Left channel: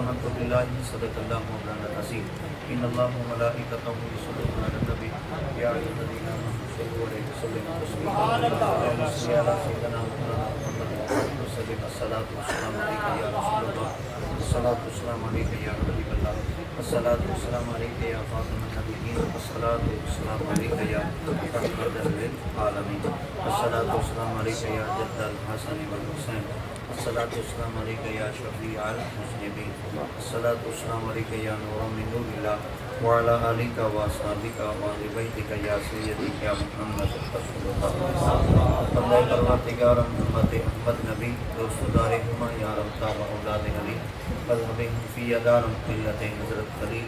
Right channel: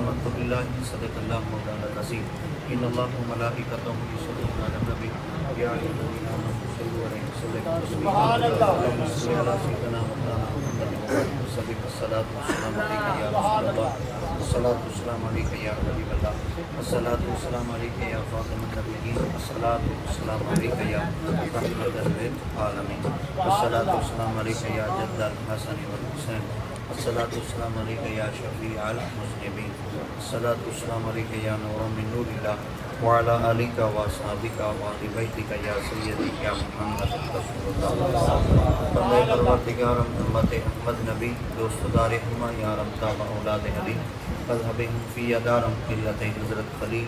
آمنت باللہ صدق اللہ مولانا العظیم ان اللہ و ملائکتہ یصلون علی النبی یا ایھا الذین آمنوا صلوا علیہ وسلموا تسلیما اللهم صل علی سیدنا مولانا محمد وسلم الصلاۃ والسلام علیک یا رسول اللہ الصلاۃ والسلام علیک یا حبیب اللہ الصلاۃ والسلام علیک یا خاتم النبیین الصلاۃ والسلام علیک یا تحیۃ للعالمین الصلاۃ والسلام علیک یا جد الحسن والحسین الصلاۃ والسلام علیک یا شفیع المذنبین الصلاۃ والسلام علیک یا نور من نور اللہ وعلی آلک واصحابک وآل بیتک یا سیدی یا محمد رسول اللہ پروردگار امت محمد نبی دوست دار ہما یا رب تابع اولاد علی مذہب حنفیہ دارم ملت حضرت خلیل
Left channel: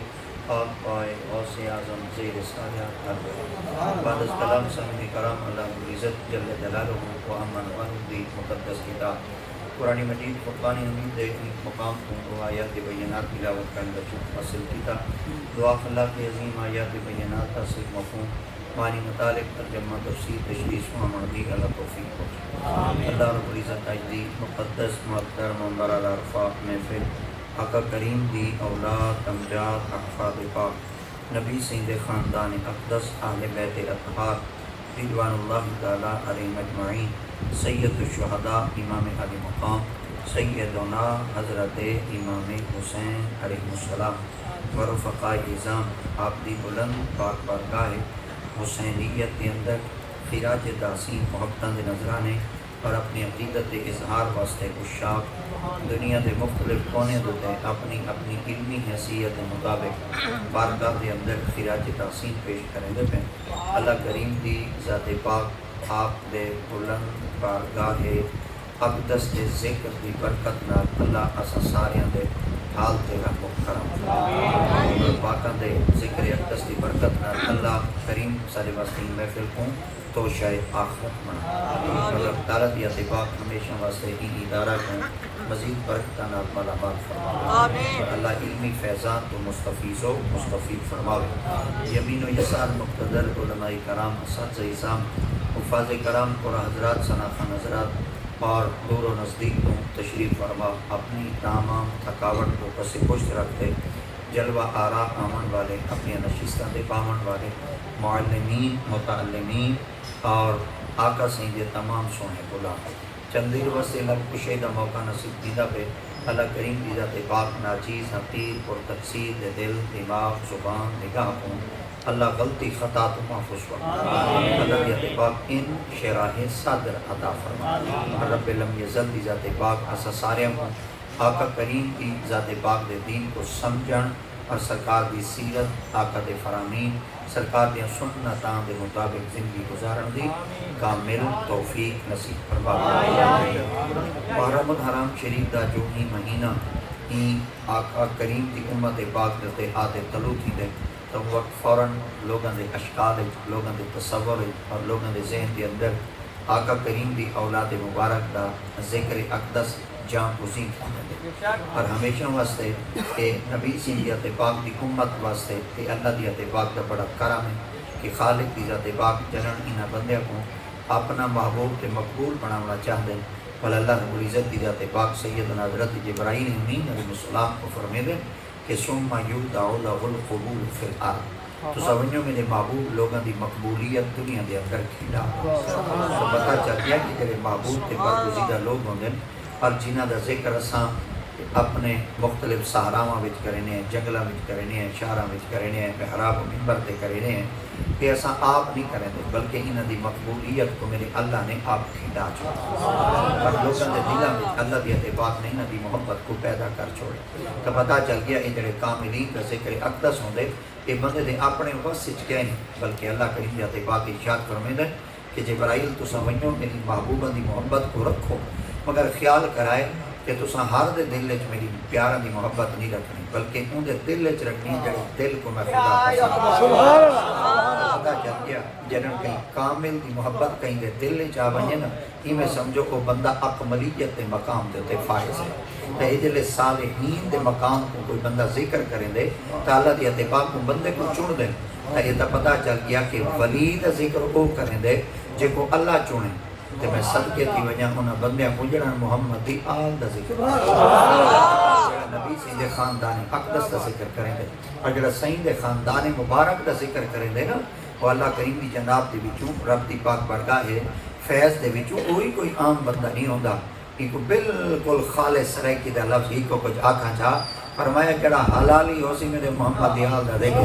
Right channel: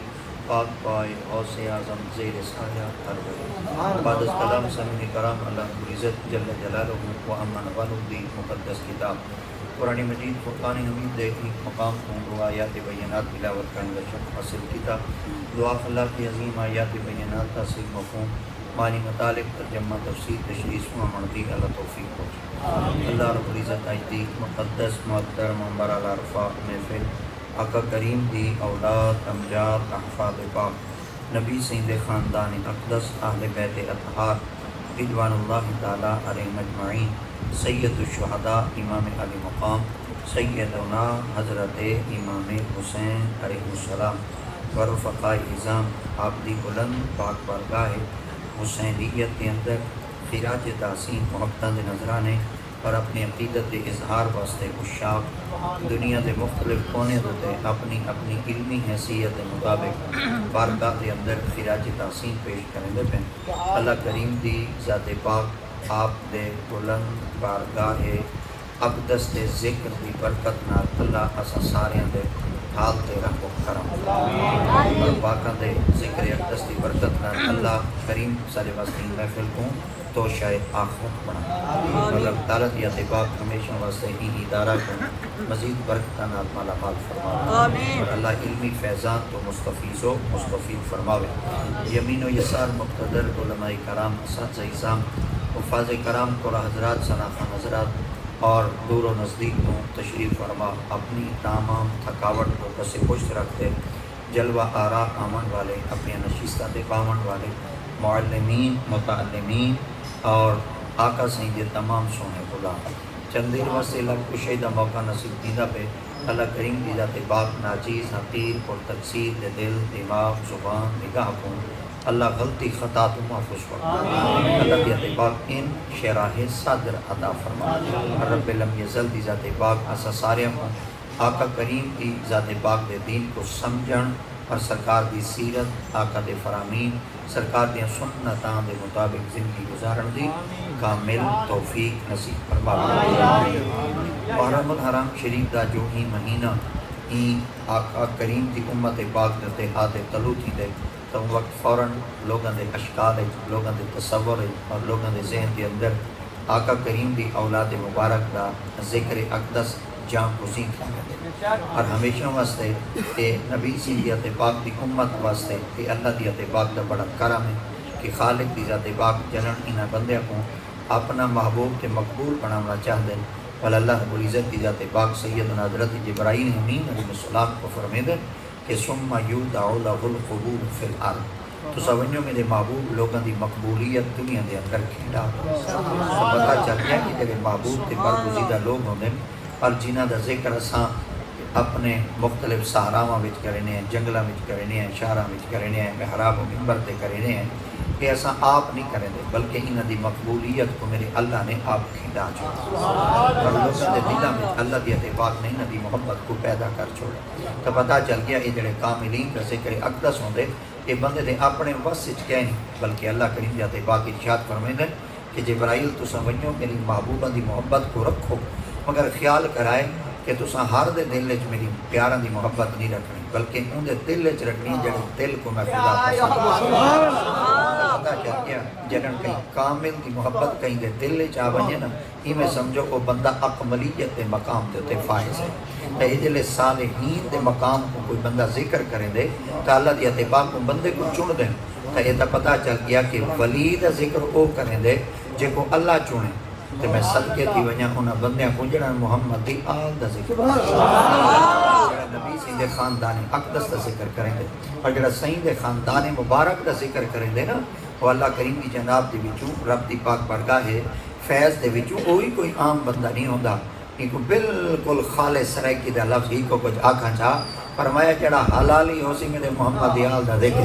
پاک پائے غوث اعظم زیر سایہ ارض بعد از کلام سنی کرام اللہ عزت جل جلالہ و امن ونودی مقدس کتاب قرآن مجید فرقان حمید دیکھنے مقام کو آیات بینات تلاوت کا بچوں حاصل کتاب دعا اللہ کی عظیم آیات بینات تاثیر مفہوم معنی متعلق ترجمہ تفسیر تشریح و معنی اللہ توفیق بخش اللہ رب العزت اجدی مقدس محترم برار عرفہ محفل آقا کریم دی اولاد امجاد احفاد پاک نبی سید خاندان اقدس اہل بیت اطہار رضوان اللہ تعالیٰ علیہ اجمعین سید الشہداء امام اہل مقام سیدنا حضرت امام حسین علیہ السلام ورفقاء اعظام آپ دی بلند پاک بارگاہ حسینیت کے اندر خراج تحسین محبتاں دے نظرانے اور اپنی عقیدت اظہار واسطے عشاق دنیا کے مختلف کونے ہوتے اپنی اپنی علمی حیثیت کے مطابق بارگاہ کے اندر خراج تحسین پیش کریں گے اللہ کریم دی ذات پاک آپ دے بلند بارگاہ اقدس دے ذکر دی برکت نال اللہ اسا سارے دے حال تے رب کرم پاکاں دے ذکر اقدس دی برکت نال اللہ کریم سارے واسطے محفل کو تو شاید آخرت بنا مگر دارت یا سباق ہمیشہ واسطے ہی ادارہ کو مزید برکتاں نال مالا حال فرمائے اللہ علمی فیضان تو مستفیض و مستفید فرماوے یمین و یسار مقتدر علماء کرام اساتذہ اعظام حفاظ کرام کو حضرات صلاح حضرات اور دور و نزدیک کو تشریف فرما اپنی تمام تھکاوٹ کو بس خوش رکھتے جلوہ آرا آمن والے اپنے نشستہ پاون والے معلمین متعلمین اور آقا سید تمام سونے غلام چند دیر واسطے لگ کشیدہ موقع نصیب دیدہ پہ اللہ کریم کی ذات پاک ناچیز نقیر اور تقصیر دل دماغ زبان نگاہ کو اللہ غلطی خطا تو محفوظ فرما اللہ کی ذات پاک ان شراح صدر عطا فرما رب لم یزل کی ذات پاک ایسا سارے آقا کریم کی ذات پاک دے دین کو سمجھن اور سرکار دی سیرت آقا دے فرامین سرکار دے سنتاں دے مطابق زندگی گزارن دی کامل توفیق نصیب فرما محرم الحرام شریف دا جو ہی مہینہ ہی آقا کریم دی امت پاک دے اتحاد طلوع تھی دے تو وقت فوراً لوگوں دے اشکال لوگوں دے تصور اور لوگوں دے ذہن دے اندر آقا کریم دی اولاد مبارک دا ذکر اقدس جان گزین اور ہمیشہ واسطے کہ نبی سے ذات پاک دی امت واسطے کہ اللہ دی ذات پاک دا بڑا کرم ہے کہ خالق دی ذات پاک جنن انہاں بندے کو اپنا محبوب کے مقبول بنانا چاہتے ہیں ولی اللہ رب العزت دی ذات پاک سیدنا حضرت جبرائیل امین علیہ السلام کو فرمیدے کہ ثم یودع له القبول فی الارض تو سمجھو میرے محبوب لوگوں دی مقبولیت دنیا دے اندر کھیڑا پتہ چلتا ہے کہ میرے محبوب کے برگزیدہ لوگ ہونے اور جنہ دا ذکر اساں اپنے مختلف صحراواں وچ کرنے ہیں جنگلاں وچ کرنے ہیں شہراں وچ کرنے ہیں محراب منبر تے کرنے ہیں کہ اساں آپ نہیں کریں دے بلکہ انہاں دی مقبولیت کو میرے اللہ نے آپ کھیڑا چھوڑا اور لوگوں دے دلوں میں اللہ دی اتباع نے انہاں دی محبت کو پیدا کر چھوڑا تو پتہ چل گیا یہ جڑے کاملین کا ذکر اقدس ہوندے یہ بندے نے اپنے وس وچ کیا نہیں بلکہ اللہ کریم دی اتباع کی ارشاد فرمیندے کہ جبرائیل تو سمجھو میری محبوبہ دی محبت کو رکھو مگر خیال کرائے کہ تساں ہر دے دل وچ میری پیاراں دی محبت نہیں رکھنی بلکہ ان دے دل وچ رکھنی جڑا دل کو میں جنن کہیں کامل دی محبت کہیں دے دل وچ آ ونجے نا یہ میں سمجھو کو بندہ اکملیت دے مقام تے فائز ہے تے اے دل صالحین دے مقام کو کوئی بندہ ذکر کریں دے تو اللہ دی اتباع کو بندے کو چن دے تو یہ پتہ چل گیا کہ ولی دا ذکر کو کریں دے جے کو اللہ چنے تو میں صدقے تھی وجہ انہاں بندیاں کو جنہاں محمد دی آل دا ذکر نبی سے یہ ذکر کریں گے. اگر سائیں دے خاندان مبارک دا ذکر کریں گے نا تو اللہ کریم دی جناب دے وچوں رب دی پاک بارگاہ ہے فیض دے وچوں کوئی عام بندہ نہیں ہوندا کہ کوئی بالکل خالص سرائکی دا لفظ ہی کو کچھ آکھاں چاہ فرمایا جڑا حلالی ہو سی میرے محمد دیال دا دیکھو.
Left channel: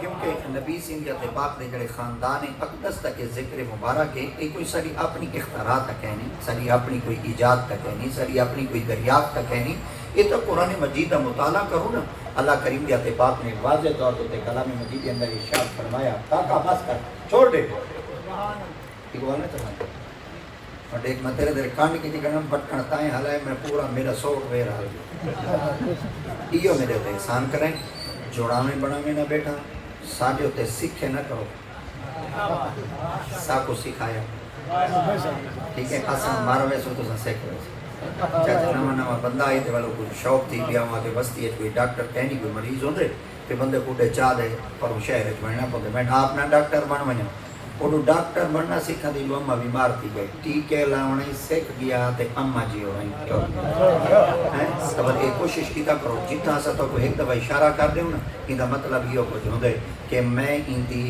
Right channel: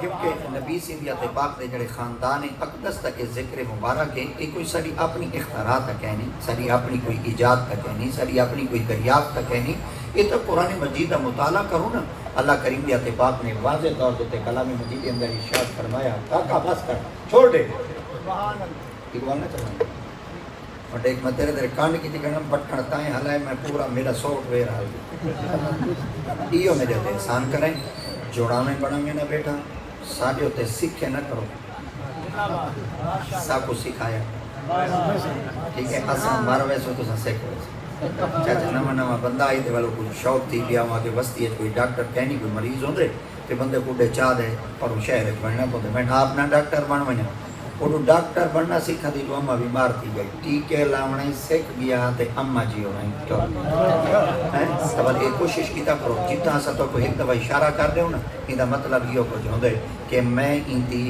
کیونکہ نبی سنگیت پاک نے جڑے خاندان اقدس تک ذکر مبارک ہے یہ کوئی ساری اپنی اختراع تک ہے نہیں, ساری اپنی کوئی ایجاد تک ہے نہیں, ساری اپنی کوئی دریافت تک ہے نہیں. یہ تو قرآن مجید کا مطالعہ کرو نا. اللہ کریم کے پاک نے واضح طور پہ کلام مجید کے اندر ارشاد فرمایا کاکا بس کر چھوڑ دے ایک مدر در کان کی جگہ بھٹکن تائیں ہلائے میں پورا میرا سوک وے رہا ہے. یہ میرے تے احسان کریں جوڑاویں بڑھیں گے نہ بیٹا ساجو تے سکھے نہ کرو سا کو سکھایا ٹھیک ہے اساں ماروے سو تو سیکھو. چاہتا نواں بندہ آئی تو کوئی شوق تھی گیا ماں کے بستی ہے کوئی ڈاکٹر کہیں کوئی مریض ہوتے کہ بندے پوڈے چاہ دے اور شہر بننا پڑتا میں اپنا ڈاکٹر بن میں وہ ڈاکٹر بننا سیکھا تھی جو اما بیمار تھی گئی ٹیکے لاؤنے سیکھ گیا تے اما جی ہو گئی. اب یہ کوشش کیتا کرو جتنا سا تو کوئی ایک دفعہ اشارہ کر دے نا یہ مطلب یہ کچھ ہوتے کہ میں ان دی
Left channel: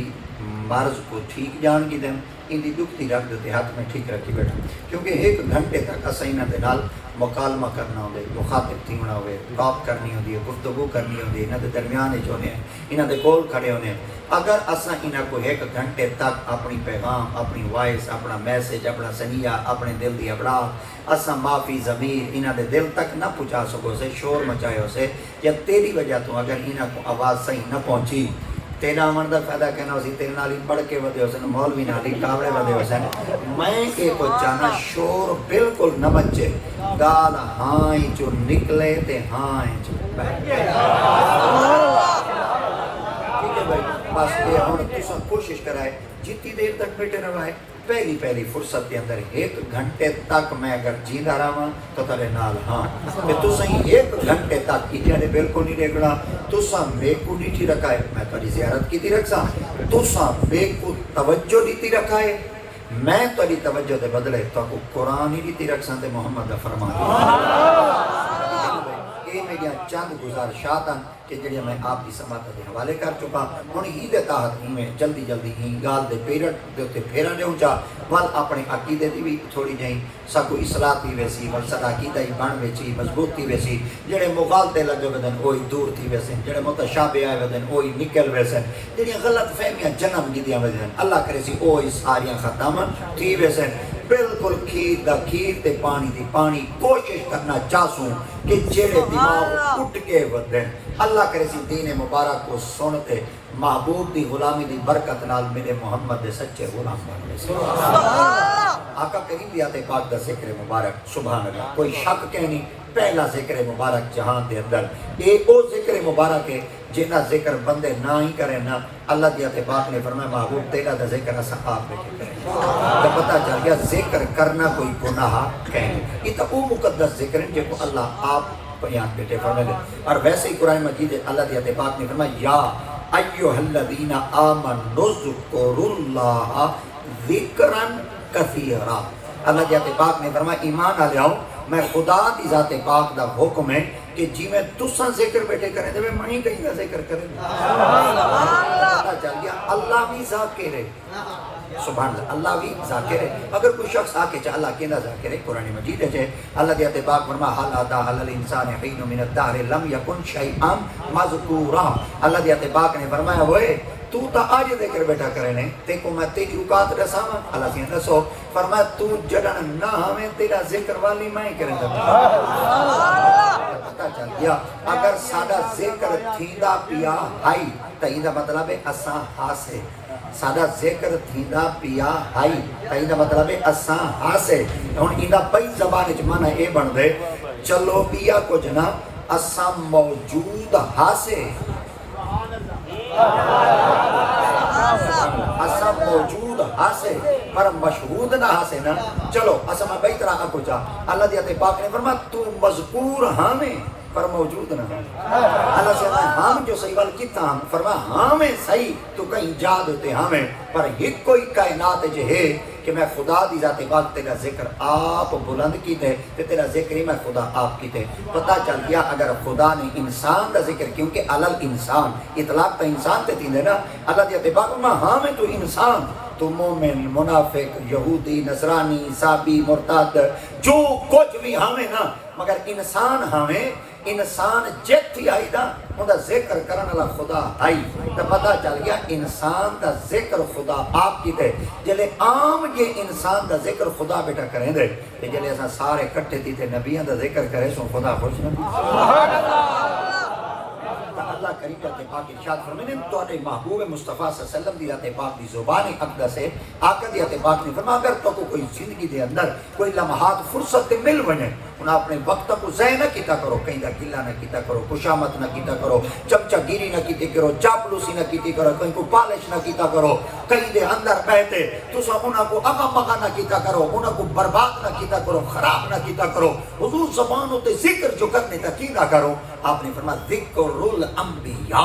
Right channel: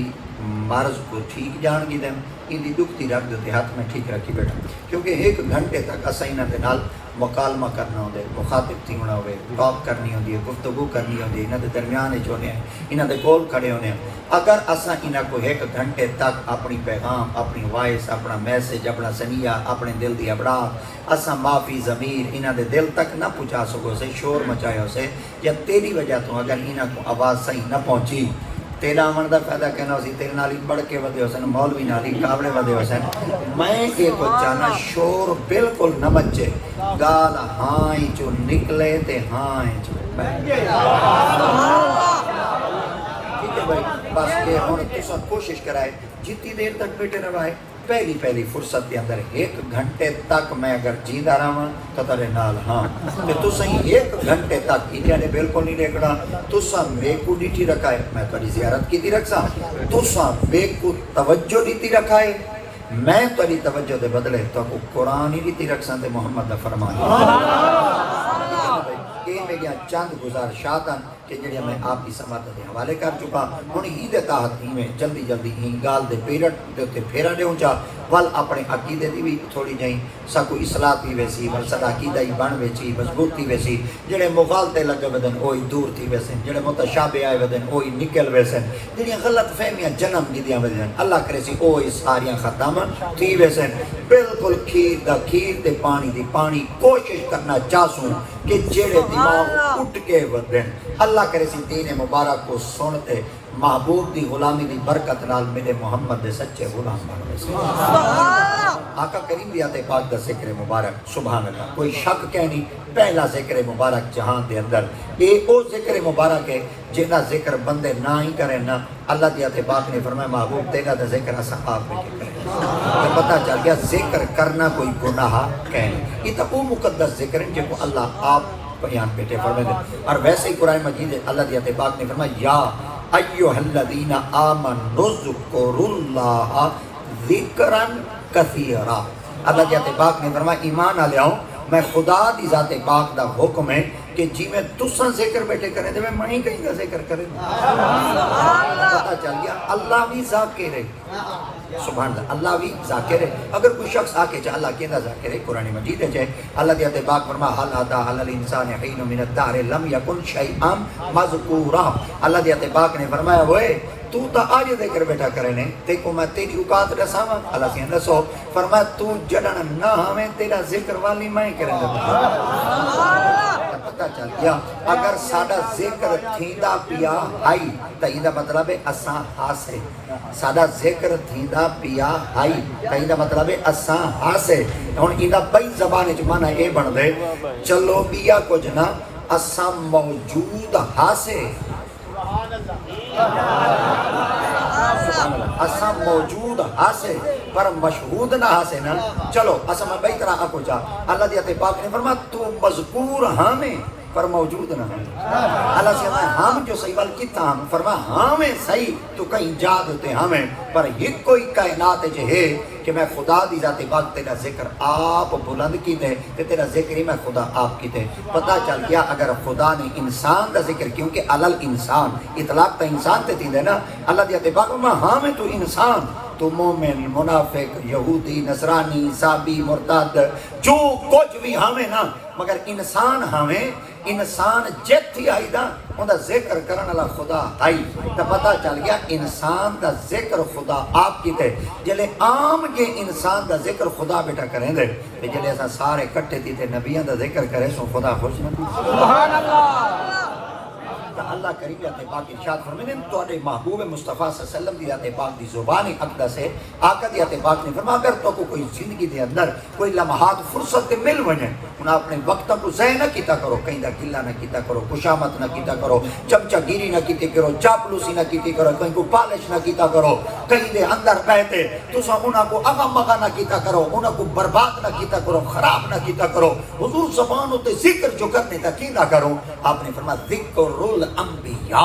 مرض کو ٹھیک جان کی دیں ان دی دکھتی رکھ دیتے ہاتھ میں ٹھیک رکھی بیٹھا. کیونکہ ایک گھنٹے تک اسا انہاں دے نال مکالمہ کرنا ہوگا مخاطب تھی ہونا ہوگا بات کرنی ہوگی گفتگو کرنی ہوگی انہاں دے درمیان جو ہیں انہاں دے کول کھڑے ہونے. اگر اسا انہاں کو ایک گھنٹے تک اپنی پیغام اپنی وائس اپنا میسج اپنا سنیہ اپنے دل دی ابراہ اسا معافی ضمیر انہاں دے دل تک نہ پہنچا سکو سے شور مچائے ہو سے یا تیری وجہ تو اگر انہاں کو آواز صحیح نہ پہنچی تیرا عمر دا پیدا کہنا ہو سی تیرے نالی بڑھ کے ودے ہو سن مولوی نالی کامرے ودے ہو سن میں ایک کو چاہنا شور بالکل نہ بچے گال ہائیں جو نکلے تے ہائیں جو بس یہ ہم سب کوشش کرائے جتنی دیر تک بیٹے روائے پہلی فرصت کے اندر ایک گھنٹے تک میں اگر جی رہا ہوں تو ترے نال ہاں تو صحیح ایک گھنٹے تک انہیں نے بالکل نہیں دیکھنا تو سا میرے کو نیٹی رکھا ہے میں تاری زیارت کی تھی رکھا تو سا میرے کو توجہ نیتی رکھا ہے میں تاری توجہ دے بدلے تو قرآن ہی نیتی رکھ سانتے محمد فرما یہ میں گیا چند گزارشات کہ جڑے میں آپ کی سماعت دے حوالے کر چکا انہیں ہی دے تحت ہی میں جلدی ہی گال دے پیرٹ دے تے پھیرا دے چاہ ول اپنے عقیدے دی بھی تھوڑی جائیں سکو اصلاح تھی ویسی ول صدا عقیدہ ہی بن ویسی مضبوط تھی ویسی جڑے مغالطے لگے ودن وہی دور تھی ویسے جڑے متشابہ آئے ودن وہی نکل ویسے جڑی غلط فہمیاں جنم دیدیاں ودن اللہ کرے سی وہی ساریاں ختم تھی ویسے بالکل کھیر دا کھیر تے پانی دی پانی کوشش کرنا چاہسوں کہ جڑے دماغ اٹھ کے ودن اللہ کرے سی دین مبارک کو سنتے محبوب دی غلامی دی برکت نال میرے محمد دے سچے غلام بن آقا کریم دی آتے پاک دا ذکر مبارک سبحان اللہ کوئی شک کہنی پہلا ذکر مبارک جہان دے اندر یہ او ذکر مبارک ہے جنہ ذکر بندے نہ ہی کریں نا اللہ دی آتے پاک نے فرمایا محبوب تیرا دا ذکر اسا آپ میں ٹھیک ہے تو پتہ چل گیا ذکر کرنا کوئی گناہ کہنی یہ تو وہ مقدس ذکر ہے جن کو اللہ آپ بیان بیٹے فرمائے گے. اور ویسے ہی قرآن مجید اللہ دی پاک نے فرمایا یا ایھا الذین آمنوا اذکروا اللہ ذکرا کثیرا. اللہ دی پاک نے فرمایا ایمان آ جاؤ میں خدا دی ذات پاک دا حکم ہے کہ جی میں تساں ذکر بیٹھے کرے تو میں منی کہیں دا ذکر کرے پتہ چل گیا اللہ بھی ذاکر ہے سبحان اللہ اللہ بھی ذاکر ہے. اگر کوئی شخص آ کے چاہ اللہ کہنا ذاکر ہے قرآن مجید ہے اللہ دیت پاک فرما حال ادا حال الانسان حین من الدہر لم یکن شیئا مذکورا. اللہ دیت پاک نے فرمایا ہوئے تو تا آج ذکر بیٹھا کرے نے دیکھو میں تیری اوقات رساواں اللہ سی رسو فرمایا تو جڑن نہ ہمیں تیرا ذکر والی میں کرے پتہ چل گیا اگر ساڈا ذکر تھیندا پیا آئی تو یہ مطلب ہے اساں حاصل ساڈا ذکر تھیندا پیا آئی تو یہ مطلب ہے اساں حاصل. ہن اینا پئی زبان وچ معنی اے بن دے چلو پیا کچھ نہ اساں موجود حاصل اساں موجود حاصل پر مشہود نہ حاصل نا چلو اساں میں بہتر آپ کو چاہ اللہ دی پاک نے فرمایا تو مذکور ہمیں پر موجود نہ اللہ سے ہم جو صحیح بل کتا ہم فرما ہمیں صحیح تو کہیں جا دیتے ہمیں پر ایک کوئی کائنات جو ہے کہ میں خدا دی ذات پاک تیرا ذکر آپ بلند کی دے تے تیرا ذکر ہی میں خدا آپ کی دے. پتہ چل گیا اگر خدا نے انسان دا ذکر کیونکہ علل انسان اطلاق کا انسان تے تین نا اللہ دی پاک میں ہاں میں تو انسان تو مومن منافق یہودی نصرانی عیسائی مرتد جو کچھ بھی ہمیں نا مگر انسان ہمیں انسان جت ہی آئی دا انہا ذکر کرنا والا خدا آئی تو پتہ چل گیا انسان دا ذکر خدا آپ کی دے جلے عام یہ انسان دا ذکر خدا بیٹا کریں دے جلے ایسا سارے کٹے تھی تھے نبیان دا ذکر کرے سو خدا خوش نہیں سبحان اللہ. اللہ کریم تے پاک ارشاد فرماتے ہیں تو محبوب مصطفیٰ صلی اللہ علیہ وسلم دی تے پاک دی زبان اقدس سے آقا دی تے پاک نے فرمایا اگر تو کوئی زندگی دے اندر کوئی لمحات فرصت تے مل ونے انہاں اپنے وقت کو ضائع نہ کیتا کرو کہیں دا قلہ نہ کیتا کرو خوشامد نہ کیتا کرو چمچا گیری نہ کیتی کرو چاپلوسی نہ کیتی کرو کہیں کو پالش نہ کیتا کرو کہیں دے اندر کہتے تسا انہاں کو اغم مغا نہ کیتا کرو انہاں کو برباد نہ کیتا کرو خراب نہ کیتا کرو حضور زبانوں تے ذکر جو کرنے تا کی نہ کرو آپ نے فرمایا ذکر الانبیاء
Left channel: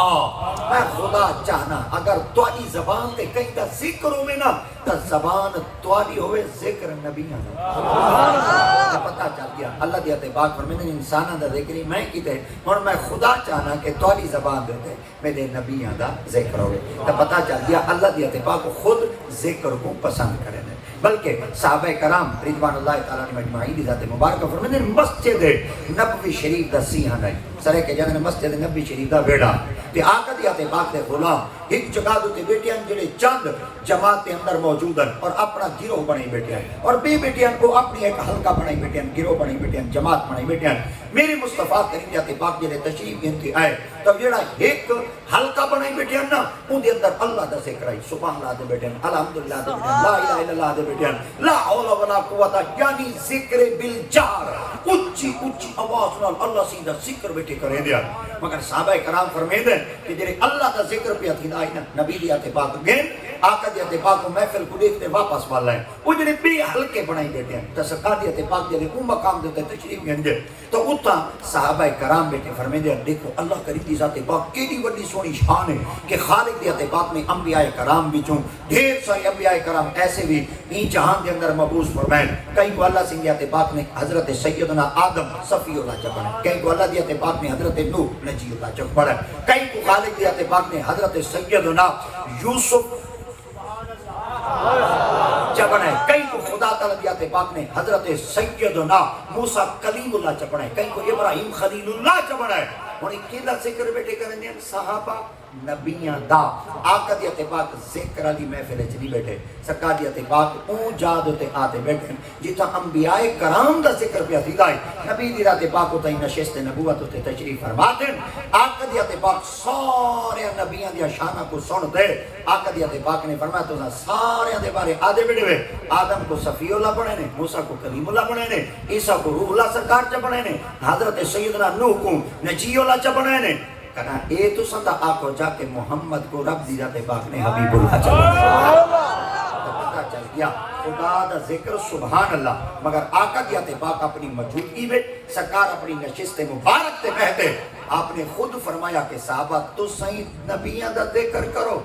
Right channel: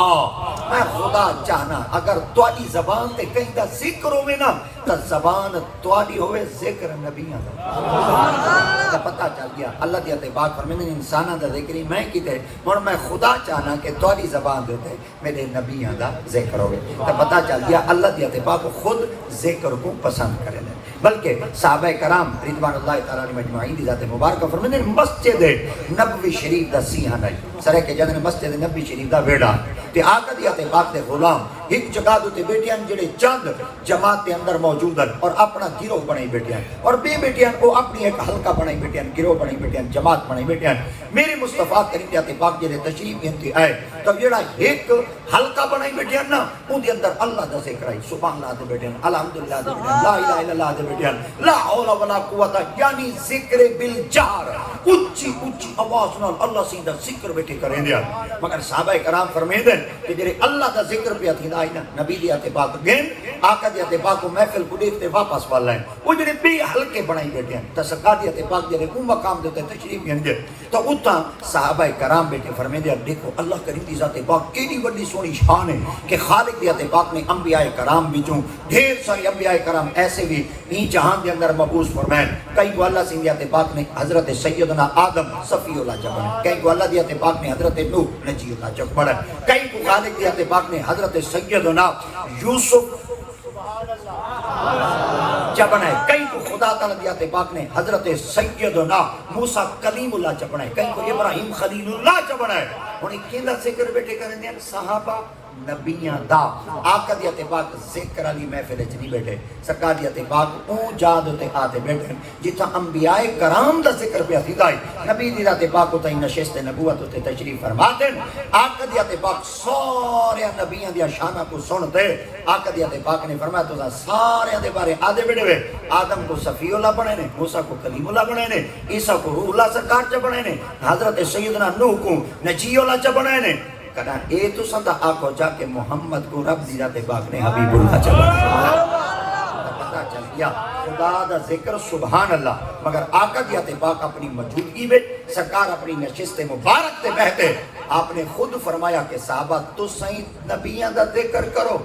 میں خدا چاہنا اگر تواڈی زبان تے کہیں دا ذکر ہوے نا تا زبان تواڈی ہوے ذکر نبیاں دا پتہ چل گیا اللہ دی تے پاک فرمانے انساناں دا ذکر میں کیتے ہن میں خدا چاہنا کہ تواڈی زبان دے تے میرے نبیاں دا ذکر ہوے تا پتہ چل گیا اللہ دی تے پاک خود ذکر کو پسند کرے بلکہ صحابہ کرام رضوان اللہ تعالیٰ عنہم اجمعین دی ذات مبارکہ فرماتے ہیں مسجد نبوی شریف دا سیہن ہے سرے کے جنگ مسجد نبوی شریف دا بیڑا تے آقا دی ذات پاک دے غلام ایک جگہ دے بیٹیاں جڑے چند جماعت کے اندر موجود ہیں اور اپنا گروہ بنائی بیٹیاں اور بی بیٹیاں کو اپنی ایک حلقہ بنائی بیٹیاں گروہ بنائی بیٹیاں جماعت بنائی بیٹیاں میری مصطفیٰ کریم ذات پاک جڑے تشریف گھنتی آئے تو جڑا ایک حلقہ بنائی بیٹیاں نا ان دے اندر اللہ دا ذکر ہے سبحان اللہ دے بیٹیاں الحمدللہ دے بیٹیاں لا الہ الا اللہ دے بیٹیاں لا حول ولا قوت یعنی ذکر بالجہر اچھی اچھی آواز نال اللہ سیدھا ذکر بیٹھے کریں دیا مگر صحابہ کرام فرمیدے کہ جڑے اللہ دا ذکر پہ تھیندا ہے نا نبی دی تے پاک گئے آقا دی تے پاک محفل کو دیکھتے واپس والا ہے وہ جڑے بے حلقے بنائی بیٹھے ہیں تصقا دی تے پاک جڑے کو مقام دیتے تشریف گھن دے تو اتا صحابہ کرام بیٹھے فرمیدے دیکھو اللہ کریم دی ذات پاک کیڑی بڑی سونی شان ہے کہ خالق دی تے پاک نے انبیاء کرام وچوں ڈھیر سارے انبیاء کرام ایسے بھی این جہان دے اندر مبعوث فرمائے کئی کو اللہ سنگھ دی پاک نے حضرت سیدنا آدم صفی اللہ جب بڑھا کئی کو اللہ دی پاک نے حضرت نوح نجی اللہ جب بڑھا کئی کو خالق دی پاک نے حضرت سیدنا یوسف چپڑے کئی کو خدا تعالیٰ دی پاک نے حضرت سیدنا موسیٰ کلیم اللہ چپڑے کئی کو ابراہیم خلیل اللہ چپڑے انہیں کیلا ذکر بیٹھے کریں دیں صحابہ نبیاں دا آقا دی پاک ذکر علی محفل چلی بیٹھے سرکار دی پاک اون جاد تے آتے بیٹھے جتا انبیاء کرام دا ذکر پہ تھیدا ہے نبی دی پاک کو تائیں نشست نبوت تے تشریف فرما دیں آقا دی پاک سارے نبیاں دی شانہ کو سن دے آقا دی پاک نے فرمایا تو سارے دے بارے آدھے بیٹھے آدم کو صفی اللہ بنے نے موسیٰ کو کلیم اللہ بنے نے عیسیٰ کو روح اللہ سرکار چ بنے نے حضرت سیدنا نوح کو نجی اللہ چ بنے نے کہنا اے تو سندہ آقا جا کے محمد کو رب دی ذات پاک نے حبیب اللہ چلا پتہ چل گیا خدا دا ذکر سبحان اللہ مگر آقا دی ذات پاک اپنی موجودگی میں سرکار اپنی نشست مبارک تے کہتے آپ نے خود فرمایا کہ صحابہ تو صحیح نبیاں دا ذکر کرو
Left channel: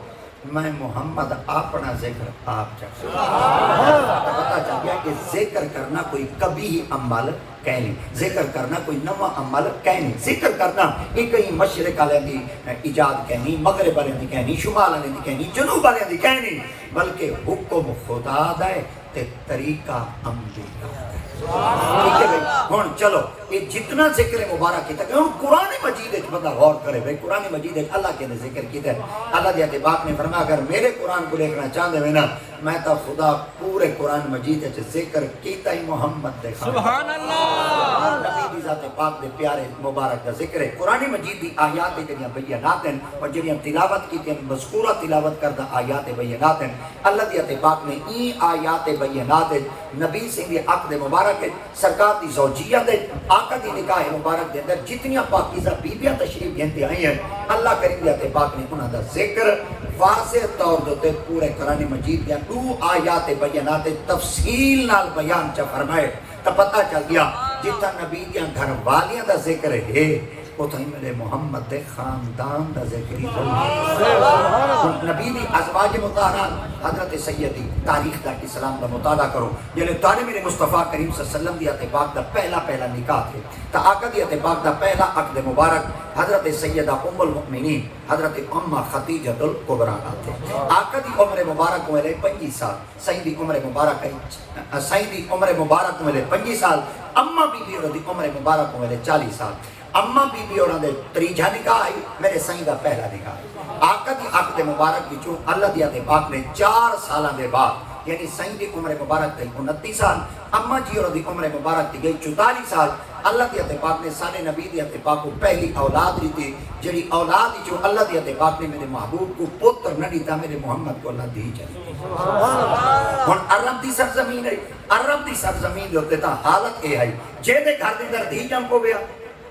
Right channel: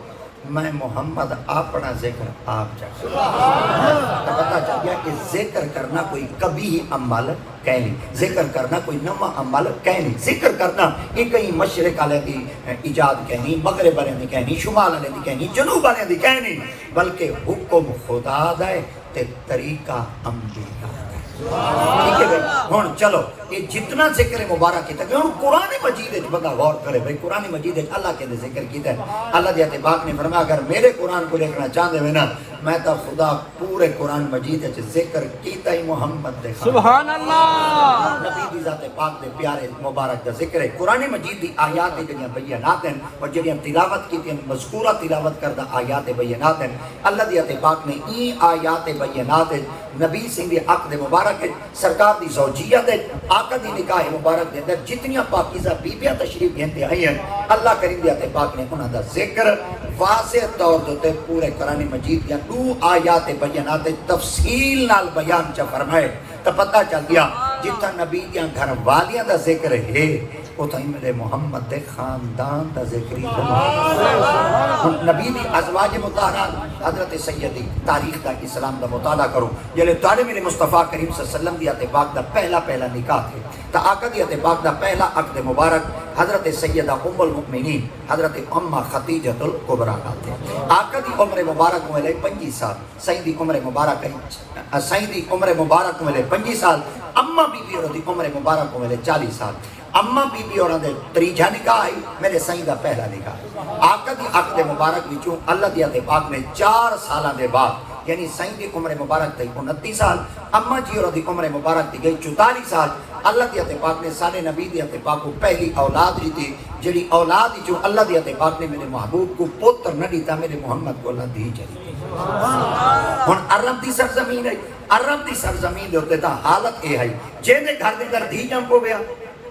میں محمد اپنا ذکر آپ چاہتا ہوں پتہ چل گیا کہ ذکر کرنا کوئی کبھی ہی عمل کہہ نہیں ذکر کرنا کوئی نواں عمل کہہ نہیں ذکر کرنا یہ کہیں مشرق والے دی ایجاد کہنی مغرب والے دی کہنی شمال والے دی کہنی جنوب والے دی کہنی بلکہ حکم خدا دے تے طریقہ انبیاء ٹھیک ہے ہن چلو یہ جتنا ذکر مبارک کیتا ہے ہن قرآن مجید وچ بندہ غور کرے بھئی قرآن مجید وچ اللہ کے ذکر کیتا ہے اللہ دی پاک نے فرمایا اگر میرے قرآن کو دیکھنا چاہتے ہیں نا میں تو خدا پورے قرآن مجید وچ ذکر کیتا ہے محمد دے سبحان اللہ نبی دی ذات پاک دے پیارے مبارک دا ذکر ہے قرآن مجید دی آیات جڑیاں بیانات ہیں اور جڑیاں تلاوت کیتے ہیں مذکورہ تلاوت کردہ آیات بیانات ہیں اللہ دی پاک نے این آیات بیانات نبی سنگھ حق دے مبارک سرکار دی زوجیت ہے آقا دی نکاح مبارک دے اندر جتنیاں پاکیزہ بیبیاں تشریف گھنتے آئی ہیں اللہ کریم دی پاک نے انہاں دا ذکر واضح طور تے پورے قرآن مجید کے دو آیات بیانات تفصیل نال بیان چا فرمائے تو پتہ چل گیا جتنا نبی دیاں گھر والیاں دا ذکر ہے اتنا ہی میرے محمد دے خاندان دا ذکر ہی نبی دی ازواج مطہرات حضرت سیدی تاریخ دا اسلام دا مطالعہ کرو جلے تارے میرے مصطفیٰ کریم صلی اللہ علیہ وسلم دی اتباق دا پہلا نکاح تھے تا آقا دی اتباق دا پہلا عقد مبارک حضرت سیدہ ام المؤمنین حضرت امہ خدیجہ الکبریٰ کا تھے آقا دی عمر مبارک ہوئے 25 سال سائن دی عمر مبارک ہوئے 25 سال امہ بی بی اور دی عمر مبارک ہوئے 40 سال اماں بی بی اور دے تریجہ نکاح آئی میرے سائیں دا پہلا نکاح آقا دی عقد مبارک وچوں اللہ دی اتباق میں 4 سالہ دے بعد یعنی سائیں دی عمر مبارک تھی 29 سال اماں جی اور دی عمر مبارک تھی گئی 44 سال اللہ دی اتباق نے سارے نبی دی اتباق کو پہلی اولاد دی تھی جڑی اولاد جو اللہ دی اتباق نے میرے محبوب کو پتر نہ دیتا میرے محمد کو اللہ دی چلی ہن عرب دی سرزمین ہے عرب دی سرزمین ہوتے تا حالت اے ہے جینے گھر دے در دی جم کو گیا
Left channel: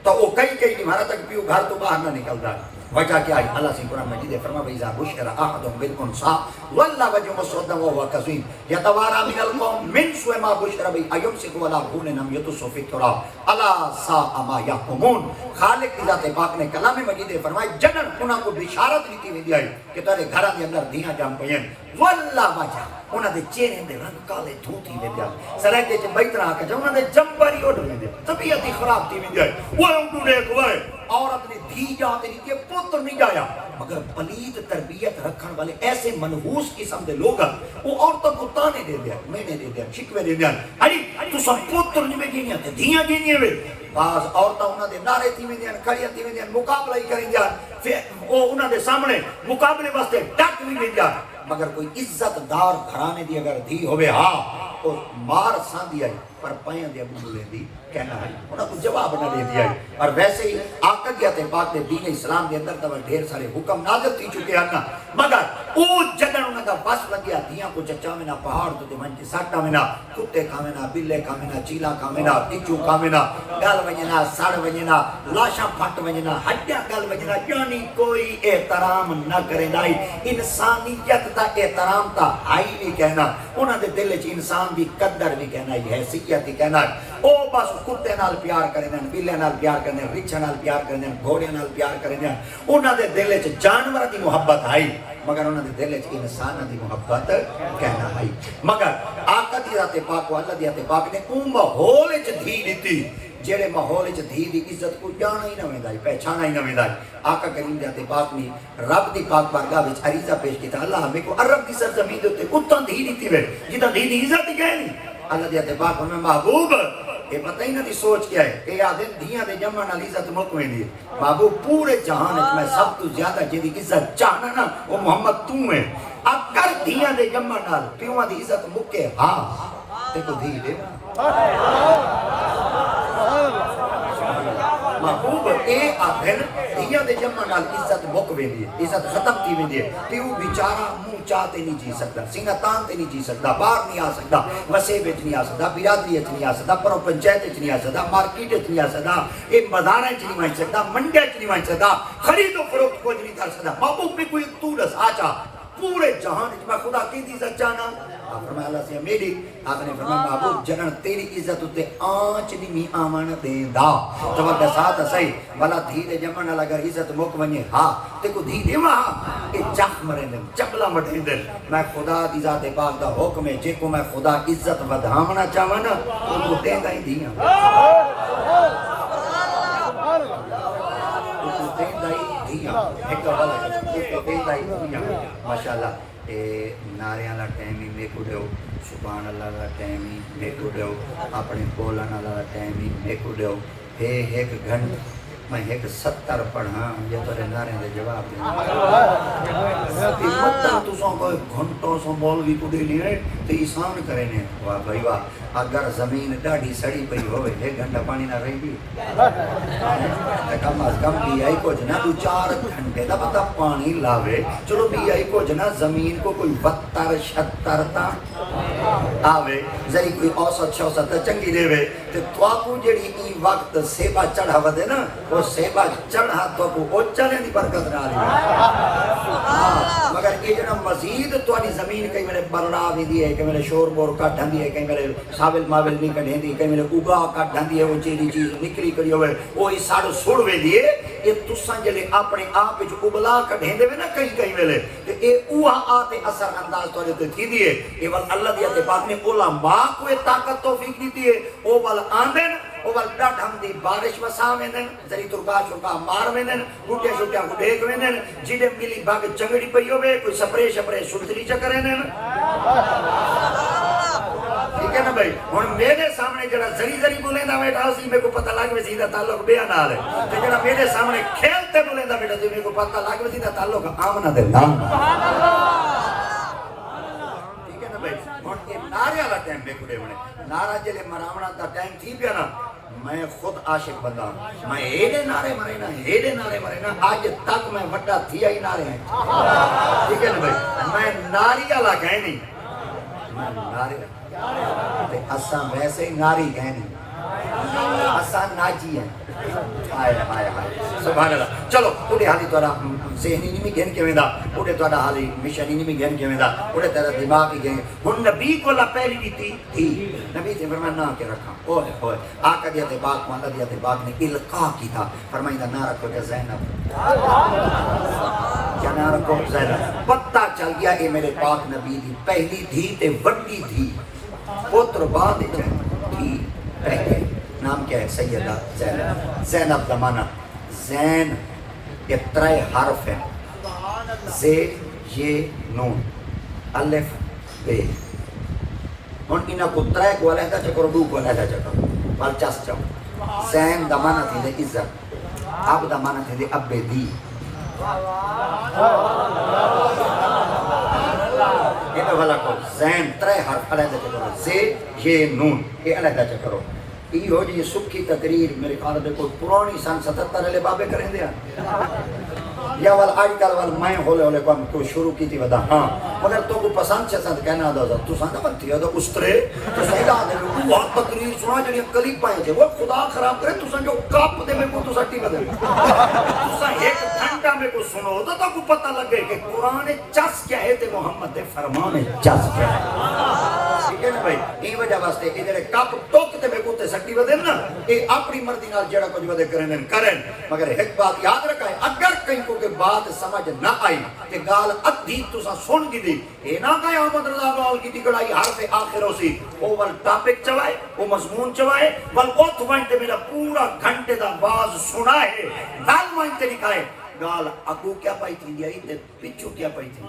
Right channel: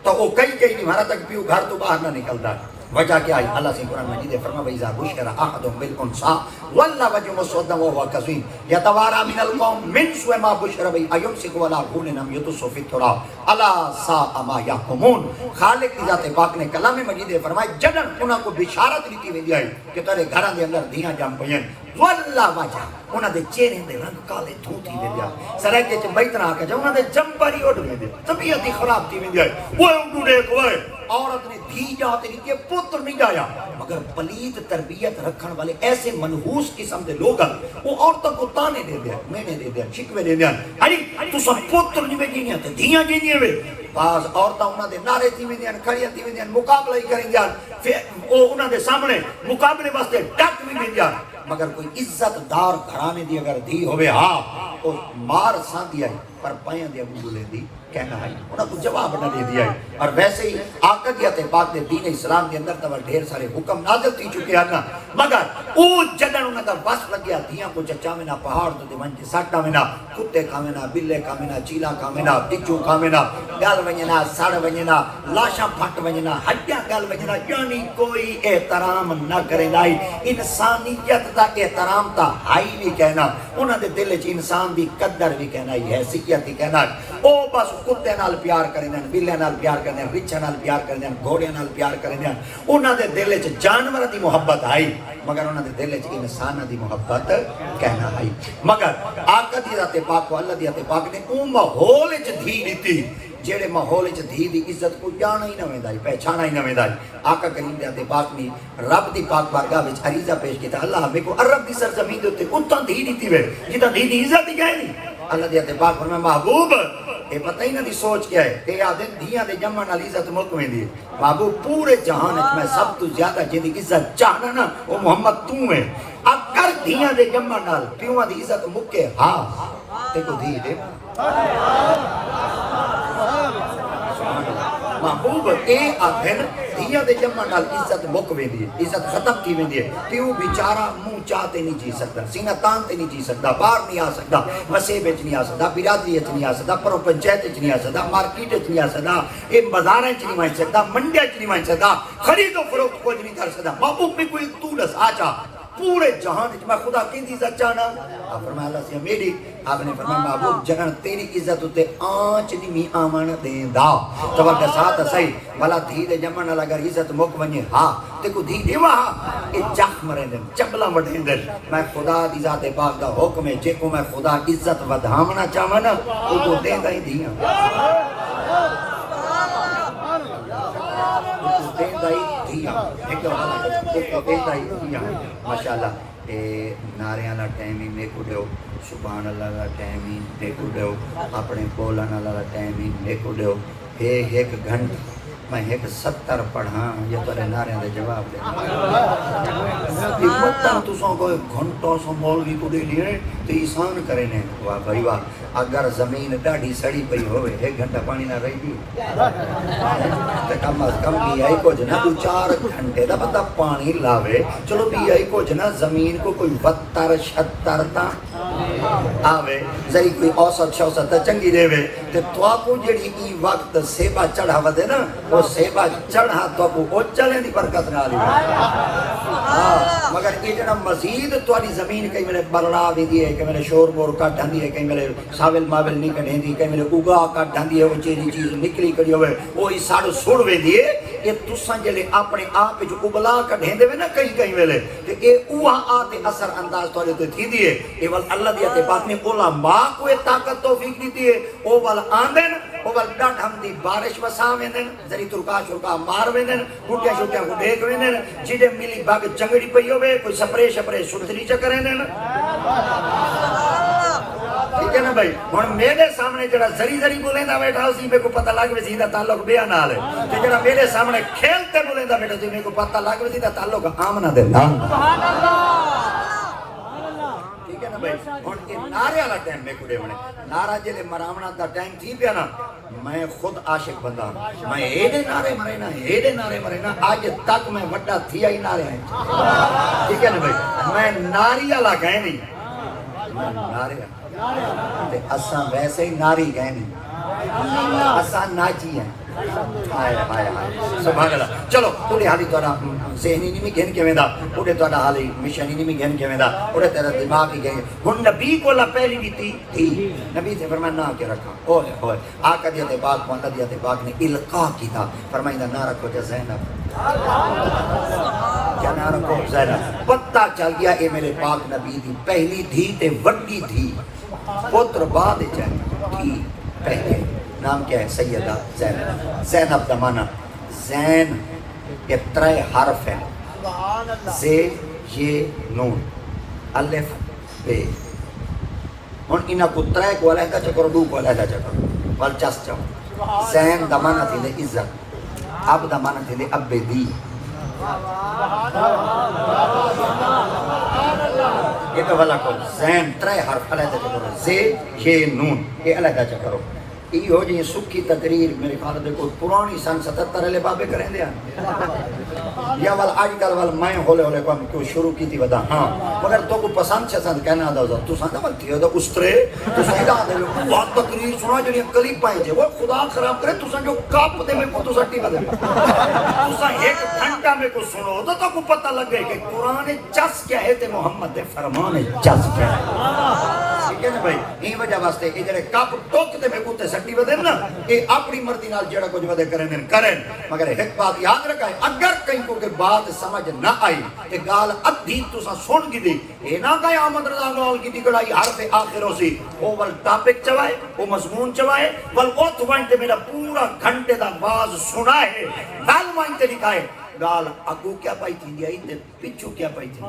تو وہ کئی نہیں مہارا تک بھی گھر تو باہر نہ نکلتا وجہ کیا ہے اللہ سے قرآن مجید فرما وَإِذَا بُشِّرَ أَحَدُهُم بِالْأُنثَىٰ ظَلَّ وَجْهُهُ مُسْوَدًّا وَهُوَ كَظِيمٌ يَتَوَارَىٰ مِنَ الْقَوْمِ مِنْ سُوءِ مَا بُشِّرَ بِهِ أَيُمْسِكُهُ عَلَىٰ هُونٍ أَمْ يَدُسُّهُ فِي التُّرَابِ أَلَا سَاءَ مَا يَحْكُمُونَ خالق کی ذات پاک نے کلام مجید فرمایا جنم انہاں کو بشارت دیتی ویندی ہے کہ تارے گھراں دے اندر دیاں جم پئیں ظَلَّ وَجْهُهُ انہاں دے چہرے دے رنگ کالے دھوتی ویندی ہے سرائے چ بیت رہا کہ انہاں دے جمباری اڑ ویندی طبیعت خراب تھی ویندی ہے وہ انہوں نے کوئے عورت نے دھی جاتے نہیں کہ پتر نہیں جایا مگر پلید تربیت رکھن والے ایسے منحوس قسم دے لوگ وہ عورتوں کو تانے دے دیا مینے دے دیا شکوے دے دیا ارے تو سب پتر نہیں میں جینیا تھے دھیاں جینیا ہوئے بعض عورتوں انہوں نے نعرے تھی میں دیا کھڑیاں تھی میں دیا مقابلہ ہی کریں دیا پھر وہ انہوں نے سامنے مقابلے واسطے ڈک بھی دے دیا مگر کوئی عزت دار گھرانے دی اگر دی ہوئے ہاں تو مار سان دیا ہے پر پائیں دیا مجھے دی کہنا ہے انہوں کو جواب نہ دے دیا ہے اور ویسے ہی آقا دی اتباق دے دین اسلام دے اندر تو ڈھیر سارے حکم نازل تھی چکے ہیں نا مگر او جنن انہوں کا بس لگیا دیاں کو چچا میں نہ پہاڑ تو دیوان کی ساٹا میں نہ کتے کا میں نہ بلے کا میں نہ چیلا کا میں نہ ٹچو کا میں نہ گال ونجنا سڑ ونجنا لاشا پھٹ ونجنا ہڈیا گال ونجنا یعنی کوئی احترام نہ کرے لائی انسانیت دا احترام تا ہائی بھی کہنا انہوں نے دل چ انسان دی قدر بھی کہنا ہی ہے حیثیت ہی کہنا او بس کتے نال پیار کرنے بلے نال پیار کرنے بچھے نال پیار کرنے گھوڑے نال پیار کرنے انہوں نے دل چ جانور دی محبت آئی مگر انہوں نے دل چ انسان دی محبت کہنا آئی مگر آقا دی ذات پاک اللہ دی ذات پاک نے او ماحول چ دھی دتی جڑے ماحول چ دھی دی عزت کو جانا ہی نہ ویندا پہچانا ہی نہ ویندا آقا کریم دی ذات پاک نے رب دی پاک بارگاہ وچ عریضہ پیش کیتا اللہ ہمیں کو عرب دی سرزمین تے اتاں دھی دتی وے جتا دھی دی عزت ہی کہنی اللہ دی ذات پاک فرمایا محبوب یہ پتہ ہی نہ دی سوچ کیا ہے تے آدم دھیاں دے جمع نال عزت ملک ویندی محبوب پورے جہان وچ میں سب تو زیادہ جدی عزت چاہنا نا وہ محمد تو ہے اگر دھیاں دے جمع نال پیواں دی عزت مکے ہاں تے کو دھی دے محبوب اے آدھر دھیاں دے جمع نال عزت مک ویندی عزت ختم تھی ویندی ہے پیو بیچارہ منہ چاہتے نہیں جی سکتا سینہ تانتے نہیں جی سکتا باہر نہیں آ سکتا مسیح وچ نہیں آ سکتا برادری وچ نہیں آ سکتا پرو پنچایت وچ نہیں آ سکتا مارکیٹ وچ نہیں آ سکتا ایک بازار وچ نہیں وچ سکتا منڈی وچ نہیں وچ سکتا خرید و فروخت کوئی نہیں کر سکتا محبوب بھی کوئی تو ساچا پورے جہان وچ میں خدا کی عزت چاہنا آپ فرمایا اللہ سے میری آپ نے فرمایا محبوب جنن تیری عزت تے آنچ دی می آمن دے دا تو وقت ساتھ صحیح والا دھی دے جمن لگا عزت مک ونجے ہاں تے کو دھی دیوا اے جخ مرے دن چبلا وڈھیں دن میں خدا دی ذات پاک دا حکم ہے جے کو میں خدا عزت ودھامنا چاہواں نا او کو دے دا ہی دیاں ماشاءاللہ ناریاں لا ٹائم میں کڈو سبحان اللہ لا ٹائم میں کڈو اپنے بولن والا ٹائم میں کڈو اے ایک گھنٹہ میں ایک 70 پڑھا یہ تو ناریاں دے جواب دے مطلب تو سو کوئی گھنٹوں سو مولوی کو دے دیے تے احسان کرے نے واہ بھائی واہ اگر زمین ڈاڑھی سڑی پئی ہوئے 1 گھنٹہ پانی نہ رہی دی کم از کم بھی آئی کو جنا 2-4 گھنٹے دا بندہ پانی لاوے چلو بھی آئی کو جنا زمین کو کوئی 72-76 تا آوے ذری کوئی اوسط شوسط چنگی دے وے تے تو آپ کو جڑی ای وقت سیبا چڑھا ودے نا وہ وہ سیبا چڑھا تو وہ چلے دی برکت نہ مگر یہ جنا مزید تواڈی زمین کئی میرے برڑا دی دی ہے کہ میرے شور بور کا ڈھندی ہے کہ میرے ساول ماول نہیں کڈھندی کہ میرے اگا کا ڈھندی ہے وہ چیزی چیز نکلی کڑی ہوئے وہ اس سارے سڑ وے دیے یہ تساں جلے اپنے آپ جو ابلا کڈھندے میں نہ کئی ویلے کہ اے اوہا آتے اثر انداز تھوڑے تے تھی دیے اے ول اللہ دی بات نے علماء کو طاقت توفیق دیتی ہے او ول آندن او ول ڈٹ ہم دی بارش وسا ویندن زری ترکا شرکا مار ویندن بوٹیا شوٹیا کو دیکھ ویندن جڑے ملی باغ چنگڑی پئی ہوے کوئی سپرے شپرے سنتری چکرے نے ٹھیک ہے نا بھائی ہن میرے سامنے جڑا زری زری بولیندا بیٹھا اسی میں کو پتہ لگ وے سیدھا تعلق بیا نال ہے جڑا میرے سامنے کھیلتے بولیندا بیٹھا جی میں کو پتہ لگ وے سیدھا تعلق آمنا دے سبحان اللہ ٹھیک ہے نا بھائی نعرے والا ٹائم میں کھڑے ہونے نعرہ جلے مراونا دا ٹائم تھی پیا نا میں خود عاشق بندہ میں ایڈے نعرے مرینا آج تک میں وڈا تھیا ہی نعرے ہیں ٹھیک ہے نا بھائی میں ناری والا کہیں نہیں میں نعرے اساں ویسے ہی ناری کہیں نہیں اساں ناجی ہیں سبحان اللہ چلو تھوڑی حالی تھوڑا ذہنی نہیں گھن کے ویندا اوڑے تھوڑا حالی مشانی نہیں گھن کے ویندا اوڑے تھوڑا دماغ ہی گھن ہن نبی کو لا پہلی بھی تھی نبی سے فرمایا نہ کے رکھا اوے آقا دی بات محمد دی بات نے القا کی تھا فرمایا نہ رکھو تے زینب کیا رکھو زینب پتہ چل گیا اے میرے پاک نبی دی پہلی تھی تے وڈی تھی پتر بعد چاہیے تھی پہلے نام کیا ہے سیدہ زینب زینب کا معنی زین کے ترے حرف ہیں زید یہ نون الف بے ان انہا کو ترے کو علیحدہ چکر دو کو علیحدہ چکر والچس چکر زین دا معنی تھی دے عزت اب دا معنی تھی دے اب دی یہ اولا کو زین ترے حرف علیحدہ چکر زید یہ نون یہ علیحدہ چکرو یہ ہو جی سکھی تقریر میرے خیال میں کوئی پرانی سن 77 والے بابے کریں دیا یا وال آج کل وال میں ہولے کام کو شروع کی تھی بدا ہاں مگر تو کو پسند سے سند کہنا دا تو سند مت تھی تو استرے تو سیدا وہ تقریر سنا جو قریب پائے تھے وہ خدا خراب کرے تو سن جو کاپ دے میں کو تو سٹی بدل تو سن ایک گھنٹہ میں کو سنو تو کو پتہ لگے کہ قرآن چس کیا ہے تے محمد دے فرمان چس کیا ہے ٹھیک ہے بھائی یہ وجہ واسطے کہ جڑے کاپ ٹوک دے میں کو تے سٹی بدل نا کہ اپنی مرضی نال جڑا کچھ ودے کریں مگر ایک بات یاد رکھیں اگر کہیں کو کہ بات سمجھ نہ آئی تے گال ادھی تو سن کی دی اے نہ کہ احمد رضا گال کی دی کڑائی حرف آخر ہو سی وہ ول ٹاپک چوائے وہ مضمون چوائے بل او تو وانتے میرا پورا گھنٹے دا باز سنا ہے گال وانتے لکھائے گال اکو کیا پائی تھی دیا ہی پچھو کیا پائی تھی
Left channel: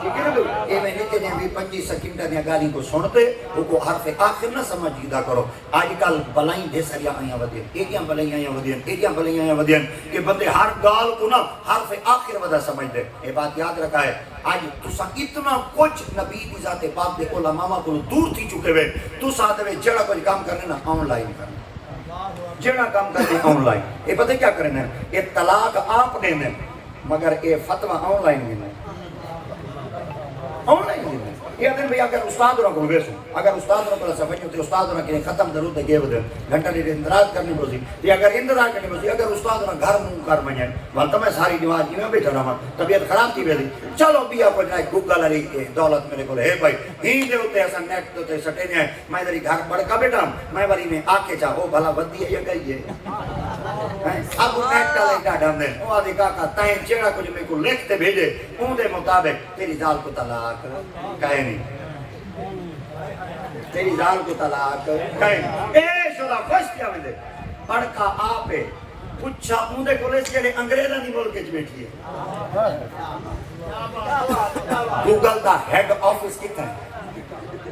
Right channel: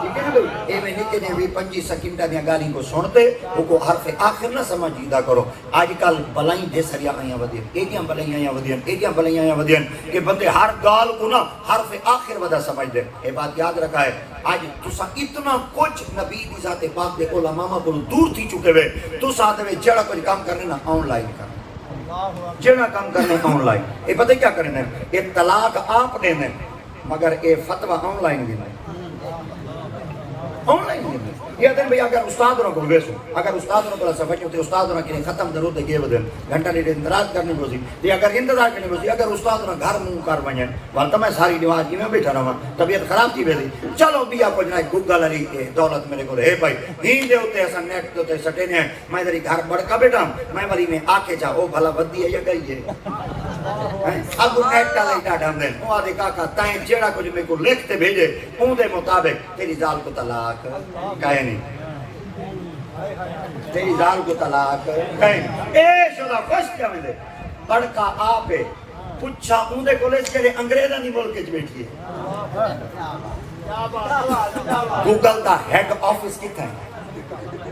ٹھیک ہے نا بھئی اے میں نیتے نے بھی 25 سیکنڈ دیا گالی کو سنتے وہ کو حرف آخر نہ سمجھیدہ کرو آج کل بلائیں دے سریا آئیں ودین ایڈیاں بلائیں آئیں ودین کہ بندے ہر گال کو نا حرف آخر ودا سمجھ دے یہ بات یاد رکھا ہے آج تسا اتنا کچھ نبی دی ذات پاک دے علماء کو دور تھی چکے ہوئے تسا دے جڑا کوئی کام کرنے نا آن لائن کرنے جڑا کام کرنے آن لائن یہ پتہ کیا کرنے یہ طلاق آپ دینے مگر یہ فتوہ آن لائن دینے آن لائن دینے یہ دن بھی اگر استاد ہونا کو بیسو اگر استاد ہونا کو سمجھو تے استاد ہونا کہ ختم ضرور دے گئے ودے گھنٹہ لیے اندراز کرنے کو سی یہ اگر اندراز کرنے کو سی اگر استاد ہونا گھر منہ کر بنیں وقت میں ساری نواز کی میں بیٹھا رہا طبیعت خراب تھی بیٹھی چلو بھی آپ جنائے گوگل علی دولت میرے کو ہے بھائی ہی دے ہوتے ایسا نیٹ ہوتے سٹے ہیں میں دری گھر بڑکا بیٹھا میں والی میں آکے چاہو بھلا بدی ہے یہ کہیے اب نیٹ کا لائٹا ڈھام دے وہ دیکھا کہ تائیں جیڑا کچھ میں کو لکھتے بھیجے ان دے مطابق تیری زال کو طلاق کہے تیری جان کو طلاق کہیں اے شورا خوش کیا میں دے بڑکا آپے پچھا اوندے کولج کے لئے انگریزہ نہیں ملک کے بیٹھ لیے گوگل دا ہیڈ آفس کی طرح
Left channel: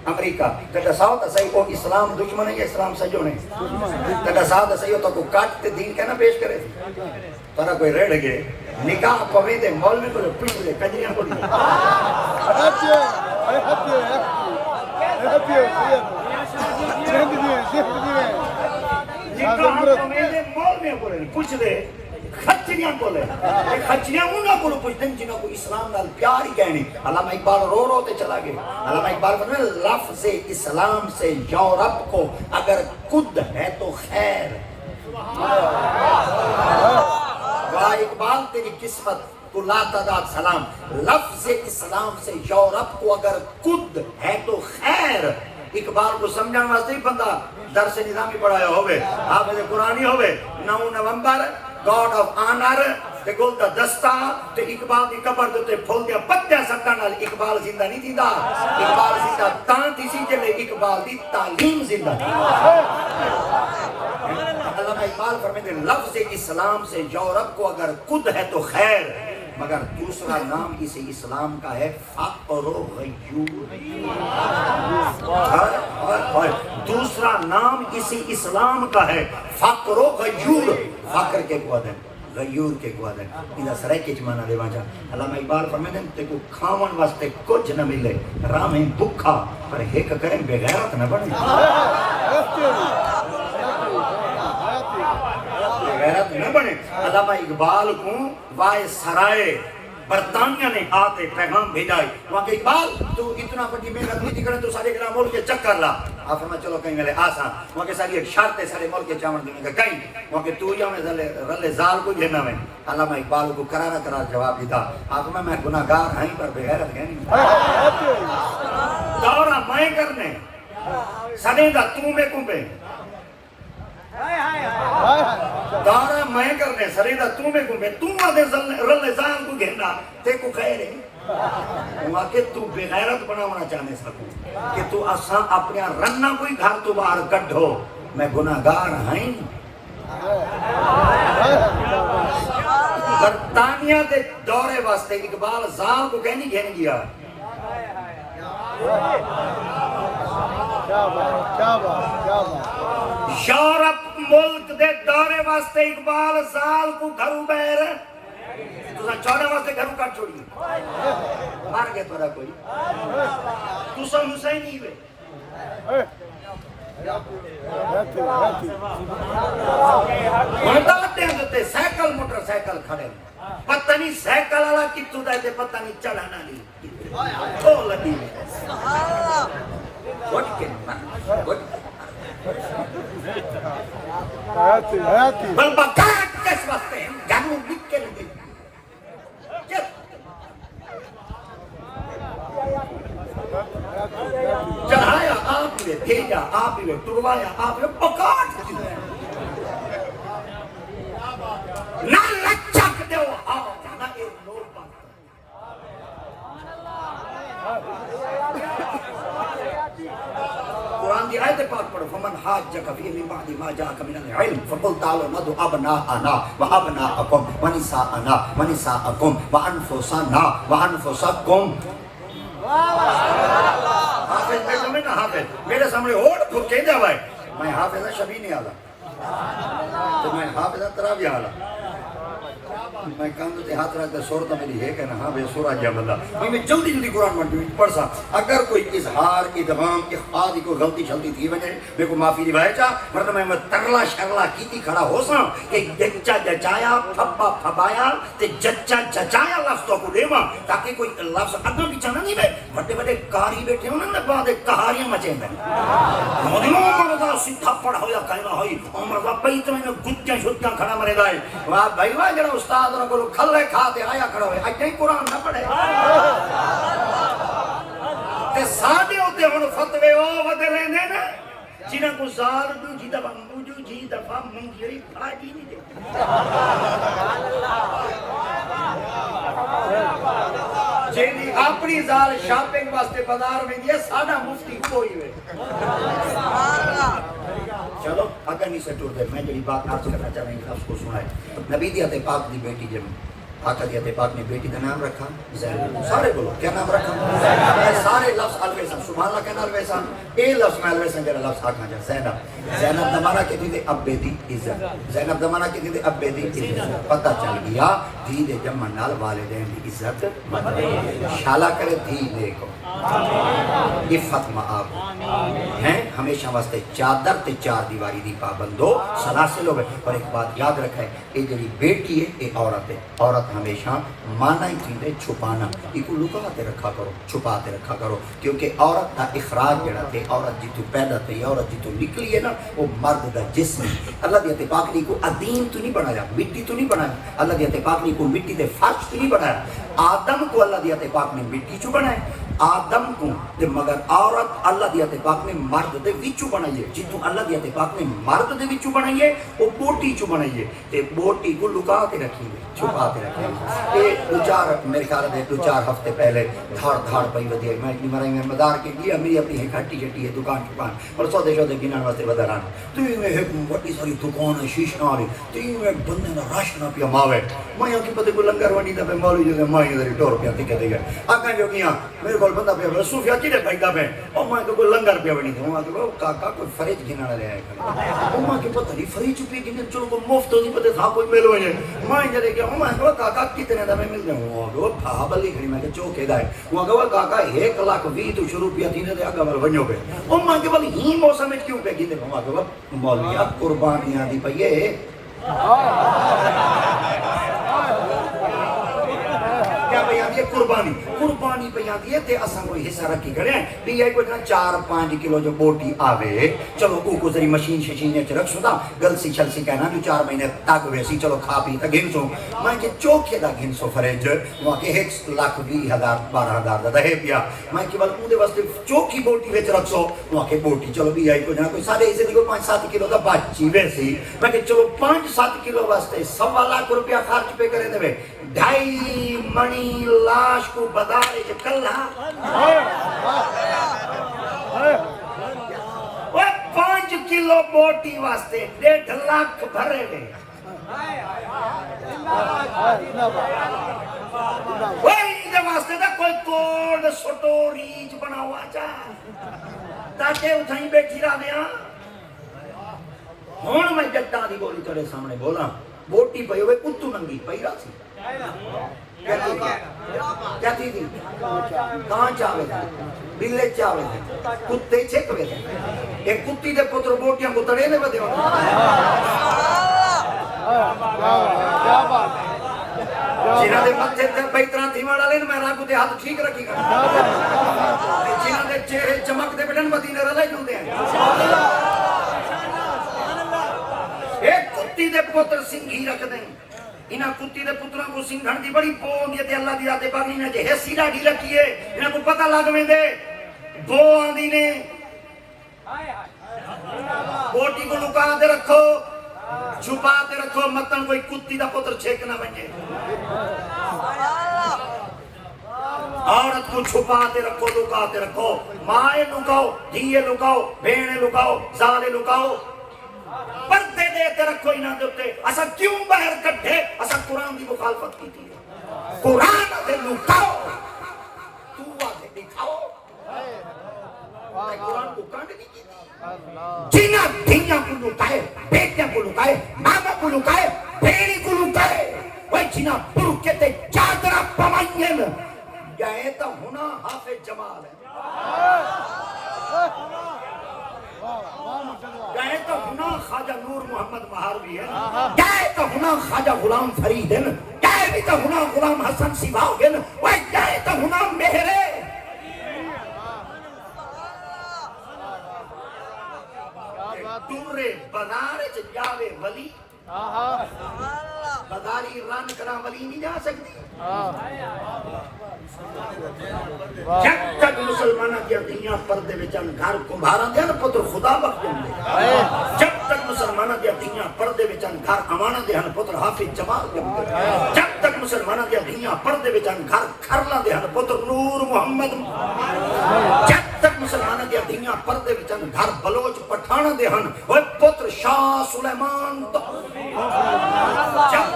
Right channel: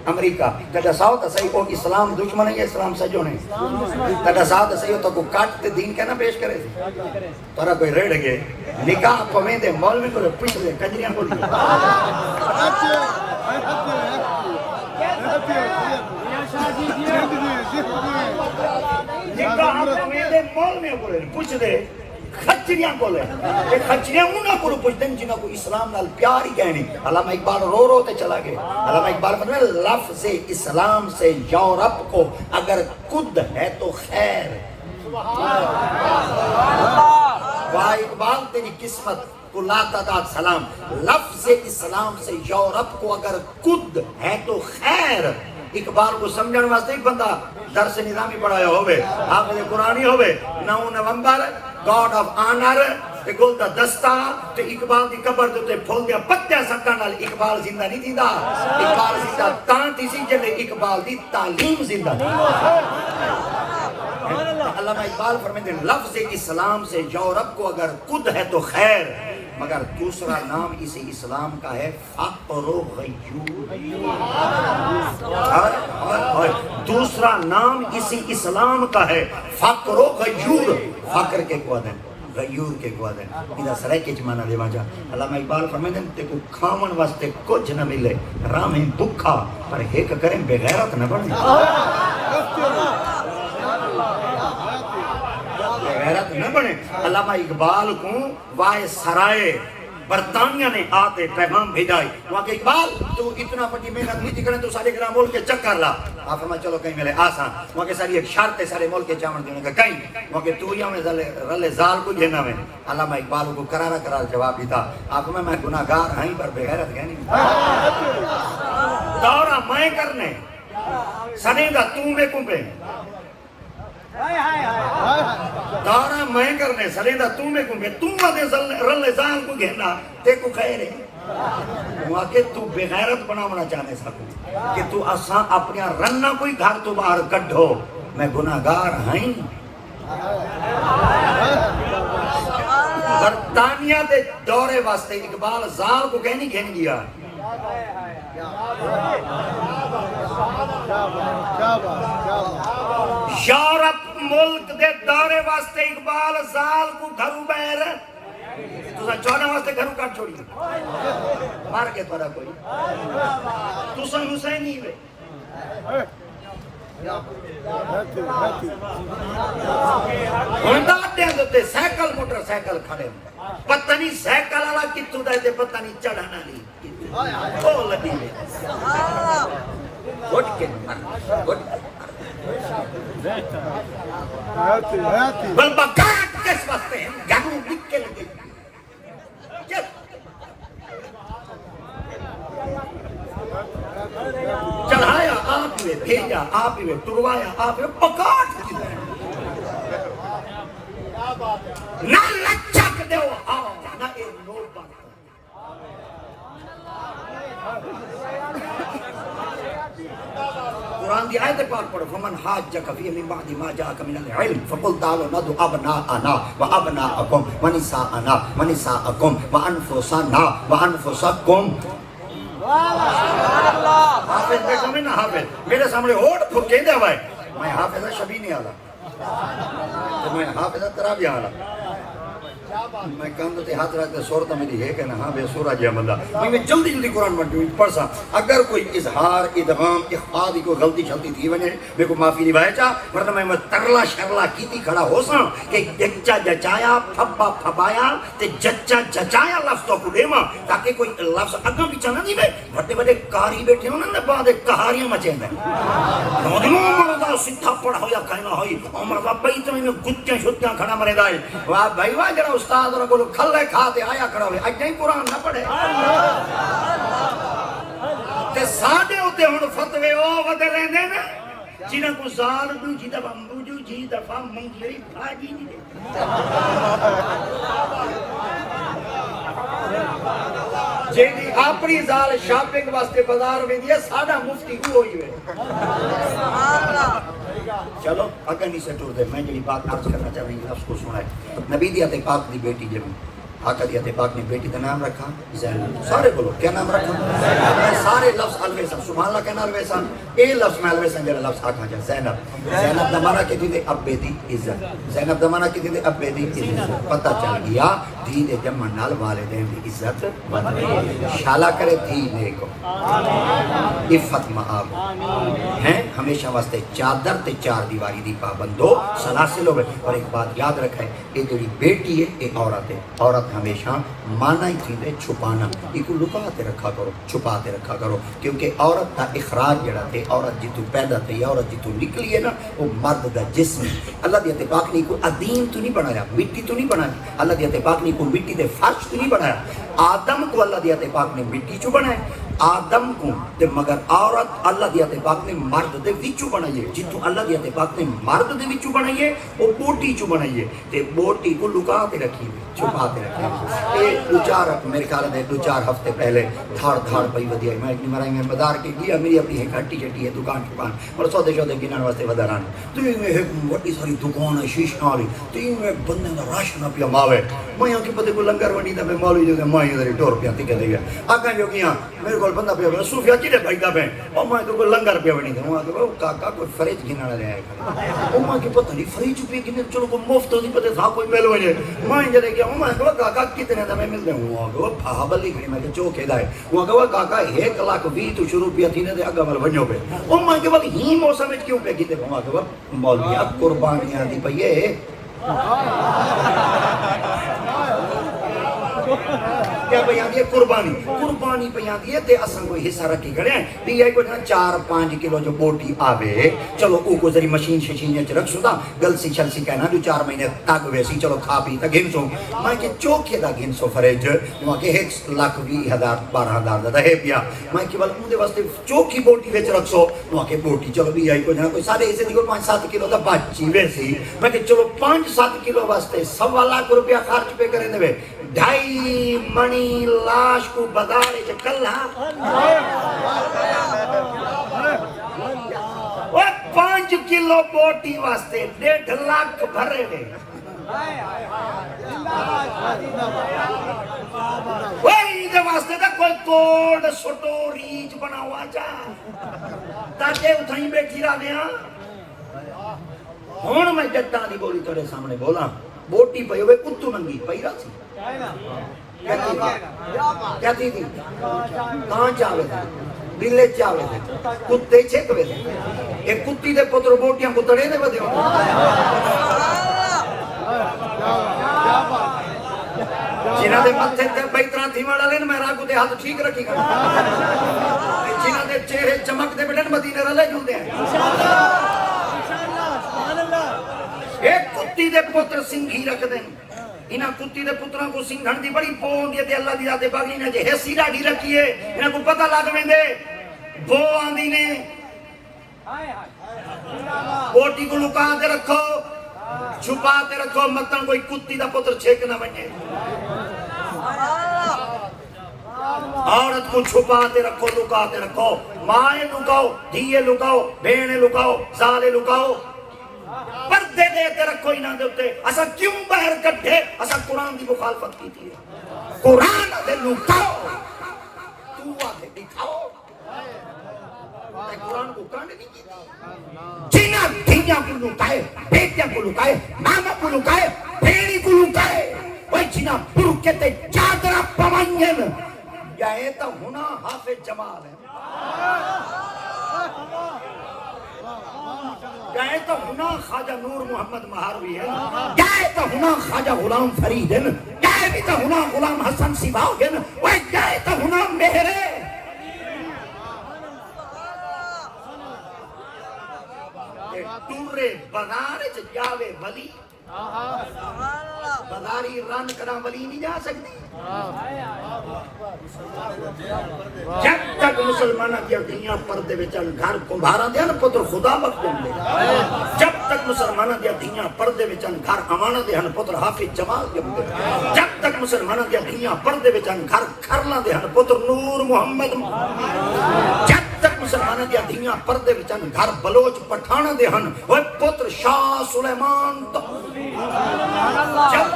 امریکہ کہتا ساوتا صحیح کو اسلام دشمن ہے یا اسلام سجو نہیں کہتا ساوتا صحیح تو کو کاٹتے دین کہنا پیش کرے تھے ترہ کوئی ریڑ گئے نکاح تو میں دے مول میں کو پیش دے کنجریاں کو دیا پوچھ دے خچریاں بولے خچریاں منگا کو پوچھ دیں جنہاں کو اسلام نال پیار ہی کہنے علامہ اقبال رو رو کے چلا گئے علامہ اقبال فرمائے لفظ اسلام سے یورپ کو اگر کد ہے تو خیر واہ اقبال تیری قسمت تو لا تعداد سلام. لفظ اسلام سے یورپ کو اگر کد ہے تو خیر. اقبال کو سمجھنے واسطے ایک بندہ درس نظامی پڑھایا ہوئے, حافظ قرآنی ہوئے, 9 نومبر گاڈ آف آنر تے گل دا دستا تے اقبال دی قبر تے پھول دیا پتیا سکا نال اقبال زندہ نہیں تھیندا. اقبال زندہ تاں تھی جے اقبال دی تعلیم زندہ. علامہ اقبال فرماتے ہیں لفظ اسلام سے یورپ کو اگر کد ہے تو خیر, مگر دوسرا نام اسی اسلام کا ہے فقر و غیور. دوسرا نام اسی اسلام کا ہے فقر و غیور. فقر کے قوت ہے, غیور کے قوت ہے. انہا سرائے کے جمانہ لے مانجا. علامہ اقبال فرماتے ہیں تے کو کھامن واسطے کچھ نہ ملے, راہ میں بکھا اور ایک کریں بے غیرت نہ بنے. غیرت نہیں بنے. علامہ اقبال کو وائے سرائے برطانیہ نے آتے پیغام بھیجا. وہاں کہ اقبال تو اتنا بڑی محنت ہوتی کریں تو سارے گرام ملک کے چکر لا. آپ فرمایا چلو کہیں میرے آسان. وہاں کہ ساری ایک شرط ہے سارے ملک کے چاون کی. کہیں وہاں کہ توریہ میں رلے زال کو جھینا میں. علامہ اقبال کو کرارا جواب دیتا. آپ میں گناہگار ہیں پر بے غیرت ہے نہیں. دورہ میں کرنے سنے گا تو میں کمبے. دارا میں کرنے سرے دا تو میں کمبے. تم دے رلے زال کو گھننا تے کو خیر ہے. وہاں کہ تو بے غیرت بناونا چاہنے سکو کہ تو اساں اپنے رنہ کوئی گھر تو باہر کڈھو. میں گناہگار ہیں. برطانیہ دے دورے واسطے اقبال زال کو کہنی گھن گیا. یورپ ملک دے دورے واسطے اقبال زال کو گھرو بیر چوڑا واسطے گھرو کٹ چھوڑی. مار کے تھوڑا کوئی تو سن حسین ہی ہوئے. ہنداتے ہیں جو تے سائیکل موٹر سائیکل کھڑے پتہ نہیں سائیکل والا کتوں دے تے پتہ نہیں چڑھنا نہیں او لبی وٹ کے بل بکات کس واسطے ہیں گھروں لکھ کے لگے. چڑھایا آپ نے, بھیجا آپ نے, ٹروایا آپ نے, پکاٹ نہ لچک دو آواز نہ ایک نور بند. قرآن دی آیت پاک پڑھو. فمن حاجک فی من بعد ما جاءک من العلم فقل تعالوا ندعو ابناءنا وابناءکم ونساءنا ونساءکم وانفسنا وانفسکم. حافظ دیکھو میں نا, حافظ میرے سامنے ہوٹ پھٹے دے ہوئے. میں حافظ شبی نہیں آلا تو میں حافظ ترابی آلا. میں کندھوں تے ہاتھ رکھتے شورتا میری ہے کہ نا ہاں بے سورہ جا بندہ. میں جلدی جلدی قرآن پڑھ سا. اگر کوئی اظہار ادغام اخفاء دی کوئی غلطی شلطی تھی ونے میں کو معافی نبھائے چاہ ورنہ میں ترلا شرلا کیتی کھڑا ہو سا کہ جچا جچایا پھپا پھپایا تے جچا جچایا لفظ تو کو دیما تاکہ کوئی لفظ اگاں پیچھے نہ نہیں بے. بڑے بڑے کاری بیٹھے ہوں نا بعد کہاریاں مچیں گے. مولا سیدھا پڑھا ہویا کہنا ہوئی عمر کا پیتنے میں گتیں چھٹیاں کھڑا مرے دائے. واہ بھائی واہ جرا استاد کو کھلے کھاتے آیا کھڑا ہوئے اج نہیں قرآن نہ پڑھے. تے ساڈے اوتے ہن فتوی او ودے لیندے نے جنہاں کو زال دو جی دفعہ موجو جی دفعہ منجری بھاجی نہیں دے. جیڑی اپنی زال شاپنگ واسطے بازار میں دیا ساڈا مفتی کوئی ہوئے. چلو اگر نہیں سے ٹوٹ ہے میں جو بات آپ سے کرنا چاہ رہی ہوں اس کو سنائے. نبی دیت پاک دی بیٹی جنہوں آقا دیت پاک نے بیٹی کا نام رکھا زینب. سارے بولو کیا نام رکھا؟ سارے لفظ الویسا سبحان اللہ کہنا الویسا اے لفظ میں الویسا میرے لفظ آکھا جا زینب. زینب دمانہ کی دیدے اب بیدی عزت. زینب دمانہ کی دیدے اب بیدی عزت. پتہ چل گیا دیدے جمع نال والدین دی عزت شالا کرے دی لے کو عفت معاب ہیں ہمیشہ واسطے چادر تے چار دیواری دی پابند ہو سلاسل ہوئے. اور ایک بات یاد رکھیں یہ جو بیٹی ہے یہ عورت ہے. عورت عورت ہمیشہ مانا ہی تھی چھپانا، ایک لکاتے رکھا کرو، چھپاتے رکھا کرو، کیونکہ عورت کا اخراج جڑا تھے، عورت جتو پیدا تھی، عورت جتو نکلی ہے نا، وہ مرد کا جسم ہے۔ اللہ دیتے پاک نے کو عدیم تو نہیں بنایا، مٹی تو نہیں بنایا، اللہ دیتے پاک نے کو مٹی دے فرش تو نہیں بنایا، آدم کو اللہ دیتے پاک نے مٹی چو بنایا، آدم کو تے مگر عورت اللہ دیتے پاک نے مرد دے وچو بنائیے، جتو اللہ دیتے پاک نے مرد دے وچو بنائیے، وہ بوٹی چو بنائیے، تے بوٹی کو لکا کے رکھی ہوئی، چھپا کے رکھی ہوئی۔ ایک دو چار میرے خیال میں 2-4 ہفتے پہلے دھاڑ پئی ودی میں مرائی میں بازار کے گیا، میری اپنی گھٹی چٹی ہے دکان اور سودے بینن واسطے بدلانا، تو ایک بڑی ساری دکان ہے شیشہ والی، تو ایک بندے نہ رش نہ پیا ماوے، میں کہ پتہ کو لنگر وڈی تے مولوی جو میں ادھر ٹور پیا تے دے گیا اگے جو کیا میرے کول بندہ پیا صوفیا کی دے بھائی دا پہ اور میں تو لنگر پیا وڈی تے میں کہ کاکا کو فریج گھنا لے آئے او میں کہ پتہ نہیں فریج پہ کہ چلو کو مفت نہیں پتہ تھا کوئی میلو ہے میں جڑے کہ میں کہ کاکا کتنے دا میں مل دوں وہ پابلی کہ میں چوکے دا ہے وہ کہ کاکا 1 لاکھ 20 تو شروع پیا تھی نے اگے میں ونجو پہ او میں کہ بھئی ہی موسم وچ کیوں پہ کیتے میں کہ مولوی قربانیاں دی پئی کیا پہ آدھی ہے قربانی پہ آدھی ہے تے اساں کوئی حصہ رکھی کھڑے ہیں تے یہ کوئی 4-5 کلو جو بوٹی آوے چلو کو ذری مشین ششین چ رکھ سودا گل سی چل سی کہنا جو 4 مہینے تک ہوئے سی چلو کھا پی تے گھن سو میں کہ چوکھے دا گھن سو فریج وہاں کہ 1,20,000 دا ہے پیا میں کہ بل اودے واسطے چوکھی بوٹی وچ رکھ سو وہاں کہ بوٹی چلو بھی آئی کوئی نہ کوئی سارے ایسے دیکھو 5-7 کلو دا بچی ویسی میں کہ چلو 5-7 کلو واسطے 1.25 لاکھ روپیہ خرچ پہ کرے دے 2.5 منی لاش کو بدائے چکلہ وہ 5 کلو بوٹی واسطے 1.5 لاکھ بھرے گئے وہی دے واسطے دا کوئی کوڈ سٹو ریچ بنا ہوا چاہ تاکہ اتھائی بیٹھی رہا دیا ہون میں جٹا نہیں بولی تیرے سامنے بولا بوٹی پہ ہوئے کتو ننگی پہ رہا سی کیا تھی تھی کہاں چاوے تھی بیلے چاوے تھی کتے چھک بے ایک کتی دے پتر بوٹیاں کتڑے نے بدے جنہاں دے ماتھے تے بیترا تھی مارا لین میں راکو دے ہاتھ ٹھیک رکھی گا جنہاں دے چہرے چمک دے بڑن مدینے رلے جن دے ایک کتی دے پتر سنگھی رکھ دیں انہاں کتی دے پتروں کو سنگھن دی بڑی پون دیتے اللہ دی آتے باغی نے جے حیثی راڑھی رکھی ہے انہاں کو پتہ لگ میں دے بو آندی نے بوٹی کو لکا دے رکھو چھپا دے رکھو مطلب کوئی کتی دا پتر چھیک نہ بنجے عورت کو چھپا دے رکھو لکا دے رکھو مائیں لکاؤ دھیے لکاؤ بھیڑے لکاؤ زالے لکاؤ پردے دیتے رکھو ہی نہ دیتے اسا کیوں باہر کٹھے اسا قرآن دی مخالفت کی تھی قرآن دے لکاؤ تو آدھے دکھاؤ قرآن کو کانے کی تھی جینا دھیاں کو لکائے بیٹیاں کو لکائے ماما کو لکائے بھیڑی کو لکائے وہی جینا برکتے چادرہ پوائین یہ تو ہونا حافظ جمال ہے گئے تو ہونا خواجہ نور محمد مہاروی ہے گئے تو ہونا خواجہ غلام فرید ہے گئے بھی تو ہونا غلام حسن سباؤ ہے گئے تو ہونا مہرے تورے بنارے جاوے ولی بداری رن کرا ولی نہیں جا سکتی جب تک مسلمانہ دیا دنیا پردے بچان گھر کمبھارا دیا نا پتر خدا وقت ہوں گے جب تک مسلمانہ دیا دنیا پردے بچان گھر امانہ دیا نا پتر حافظ جمال ہوں گے جب تک مسلمانہ دیا دنیا پردے بچان گھر کھرلا دیا نا پتر نور محمد جب تک مسلمانہ دیا دنیا پردے بچان گھر بلوچ پٹھانا دیا نا وہ پتر شاہ سلیمان جب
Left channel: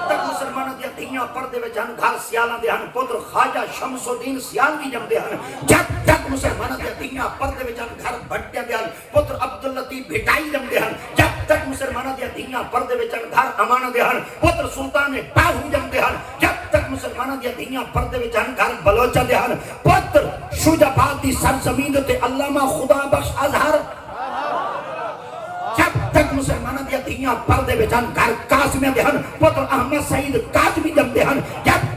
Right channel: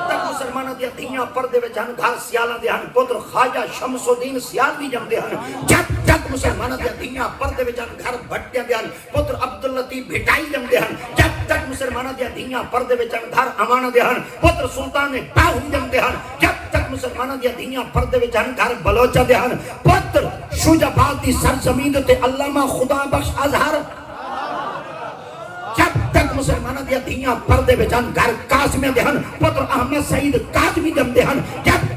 تک مسلمانہ دیا دنیا پردے بچان گھر سیالہ دیا نا پتر خواجہ شمس الدین سیال کی جم دیا جب تک مسلمانہ دیا دنیا پردے بچان گھر بھٹیا دیا پتر عبداللطیف بھٹائی جم دیا جب تک مسلمانہ دیا دنیا پردے بچان گھر امانہ دیا پتر سلطان باہو جم دیا جب تک مسلمانہ دیا دنیا پردے بچان گھر بلوچہ دیا پتر شجاباد دی سرزمین تے علامہ خدا بخش اظہر جب تک مسلمانہ دیا دنیا پردے بچان گھر قاسم دیا پتر احمد سعید کاظمی جم دیا جب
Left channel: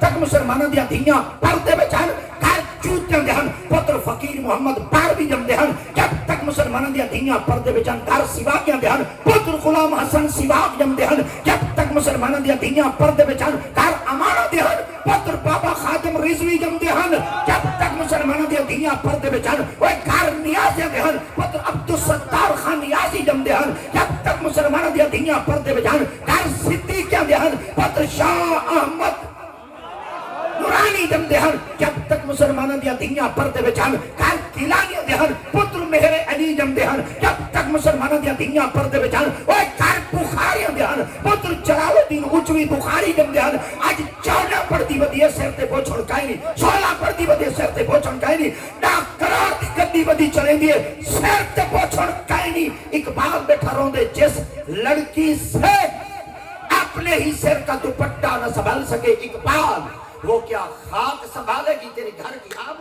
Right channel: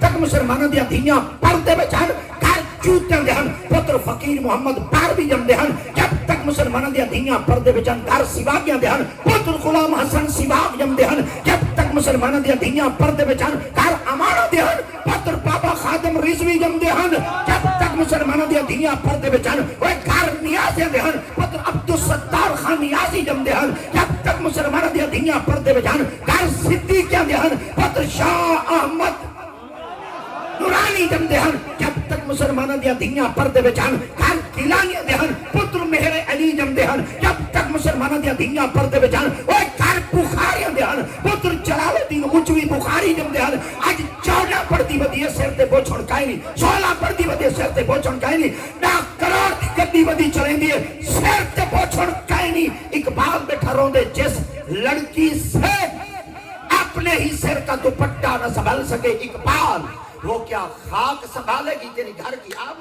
دھیاں پردے وچ ہن گھر چوتیاں دے ہن پتر فقیر محمد باروی جمدے ہن جب تک مسلماناں دیاں دھیاں پردے وچ ہن گھر سیواگیاں دے ہن پتر غلام حسن سیواگ جمدے ہن جب تک مسلماناں دیاں دھیاں پردے وچ ہن گھر امانہ دے ہن پتر بابا خادم رضوی جمدے ہن جب تک مسلماناں دیاں دھیاں پردے وچ ہن اوے گھر نیازیاں دے ہن پتر عبدالستار خان نیازی جمدے ہن جب تک مسلماناں دیاں دھیاں پردے وچ ہن گھر صدیقیاں دے ہن پتر شاہ احمد نورانی جمدے ہن جب تک مسلماناں دیاں دھیاں پردے وچ ہن گھر گیلانیاں دے ہن پتر مہر علی جمدے ہن جب تک مسلماناں دیاں دھیاں پردے وچ ہن اوے گھر بخاریاں دے ہن پتر جلال الدین اجوی بخاری جمدے ہن اج 14 پڑھدی ودی سر تے بوچھن کائیں نہیں 16 پڑھدی ودی سر تے بوچھن کائیں نہیں 10 کروڑ دی گڈی ودی چلیندی ہے سر تے بوچھن کائیں نہیں اقبال بیٹھا روندے جس لڑکی سے اپنے ہی سر کا دوپٹہ نہ سنبھال سکے اقبال وہ کیا خاک سنبھالے گی تیرے گھر کی آب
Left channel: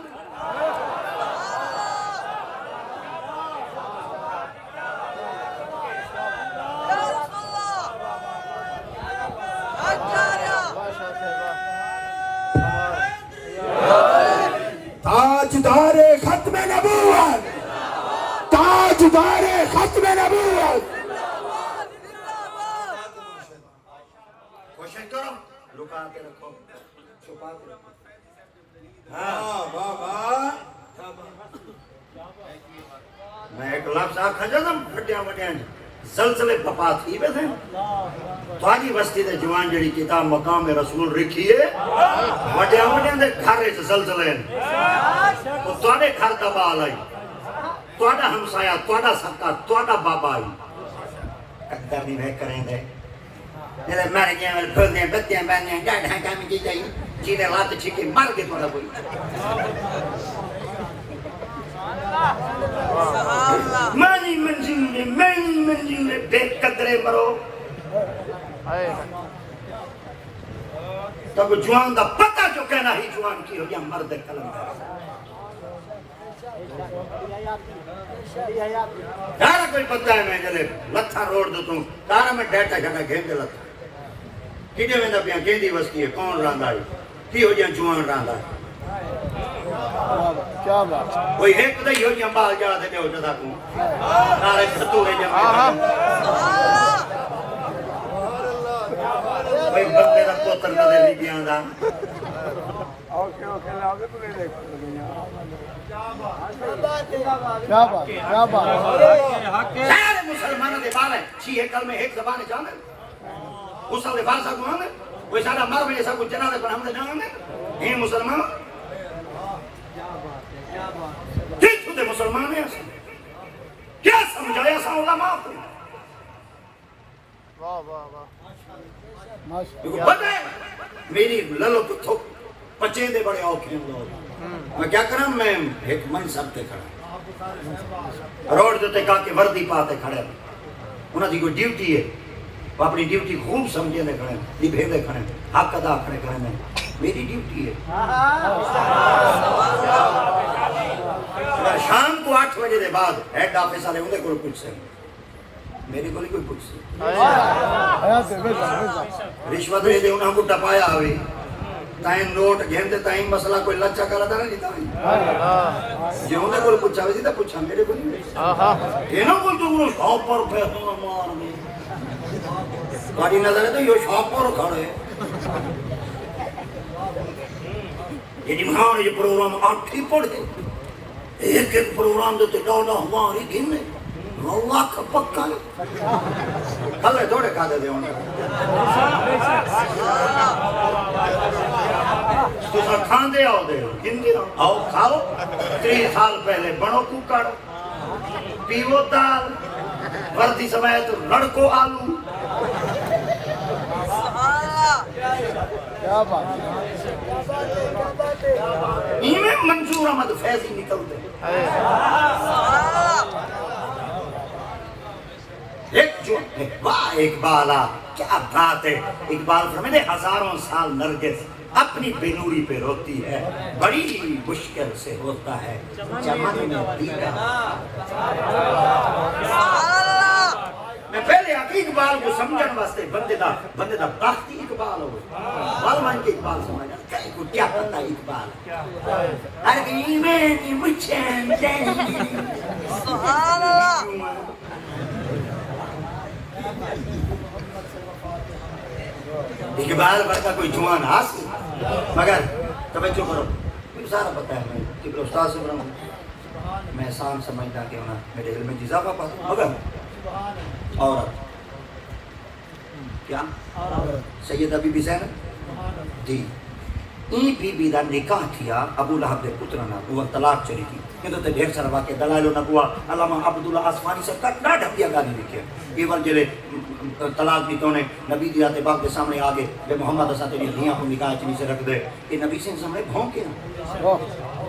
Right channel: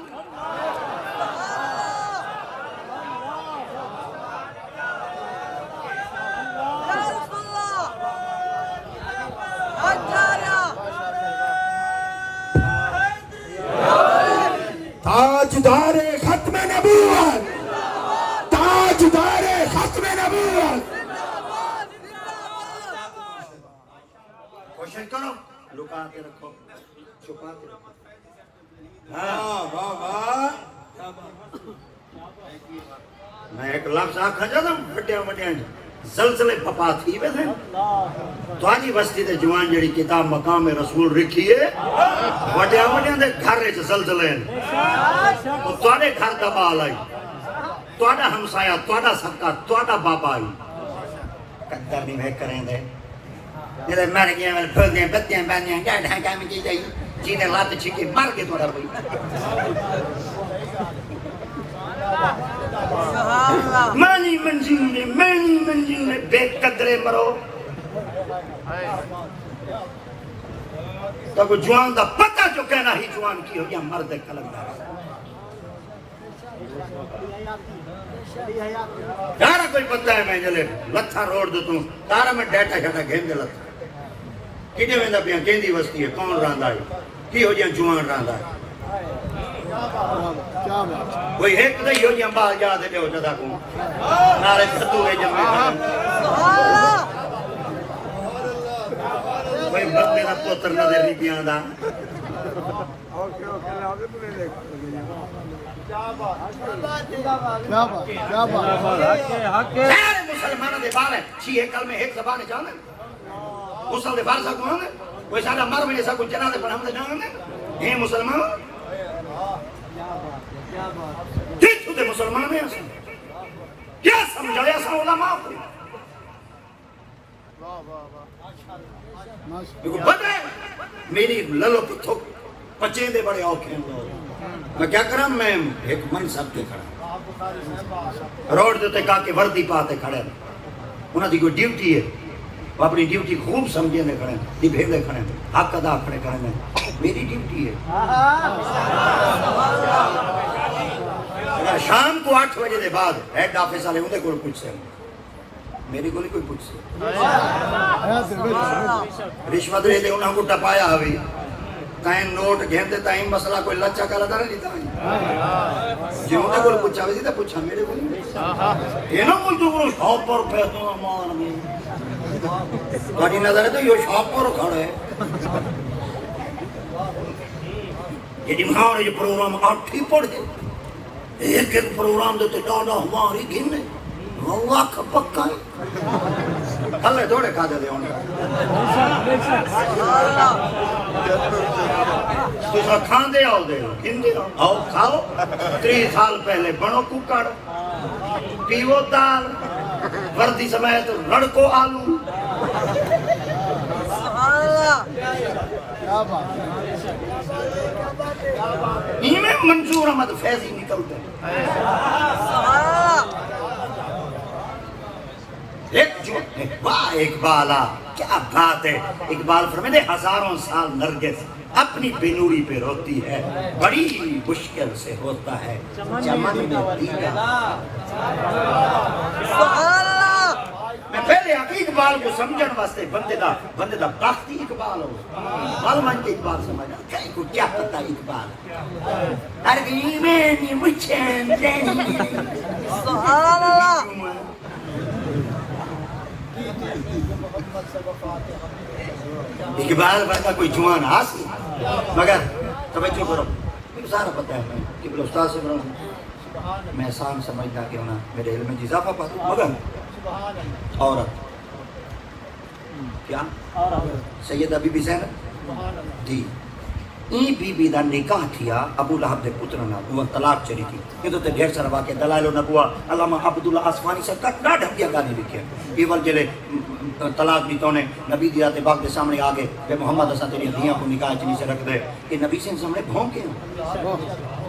تاجدار ختم نبوت تاجدار ختم نبوت کوشش کرو لکا کے رکھو چھپا کے رکھو میں ایک لاکھ لاکھ کھجا نا پھٹے مجھے زلزلے پپا تھی ویسے تھوڑی بستی دے جوان جڑی کتاب مقام رسول رکھی ہے وڈے مجھے دے گھر وچ زلزلے تھوڑے گھر دا بال آئی تھوڑا ہمسایا تھوڑا سکا تھوڑا بابا آئی قدر نہیں میں کریں دے میرے مر گیا میں پھر دیں بتیاں بہنیں ڈاڑھ ہنگا میں دی دیں جینے لات چھکی مر کے تھوڑا کوئی مانی منزل میں بے قدرے مرو تب جوان دا پتہ جو کہنا ہی جوان کی ہو گیا مرد قلم کارا کوئی پتہ ہے میں نے لتھا روڑ دو تم کارا میں ڈیٹا جھڑا گھنڈ لتا کنے میں نبیاں گھنڈی وستی ہے کون راندہ ہے کی ہو جائیں جوان راندہ کوئی ایک نہیں ہو جائیں بال جا دے ہو جدا تم نارے کھتو ہے جائیں کوئی بندے نہ پوتر نظر نہیں بیان دا مسلمانوں دے بال ہے شیعہ کل میں ایک زبان جانے مسلم دے بال سا کون ہے کوئی سارا مر میں ایسا کوئی جناح دے پر ہم دے نہ ہونے یہ مسلمان کیا چھوٹے مسلمان ہیں کیا سمجھایا سا علماء کو بڑے میری للو کی تھوک پچیں دے بڑے اوکھیں میں کیا کروں میں ایک منصب کے کھڑا روڈ جو تے کہا کہ وردی پاتے کھڑے انہاں دی کوئی ڈیوٹی ہے وہ اپنی ڈیوٹی خوب سمجھے دے کھڑے دی بھیڑے کھڑے حق ادا کھڑے کرنے میری ڈیوٹی ہے شام کو 8 بجے دے بعد ہیڈ آفیسر ہے مجھے کوئی پوچھ سکے میری کوئی پوچھ سکے رشوت دے دے انہاں کو ٹپایا ہوئی ٹائم نوٹ گھنٹے ٹائم مسئلہ کوئی لچا کالا دار نہیں لیتا جو انہاں کو پوچھا ہوئی تھا پوچھا میرے کوئی یہ نہ کوئی جو وہ شاپ پر پیسہ مان میں باقی نظر ہے تو یہ شاپ پر کھڑا ہے یہ دنہاں یہ پروگرام آپ ٹھیک پڑھ دے ایک ایک پروگرام دے ڈالا ہماری گھنے اللہ کا پکا ہے اللہ دوڑے کھا دے دیوانا دوسرا کھان دے آؤ دے گھن دے آؤ کھاؤ 3 سال پہلے بڑو ککڑ پیو دال وردی سمیت لڑکو آلو میں منظور احمد فیضی نکلتے اقبالا کیا بات ہے اقبال فرماتے ہزاروں سال نرگس اپنی بلوری پہ روتی ہے بڑی مشکل سے ہوتا ہے میں پہلے آکی اقبال کو سمجھن واسطے بندے دا تختی اقبال ہو معلوم کے اقبال سمجھنا کئی کو کیا پتا اقبال ارے میں مچھن سبحان اللہ اقبال ورگا کوئی جوان حاصل مگر توجہ کرو مجھے سارا پتا ہے کہ استاد سے برا میں احسان سمجھتا کہ نا میرے علم میں اضافہ پاتا مگر عورت کیا سیدہ بی بی زینب دی این بی بی دا نکاح کیا ابو لہب دے پتر نا وہ طلاق چلی کی کیونکہ تے ڈھیر سارا واقع دلائل نہ ہوا علامہ عبداللہ اسفانی سے تک نہ ڈھکیا گانے لکھے ایول جلے طلاق بھی تو نے نبی دی آتے باپ کے سامنے آگے کہ محمد اسا تیری دھیاں کو نکاح چلی سے رکھ دے کہ نبی سے سامنے بھون کے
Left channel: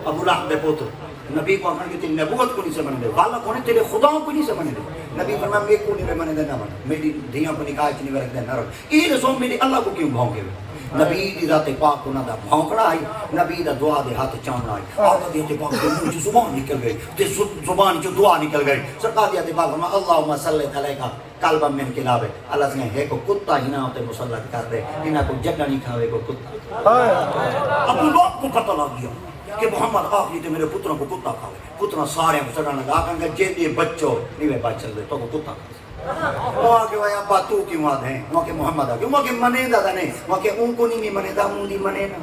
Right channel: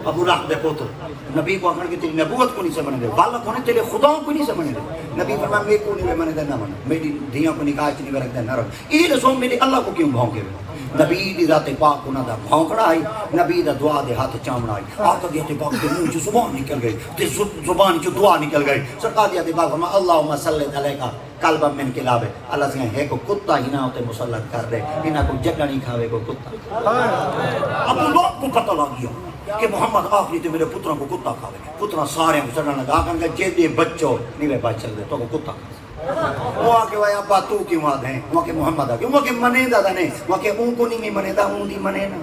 ابو لہب دے پتر نبی کو کہ تیری نبوت کو نہیں سمجھ دے واللہ کو تیرے خداؤں کو نہیں سمجھ دے نبی فرمایا میں کو نہیں میں نہ بنا میری دھیاں کو نکاح چلی میں رکھ دے نہ رکھ یہ رسول میری اللہ کو کیوں بھون کے نبی دی ذات پاک کو نہ دا بھونکنا ہے نبی دا دعا دے ہاتھ چامنا ہے آقا دی ذات پاک کو منہ جو زبان نکل گئی تے زبان جو دعا نکل گئی سرکار دی ذات پاک فرما اللہم صلی علیکہ قلبا من کلابے اللہ سے ہے کو کتا ہی نہ ہوتے مسلط کر دے انہاں کو جٹا نہیں کھاوے کو کتا ابو لوگ کو پتہ لگ گیا کہ محمد آخری تو میرے پتروں کو کتا کھاوے پتروں سارے کو سرنا لگا کہ جے دے بچوں نہیں بچ چل دے تو کتا وہاں کے وہاں باتوں کی وہاں ہیں وہاں کے محمد آگے وہاں کے منے دا نہیں وہاں کے ان کو نہیں منے دا ان دی منے نا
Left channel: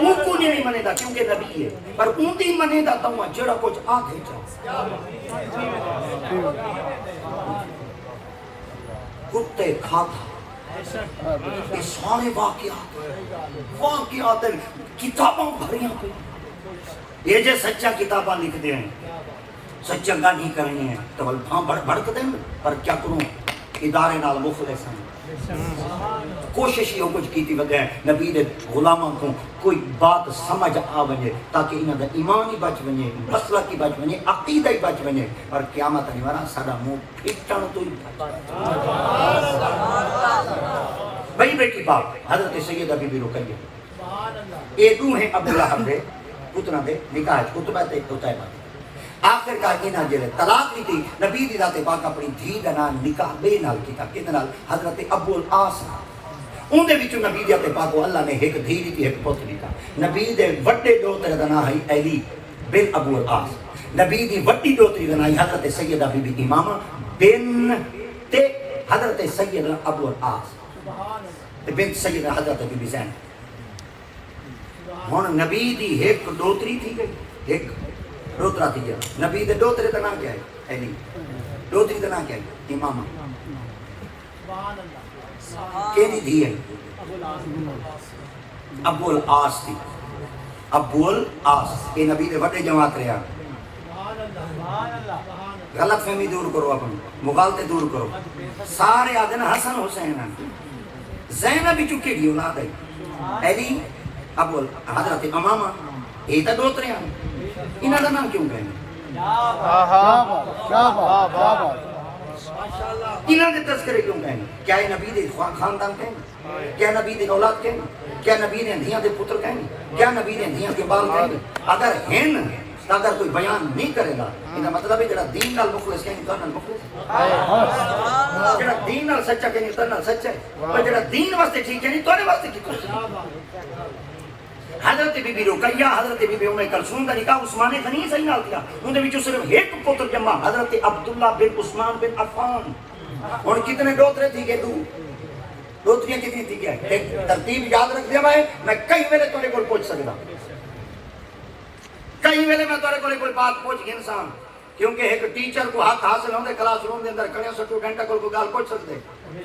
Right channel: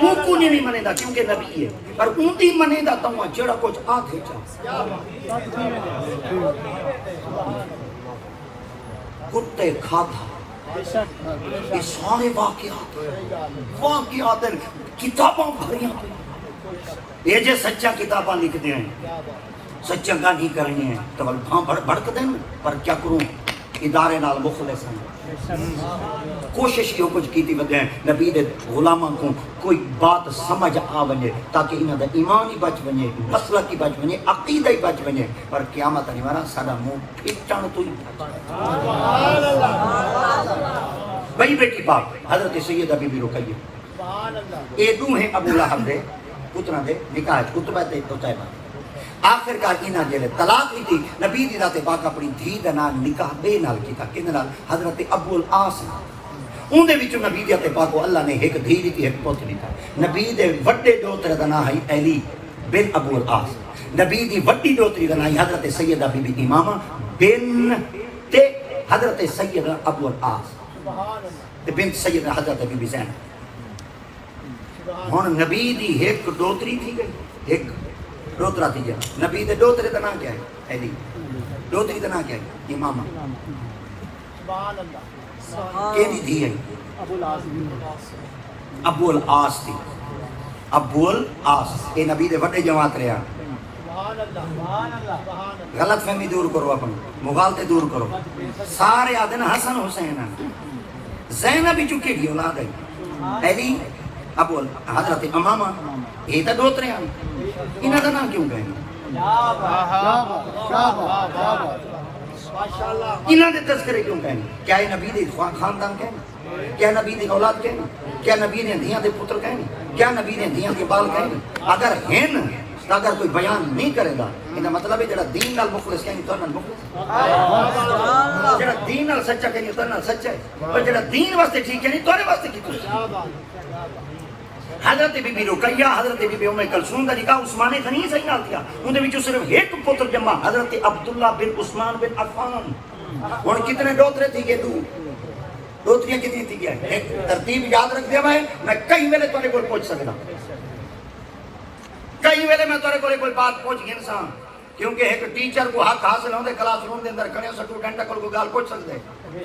ان کو نہیں منے دا کیونکہ نبی ہے پر ان دی منے دا تو میں جڑا کچھ آگے چاہ کتے کھاتا یہ سارے واقعات کتابوں بھری یہ جو سچا کتاباں لکھتے ہیں سچا گاڑی کرنی ہے تو بھڑک دیں پر کیا کروں ادارے نال مخلص ہیں کوشش یہ کچھ کی تھی بدیں نبی دے غلاموں کو کوئی بات سمجھ آ بنے تاکہ انہوں نے ایمان ہی بچ بنے مسئلہ کی بچ بنے عقیدہ ہی بچ بنے پر قیامت نہیں مارا سارا منہ پھٹن تو ہی بھائی بیٹی باپ حضرت سیدہ بی بی رقیہ یہ دوم ہے ابو لہب دے پتران دے نکاح کتبہ تے قتیبہ آخر کا انہاں جلے طلاق بھی تھی نبی دی ذات پاک اپنی دھی دا نام نکاح بے نال کیتا کنے نال حضرت ابو العاص ان دے وچوں نبی دی ذات پاک کو اللہ نے ایک دھی دی ایک پتر دیتا نبی دے وڈے دوتر دا نام ہے علی بن ابو العاص نبی دی وڈی دوتری دا نام حضرت سیدہ بی بی امامہ بن تے حضرت سیدہ ابو العاص بنت سیدہ حضرت بی بی زینب ہن نبی دی ایک دوتری تھی گئی ایک دوترا تھی گئی نبی دے دوترے دا نام کیا ہے علی دوتری دا نام کیا ہے امامہ کیڑی تھی ہے ابو العاص تھی ابو العاص یہ نبی دے وڈے جماعت رہا غلط فہمی دور کرو اپنی مغالطے دور کرو سارے آدھن حسن حسین زینب بھی چکی دی اولاد ہے علی ابو حضرت امامہ یہ تو دوترے ہیں انہاں دا نام کیوں کہیں انہاں دے تذکرے کیوں کہیں کیا یہ نبی دے خاندان کہیں کیا نبی دے اولاد کہیں کیا نبی دے دھیاں دے پتر کہیں کیا نبی دے دھیاں کے بال کہیں اگر ہیں اگر کوئی بیان نہیں کرے گا انہاں مطلب ہے جڑا دین نال مخلص کہیں تو نال مخلص جڑا دین نال سچا کہیں تو نال سچا ہے پر جڑا دین واسطے ٹھیک ہے نہیں تو واسطے کی حضرت بی بی رقیہ حضرت بی بی ام کلثوم دا نکاح عثمان غنی سے نال کیا ان دے وچوں صرف ایک پتر جمع حضرت عبداللہ بن عثمان بن عفان اور کتنے دوترے تھی کہ دوتریاں کتنی تھی کیا ایک ترتیب یاد رکھ دیا میں کئی ویلے تورے کول پہنچ سکتا کئی ویلے میں تورے کول کوئی بات پہنچ گئی انسان کیونکہ ایک ٹیچر کو حق حاصل ہوندے کلاس روم دے اندر کھڑے سٹوڈنٹ کو گال پہنچ سکتے میں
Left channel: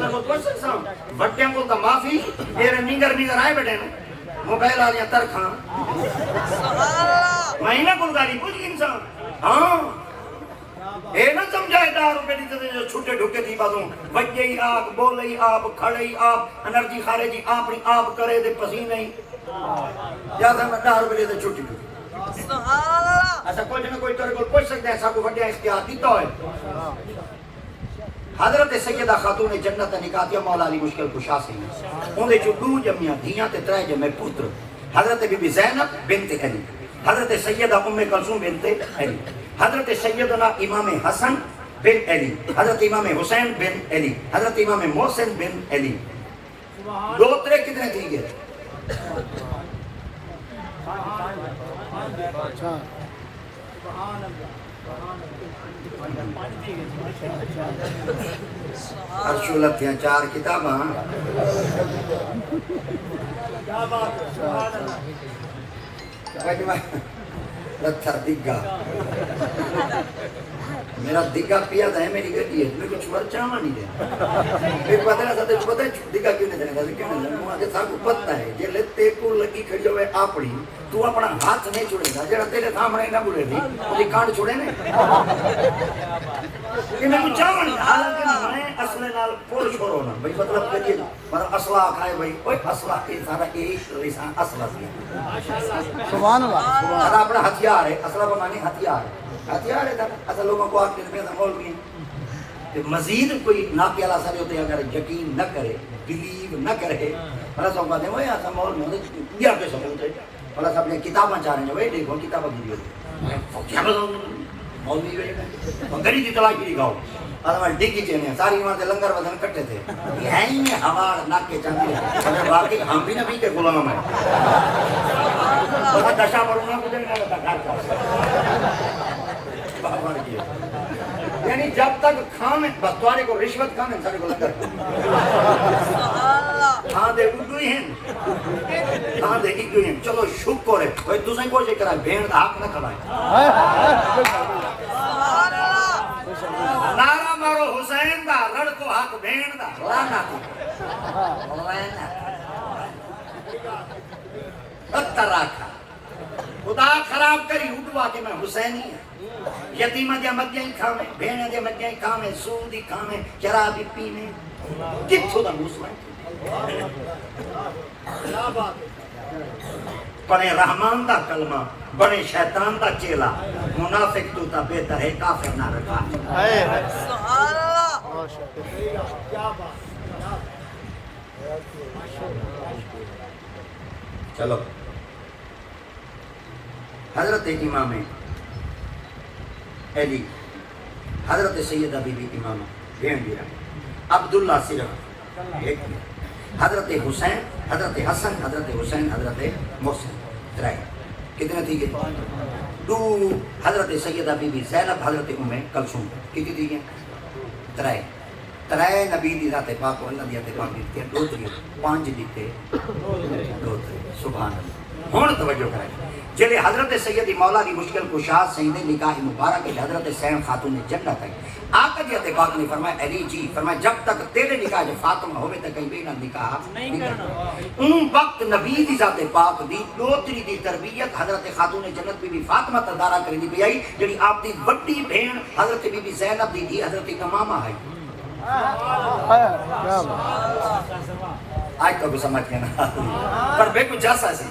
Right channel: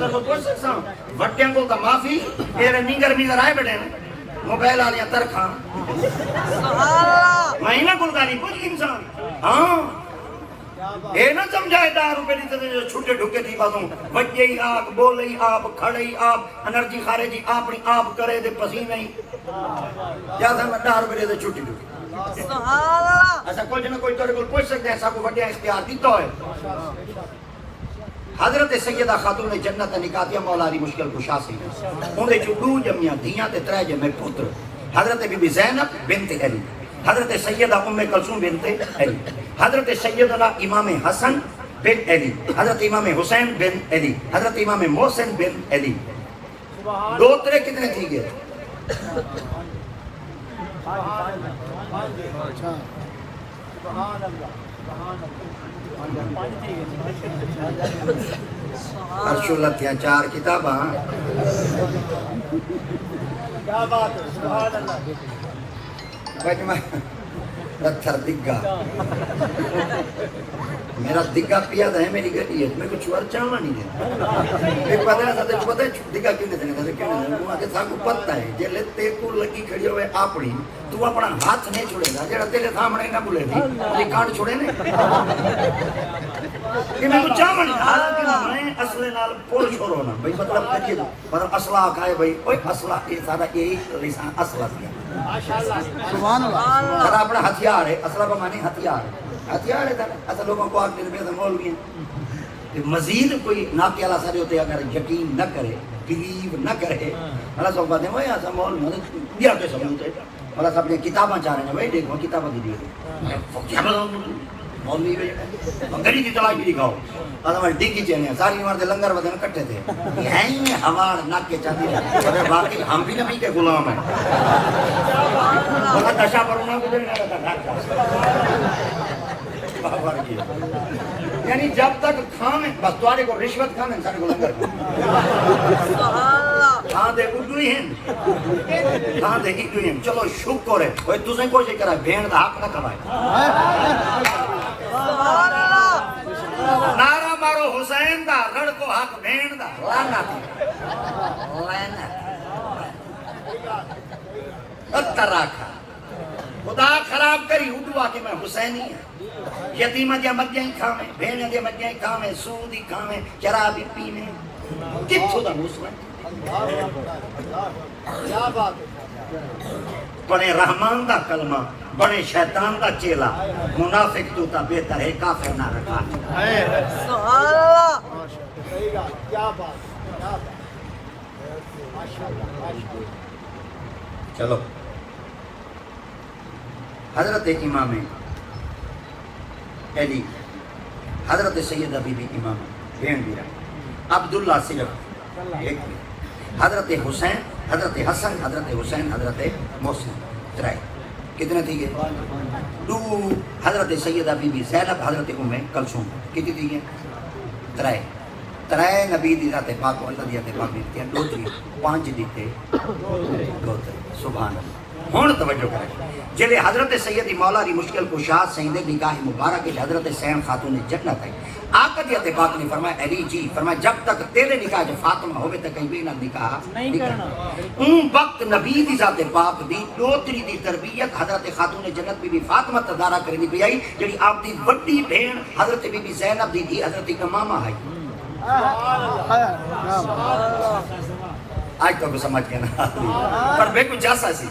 تو پہنچ سکتا ہوں بڑے کو تو معافی میرے نیگر آئے بیٹھے موبائل آ گیا ترخان میں نہ گلداری کچھ انسان ہاں اے نہ سمجھائے 10 روپے دی چھوٹے ڈھکے تھی باتوں بچے ہی آپ بولے ہی آپ کھڑے ہی آپ انرجی کھارے جی اپنی آپ کرے دے پسینے ہی جیسا میں 10 روپے دے چھوٹی ڈھکے ایسا کوئی جنہ کوئی طور پر پوچھ سکتا ہے ایسا کوئی بڑے اختیار کی تو ہے حضرت سیدہ خاتون جنت نکاتیہ مولا علی مشکل کشا سی ان دے چودو جمعیاں دھیاں تے ترے جمع پتر حضرت بی بی زینب بنت علی حضرت سیدہ ام کلثوم بنت علی حضرت سیدنا امام حسن بن علی، حضرت امام حسین بن علی، حضرت امام محسن بن علی، دوترے کتنے تھی گئے؟ ارشولت ہیں 4 کتاباں پتھر دگا میرا دگا پیا ہے میری گڈی ہے میں کچھ اور چاہنا نہیں ہے پھر پتہ نہیں ستے تو پتہ ہے دگا کیوں نہیں دیتا کیوں نہیں مجھے سب کو پتہ ہے جے تے کو لگی کھڑی ہوئے اپنی تو اپنا ہاتھ نہیں چھوڑے گا جڑا تیرے سامنے نہ بولے گی یہ کان چھوڑے نے کہ میں کچھ چاہنا نہیں میں اصلے نال پول چھوڑو نا بھئی مطلب کریے پر اصلہ کھائے بھئی اوے اصلہ یہ سارا ایک انسان اصلہ سبحان اللہ اپنا ہتھیار ہے اصلہ کا معنی ہتھیار ہے ہتھیار ہے اصل لوگوں کو آپ کے مولوی مزید کوئی ناکے والا سجے ہوتے اگر یقین نہ کرے بلیو نہ کرے بھلا سو کہتے ہیں بھائی ایسا مول میں ہوتے دیا کے سمجھتے بھلا سب نے کتابیں چاہ رہے ہیں بھائی دیکھو کتابیں کی دیو مولوی گلی کی تلاش بھی دکھاؤ ہمارے ڈگی چاہیے ساری وہاں سے لنگر وزن کٹے تھے یہیں ہمارے ناکے چاہتے ہیں باقی ہم بھی نبی کے غلام ہیں بہت نشہ پر ہونا کو دلنا رہتا گھر کا یعنی جب تک کھانے بستواری کو رشوت کھانے انسانی کو لنگر کھان دے اڈو ہی ہیں کھان دے اڈو ہی ہیں چلو شکر ہے بھائی تُسے کوشش کرائے بھین دا حق نہ کھوائے نارا مارو حسین دا لڑ کو حق بھین دا لانا بدتر آکھا خدا خراب کری اڈوا کہ میں حسینی ہیں یتیمہ دیا مجھیں کھاویں بھینے دیا مجھیں کھاویں سودی کھاویں چرابی پینے کچھو دا مسلم بڑے رحمان دا کلمہ بڑے شیطان دا چیلا منافق تو تا بہتر ہے کافر نہ رکھا چلو حضرت امام علی حضرت سیدہ بی بی امام بھین دیا عبداللہ صرف ایک ہی حضرت حسین حضرت حسن حضرت حسین حضرت محسن ترائے کتنے تھی گئے 2 حضرت سیدہ بی بی زینب حضرت ام کلثوم کتنی تھی گئے ترائے نبی دی ذات پاک اللہ دی ذات پاک لکھتے ہیں 2 تھی 5 دیتے 2 سبحان اللہ ہون توجہ کریں جلے حضرت سیدی مولا دی مشکل کشاد سیندے نکاح مبارک حضرت سین خاتون جنت ہے آقا دی ذات پاک نے فرمایا علی جی فرمایا جب تک تیرے نکاح جو فاطمہ ہوئے تے کہیں بھی نہ نکاح نہیں کرنا ان وقت نبی دی ذات پاک دی دوتری دی تربیت حضرت خاتون جنت بی بی فاطمہ تدارا کرنی بھی آئی جنہی آپ دی بڑی بہن حضرت بی بی زینب دی تھی حضرت امامہ آئی آج کو سمجھ کے نہ پر میں کو جاسا سی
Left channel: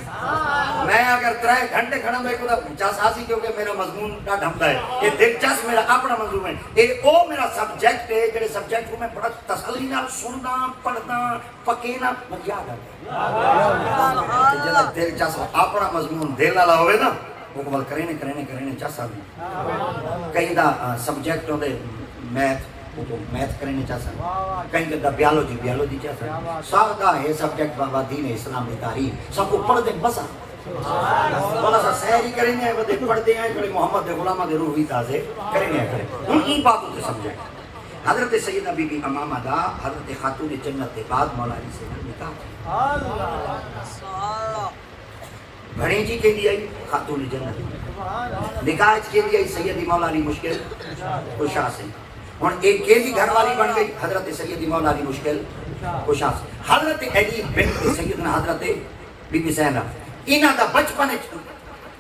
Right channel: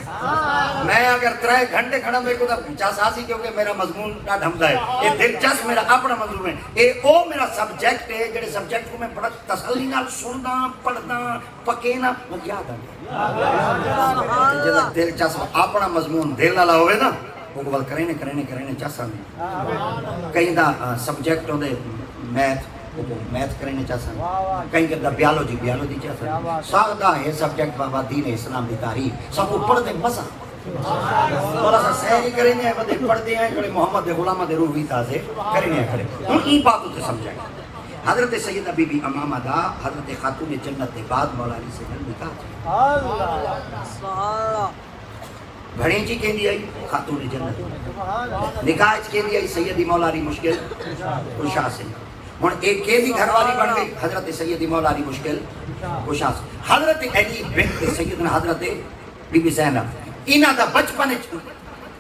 میں اگر 3 گھنٹے کھڑا میں کو جاسا سی کیونکہ میرا مضمون نہ ڈھمتا ہے یہ دلچسپ میرا اپنا مضمون ہے یہ او میرا سبجیکٹ ہے جڑے سبجیکٹ کو میں بڑا تسلی نال سندا پڑھدا پکے نہ یاد ہے دلچسپ اپنا مضمون دل والا ہوئے نا وہ گل کرنے جاسا کہیں دا سبجیکٹ ہوندے میتھ کرنے چاہتا ہے کہیں کہ بیالوجی چاہتا ہے سادہ ہے سبجیکٹ بابا دین اسلام دی تاریخ سب کو پڑھ دیں بس تھوڑا سا سہری کریں گے وہ پڑھتے ہیں جو محمد غلامہ دے روحی تازے کریں گے ان کی باتوں سے سمجھائیں حضرت سیدہ بی بی امامہ دا حضرت خاتون جنت کے بعد مولا علی سے نکاح گھڑیں جی کے لیے خاتون جنت نکاح کے لیے سیدی مولا علی مشکل کشا سے ایک کیسی گھر والی بن گئی حضرت سیدی مولا علی مشکل کشا سے حضرت علی بنت سیدنا حضرت بی بی زینب انہاں دا بچپن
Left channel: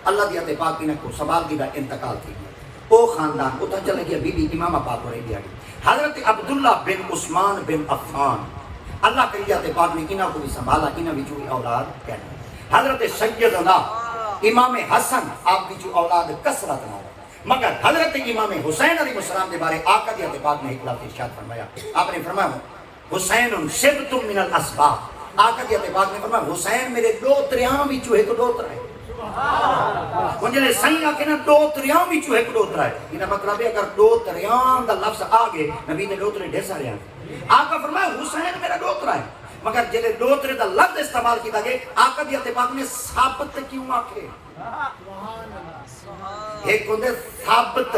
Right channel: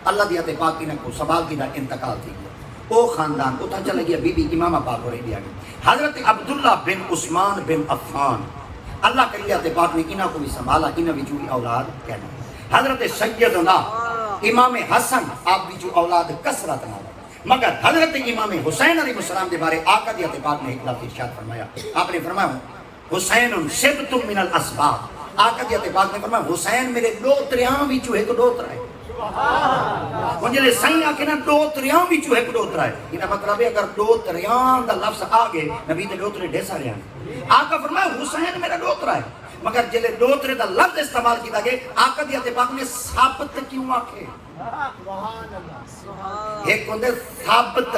اللہ دی عطا پاک انہاں کو سوال کی دا انتقال تھی گیا او خاندان اتنا چلے گیا بی بی امامہ پاک ہو رہی گئی حضرت عبداللہ بن عثمان بن عفان اللہ کری عطا پاک نے انہاں کو بھی سنبھالا انہاں بھی جو اولاد کہنا حضرت سیدنا امام حسن آپ کی جو اولاد کثرت نہ مگر حضرت امام حسین علیہ السلام کے بارے آقا دی عطا پاک نے ایک لفظ ارشاد فرمایا آپ نے فرمایا حسین شبت من الاسباط آقا دی عطا پاک نے فرمایا حسین میرے 2 تریاں وچوں ایک 2 تر ہے انجلے سائنہ کے نا دو تریاں بھی چوہے ایک دوترا ہے انہا مطلب ہے اگر دو تریاں دا لفظ آگے نبی دے دوترے ڈھیسا رہے ہیں آقا فرمائے حسین میرا دوترا ہے مگر جلے دوترے دا لفظ استعمال کی گئے آقا دیا اتباق میں ثابت کیوں آکھے ایک ہوندے ثابت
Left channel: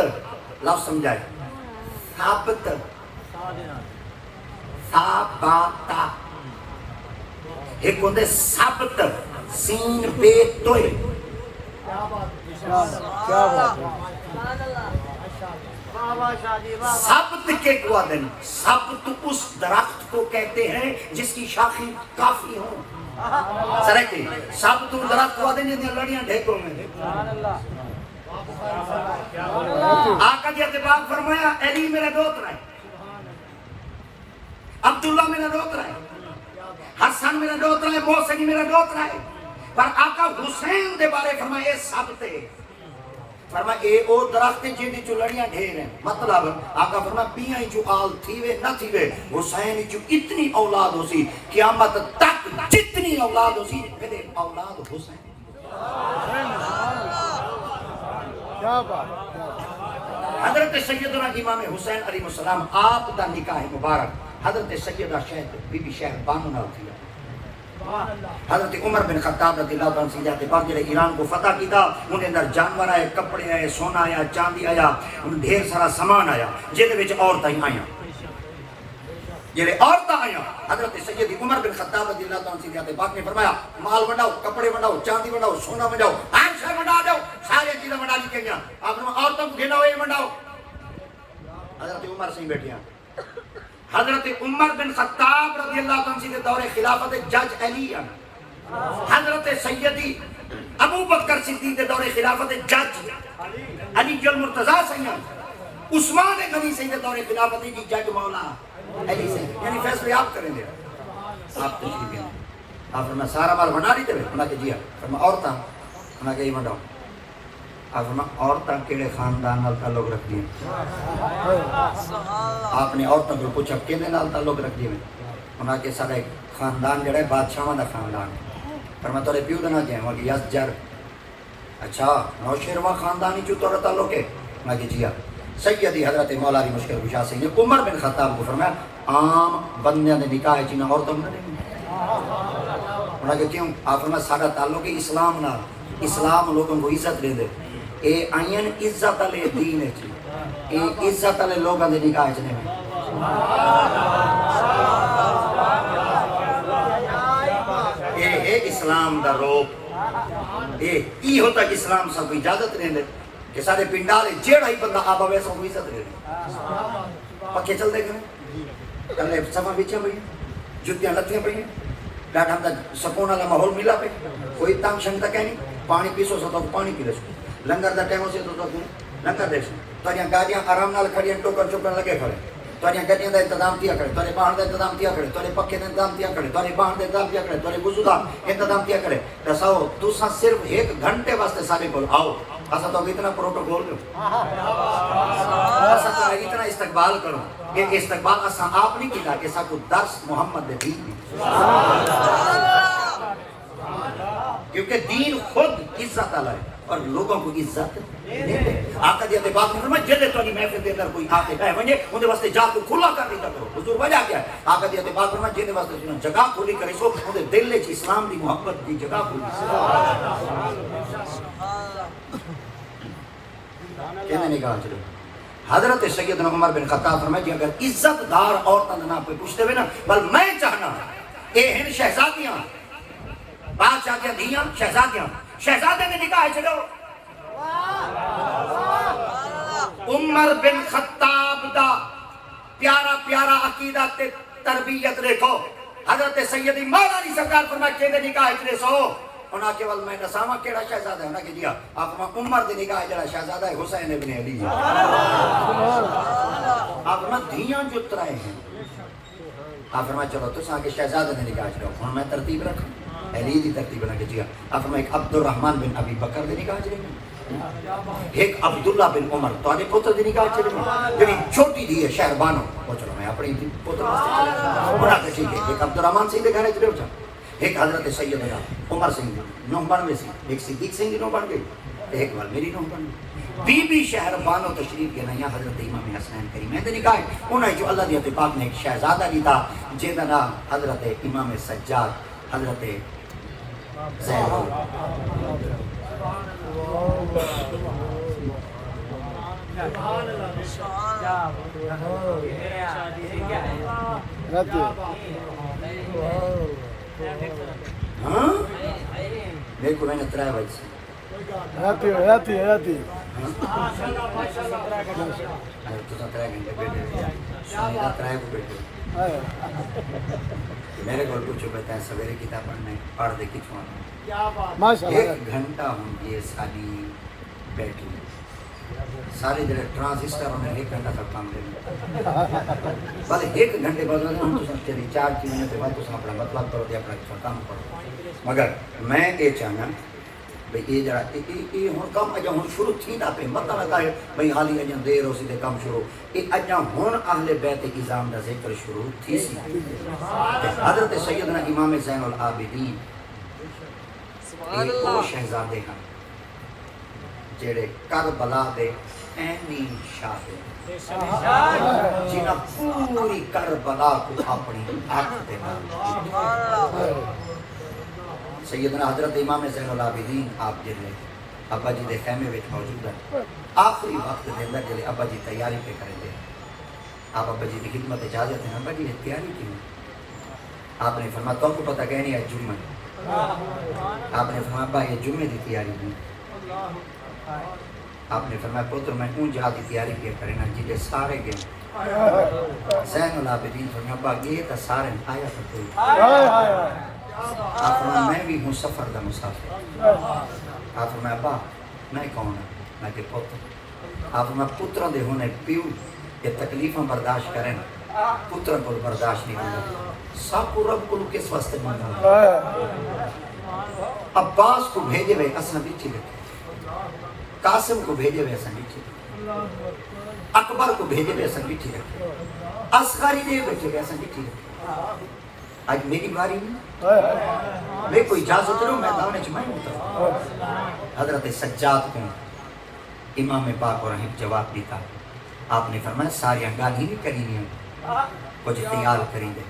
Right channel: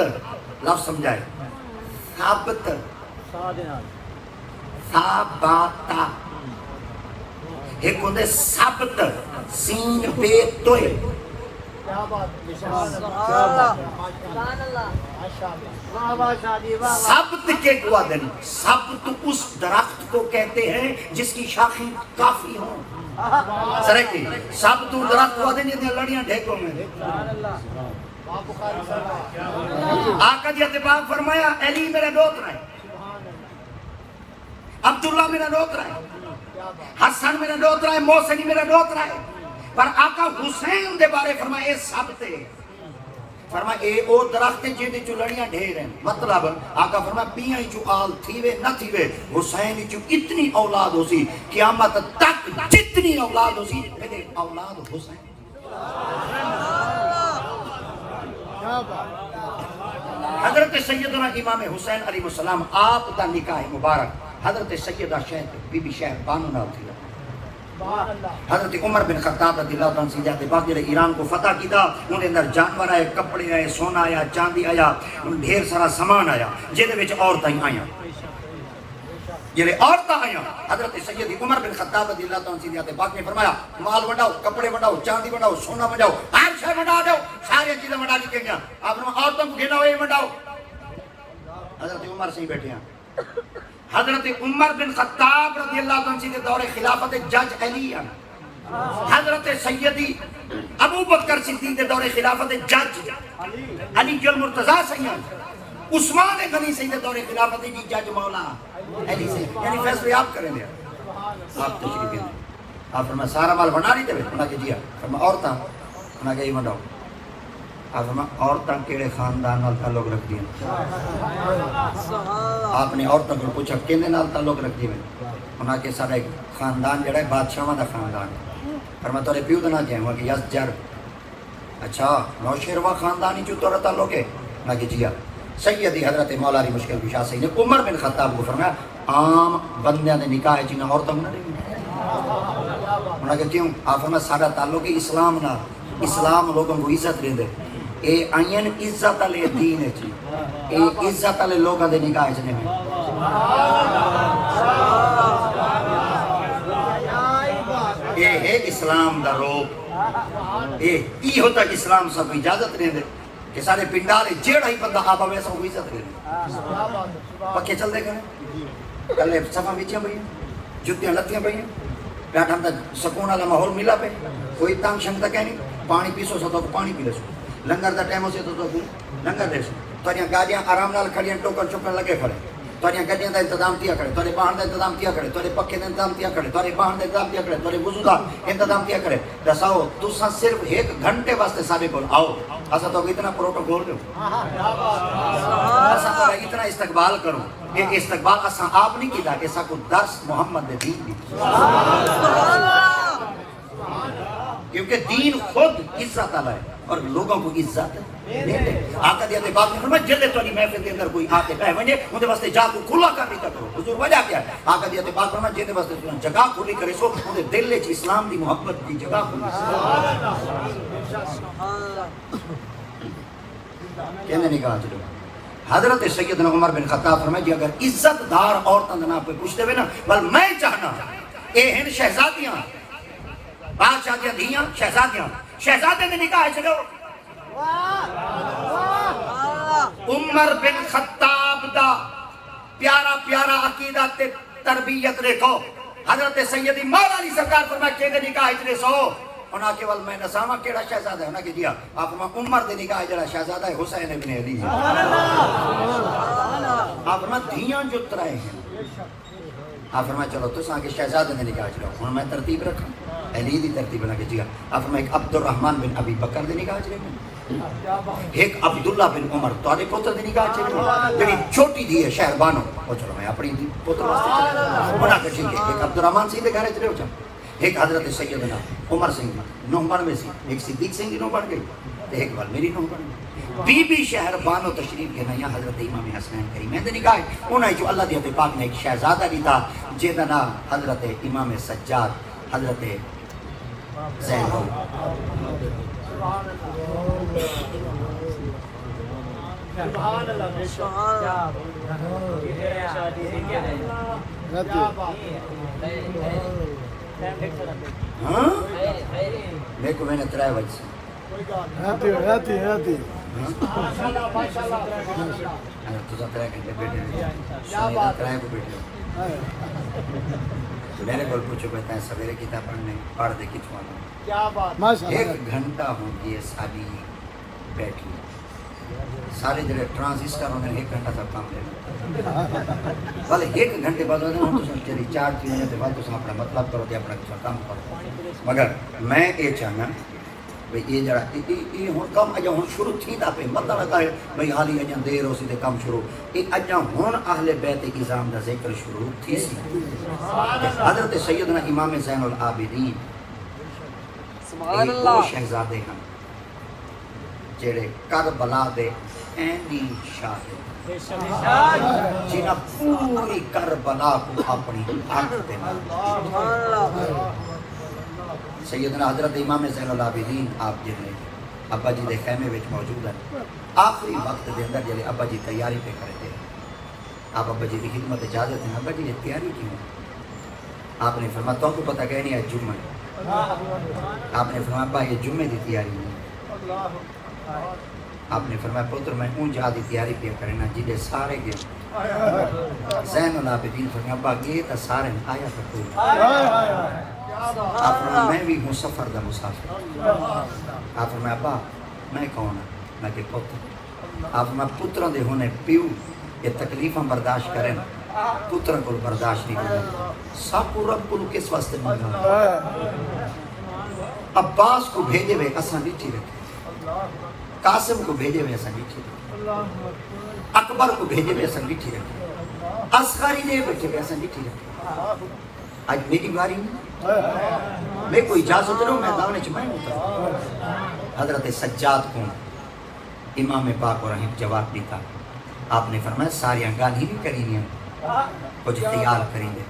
لفظ سمجھائے ثابت ثابتا ایک ہوندے ثابت سین بے توئے ثابت کے قوہ دن ثابت اس درخت کو کہتے ہیں جس کی شاخیں کافی ہوں سرکی ثابت درخت کو دن جنہیں لڑیاں ڈھیکوں میں آقا جی اتباق فرمایا علی میرا دوت رہے عبداللہ میرا دوت رہے حسن میرا دوت رہے موسنی میرا دوت رہے پر آقا حسین دے بارے فرمائے ثابتے فرمائے اے او درخت جیدی چو لڑیاں ڈھیر ہیں مطلب آقا فرمائے پیاں ہی چو آل تھیوے نہ تھیوے حسین ہی چو اتنی اولاد ہو سی قیامت تک جتنی اولاد ہو سی میرے اولاد حسین حضرت سیدنا امام حسین علیہ السلام آپ دا نکاح مبارک حضرت سیدہ شہد بی بی شہد بانو نہ تھی حضرت عمر بن خطاب رضی اللہ عنہ سیدہ کے پاس جڑے ایران کو فتح کیتا انہیں اندر جانور آئے کپڑے آئے سونا آیا چاندی آیا ڈھیر سارا سامان آیا جہدے وچ عورتاں آئیں جڑے عورتاں آئیں حضرت سید عمر بن خطاب رضی اللہ عنہ سیدہ کے پاس نے فرمایا مال بناؤ کپڑے بناؤ چاندی بناؤ سونا بناؤ ہر شے بنا دو سارے چیزیں بنا لی گئیں آپ نے عورتوں کو گناؤ یہ بناؤ حضرت عمر سے بیٹھے ہیں حضرت عمر بن خطاب رضی اللہ عنہ کے دور خلافت جج علی حضرت سیدی ابو بکر صدیق کے دور خلافت جج علی جو المرتضیٰ سے ہیں عثمان غنی سے دور خلافت کی جج مولانا علی سے یعنی فیصلے آپ کریں گے آپ تجریب ہیں آپ نے سارا مال بنا لی تھے انہاں کہ جی آپ عورتاں انہاں کہ یہ مڈاؤ آپ نے عورتاں کیڑے خاندان نال تعلق رکھ دیئے آپ نے عورتاں کو پوچھا کینے نال تعلق رکھ دیئے انہاں کے سارے خاندان جڑا ہے بادشاہاں دا خاندان ہے فرمایا تورے پیو دا نام کیا ہے وہ کہ یس جر اچھا نوشیروان خاندانی جو تورا تعلق ہے انہاں کہ جی سیدی حضرت مولا علی مشکل کشا سے نے عمر بن خطاب کو فرمایا عام بندیاں دے نکاح چ نہ عورتاں انہاں کہ کیوں آپ فرمایا سارا تعلق ہے اسلام نال اسلام لوگوں کو عزت دے دے اے آئین عزت علی دین ہے اے عزت علی لوگوں دے نکاح چ نہیں اے ہے اسلام دا روپ اے ہوتا کہ اسلام سب اجازت دے دے کہ سارے پنڈالے جیڑا ہی بندہ آبا ویسا وہ عزت دے دے پکے چل دے گئے کلے سفا بچے پہ جتیاں لتیاں پہ بیٹھا ہم سکون والا ماحول ملا پہ کوئی تنگ شنگ تک ہے نہیں پانی پیسو سو تو پانی پی لے سو لنگر دا ٹائم ہو سے تو لنگر دے سو تاریاں گاڑیاں آرام نال کھڑیاں ٹوکن چوکن لگے کھڑے تاریاں گاڑیاں دا انتظام کیا کرے تارے باہر دا انتظام کیا کرے تارے پکے دا انتظام کیا کرے تارے باہر دا انتظام کیا کرے تارے وضو دا انتظام کیا کرے دساؤ تساں صرف ایک گھنٹے واسطے سارے کو آؤ اسا تو اتنا پروٹوکول کرو اسا تو اتنا استقبال کرو یہ استقبال اسا آپ نہیں کیتا کہ اسا کو درس محمد دے دین کیونکہ دین خود عزت علیہ ہے اور لوگوں کو عزت آقا دیتے بات نہیں فرمائے جدے تو نہیں محفل دے اندر کوئی آتے پہ ونجے انہیں واسطے جا کو کھلا کر دیتا کرو حضور وجہ کیا ہے آقا دیتے بات فرمائے جدے واسطے جگہ کھلی کرے سو انہیں دل لے اسلام کی محبت کی جگہ کھلی کہنے نہیں کہا چلو حضرت سیدنا عمر بن خطاب فرمائے جی اگر عزت دار عورتوں نے آپ پہ پوچھتے ہوئے نا بل میں چاہنا اے ہن شہزادیاں بادشاہ کے دھیاں شہزادے نے نکاح چلو عمر بن خطاب دا پیارا پیارا عقیدہ تے تربیت دیکھو حضرت سیدی مولا علی سرکار فرمائے کہ نکاح چلے سو انہاں کیول میں نسانا کیڑا شہزادہ ہے انہاں کی دیا آپ عمر دے نکاح جڑا شہزادہ ہے حسین ابن علی آپ دھیاں جو ترائے ہیں آپ فرمائے چلو تو ساں کے شہزادہ نے نکاح چلو انہوں میں ترتیب رکھا علی دی ترتیب بنا کے جیا آپ فرمائے ایک عبد الرحمن بن ابی بکر دے نکاح چلو ایک عبداللہ بن عمر تو آدھے پوتر دے نکاح چلو لیکن چھوٹی دی ہے شہربانو وہ چلو میں اپنی پوتر بنا کر چلو ایک عبد الرحمن سے دے گھرے چلو ایک حضرت سیدنا عمر سنگھ نو بن گئے سی، ایک صدیق سنگھ نو بن گئے، ایک بار میری نو بن گئی۔ بی بی شہر بانو تشریف کے نیا حضرت امام حسین کریم نے نکاح انہیں جو اللہ دی اتفاق نے ایک شہزادہ بھی تھا جہدا نام حضرت امام سجاد حضرت زینب دیکھو میں نے ترائے بج سے ترائے گھنٹے بیٹھے ترائے کو بیٹھے میرے کو پوچھو کہتا ہے سویرے کتاب پڑھنے پڑھ دے کتنا ایک گھنٹہ ہوں گی ساری بیٹھی سارے جڑے ٹرانزسٹر انہیں ایک گھنٹہ کا کام لے بھلے ایک گھنٹے بعد انہوں نے چلی 4 چیزیں کے بعد تو اپنا مطلب کرو دے اپنا کام کرو مگر میں یہ چاہنا بھئی یہ جڑا یہ ہوں کام اجا ہوں شروع تھی دا پہ مطلب ہے کہ بھئی حالی اجا دیر ہو سی دے کام شروع یہ اجا ہوں اہل بیت ازام دا ذکر شروع تھی سی حضرت سیدنا امام زین العابدین ایک وہ شہزادے ہیں جڑے کربلا دے اینی شاہ جنہ پوری کربلا کو اپنی آنکھ دے سیدنا حضرت امام زین العابدین آپ جنہیں ابا جی دے خیمے وچ موجود ہے آخری وقت دے اندر جلے ابا جی تیاری پہ کرے دے آپ ابا جی دی خدمت اجازت ہیں ابا جی نے تیاری کیوں آپ نے فرمایا تو پتہ کہنی ہے جمعہ آپ نے فرمایا ابا یہ جمعے دی تیاری نہیں آپ نے فرمایا پتر میں اون جہاں دی تیاری پہ کرنا جلے سارے گئے زین العابدین فرمایا ابا یہ تا سارے آیا پہ آپ فرمایا میں بھی ہوں سفر دا مسافر آپ فرمایا ابا میں کون ہوں میں کہ پتر آپ فرمایا پتروں دے ہونے پیو یہ تکلیفاں برداشت کریں پتروں کو برداشت نہیں کریں سب کو رب کو کس واسطے ماننا عباس کو بھیجے ہوئے اساں بچی رکھے قاسم کو بھیجے ہوئے اساں بچی رکھے اکبر کو بھیجے ہوئے اساں بچی رکھے اصغری دے بچے ہوئے اساں بچی رکھے آج میری باری نہیں میں کوئی اجازت نہیں میں داؤنے چمائیں ہوتا حضرت سجاد کو امام پاک اور ایک جواب دیتا آپ نے فرمایا ساری انگال ہی نہیں کریں گے کچھ تیار کریں گے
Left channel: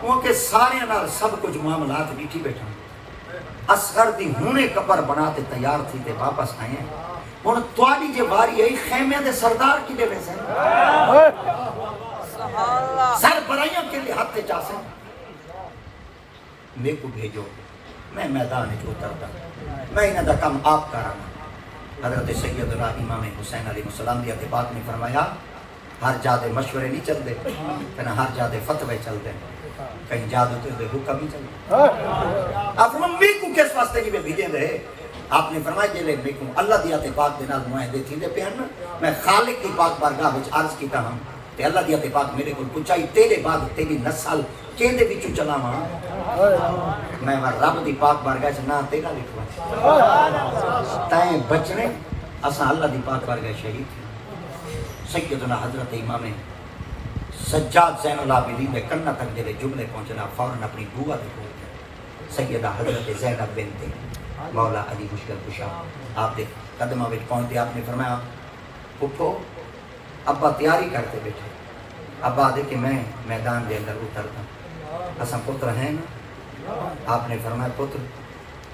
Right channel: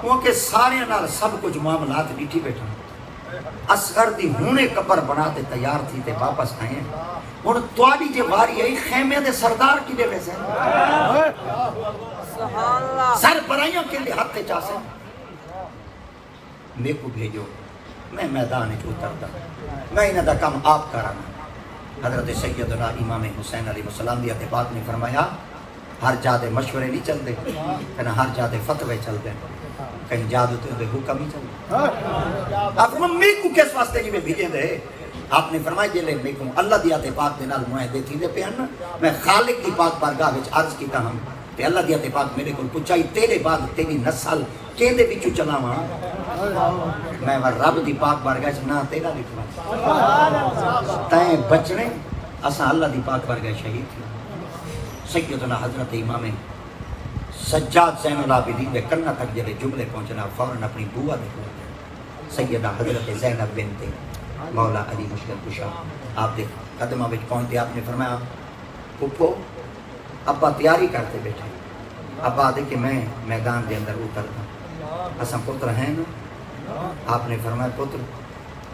کیونکہ سارے نال سب کچھ معاملات بیٹھی بیٹھے اصغر دی ہونے قبر بناتے تیار تھی کہ واپس آئیں ان تواری جو واری ہے خیمے دے سردار کی دے ویسے سر برائیوں کے لیے ہاتھ کے چاسے میں کو بھیجو میں میدان میں اترتا میں انہاں دا کام آپ کرانا حضرت سیدنا امام حسین علیہ السلام دی اتفاق نے فرمایا ہر جادے مشورے نہیں چل دے کہنا ہر جادے فتوے چل دے کہیں جادو تو دے حکم ہی چل دے آپ نے میں کو کس واسطے نہیں بھیجے دے آپ نے فرمایا جلے میں کو اللہ دی اتفاق دے نال معاہدے تھی دے پیان میں خالق دی پاک بارگاہ وچ عرض کیتا ہوں کہ اللہ دی اتفاق میرے کو پچائی تیرے بعد تیری نسل کیندے وچوں چلاواں میں رب دی پاک بارگاہ وچ نہ تیرا لکھواں تائیں بچنے اساں اللہ دی پاک بارگاہ شہید تھی سیدنا حضرت امام سجاد زین العابدین دے کنا تک جڑے جملے پہنچنا فوراً اپنی بوا دے کول سیدہ حضرت زینب بنت مولا علی مشکل کشا آپ دے قدموں وچ پہنچے آپ نے فرمایا پھپھو ابا تیاری کرتے بیٹھے ابا دے کہ میں میدان دے اندر اترتا اساں پتر ہیں آپ نے فرمایا پتر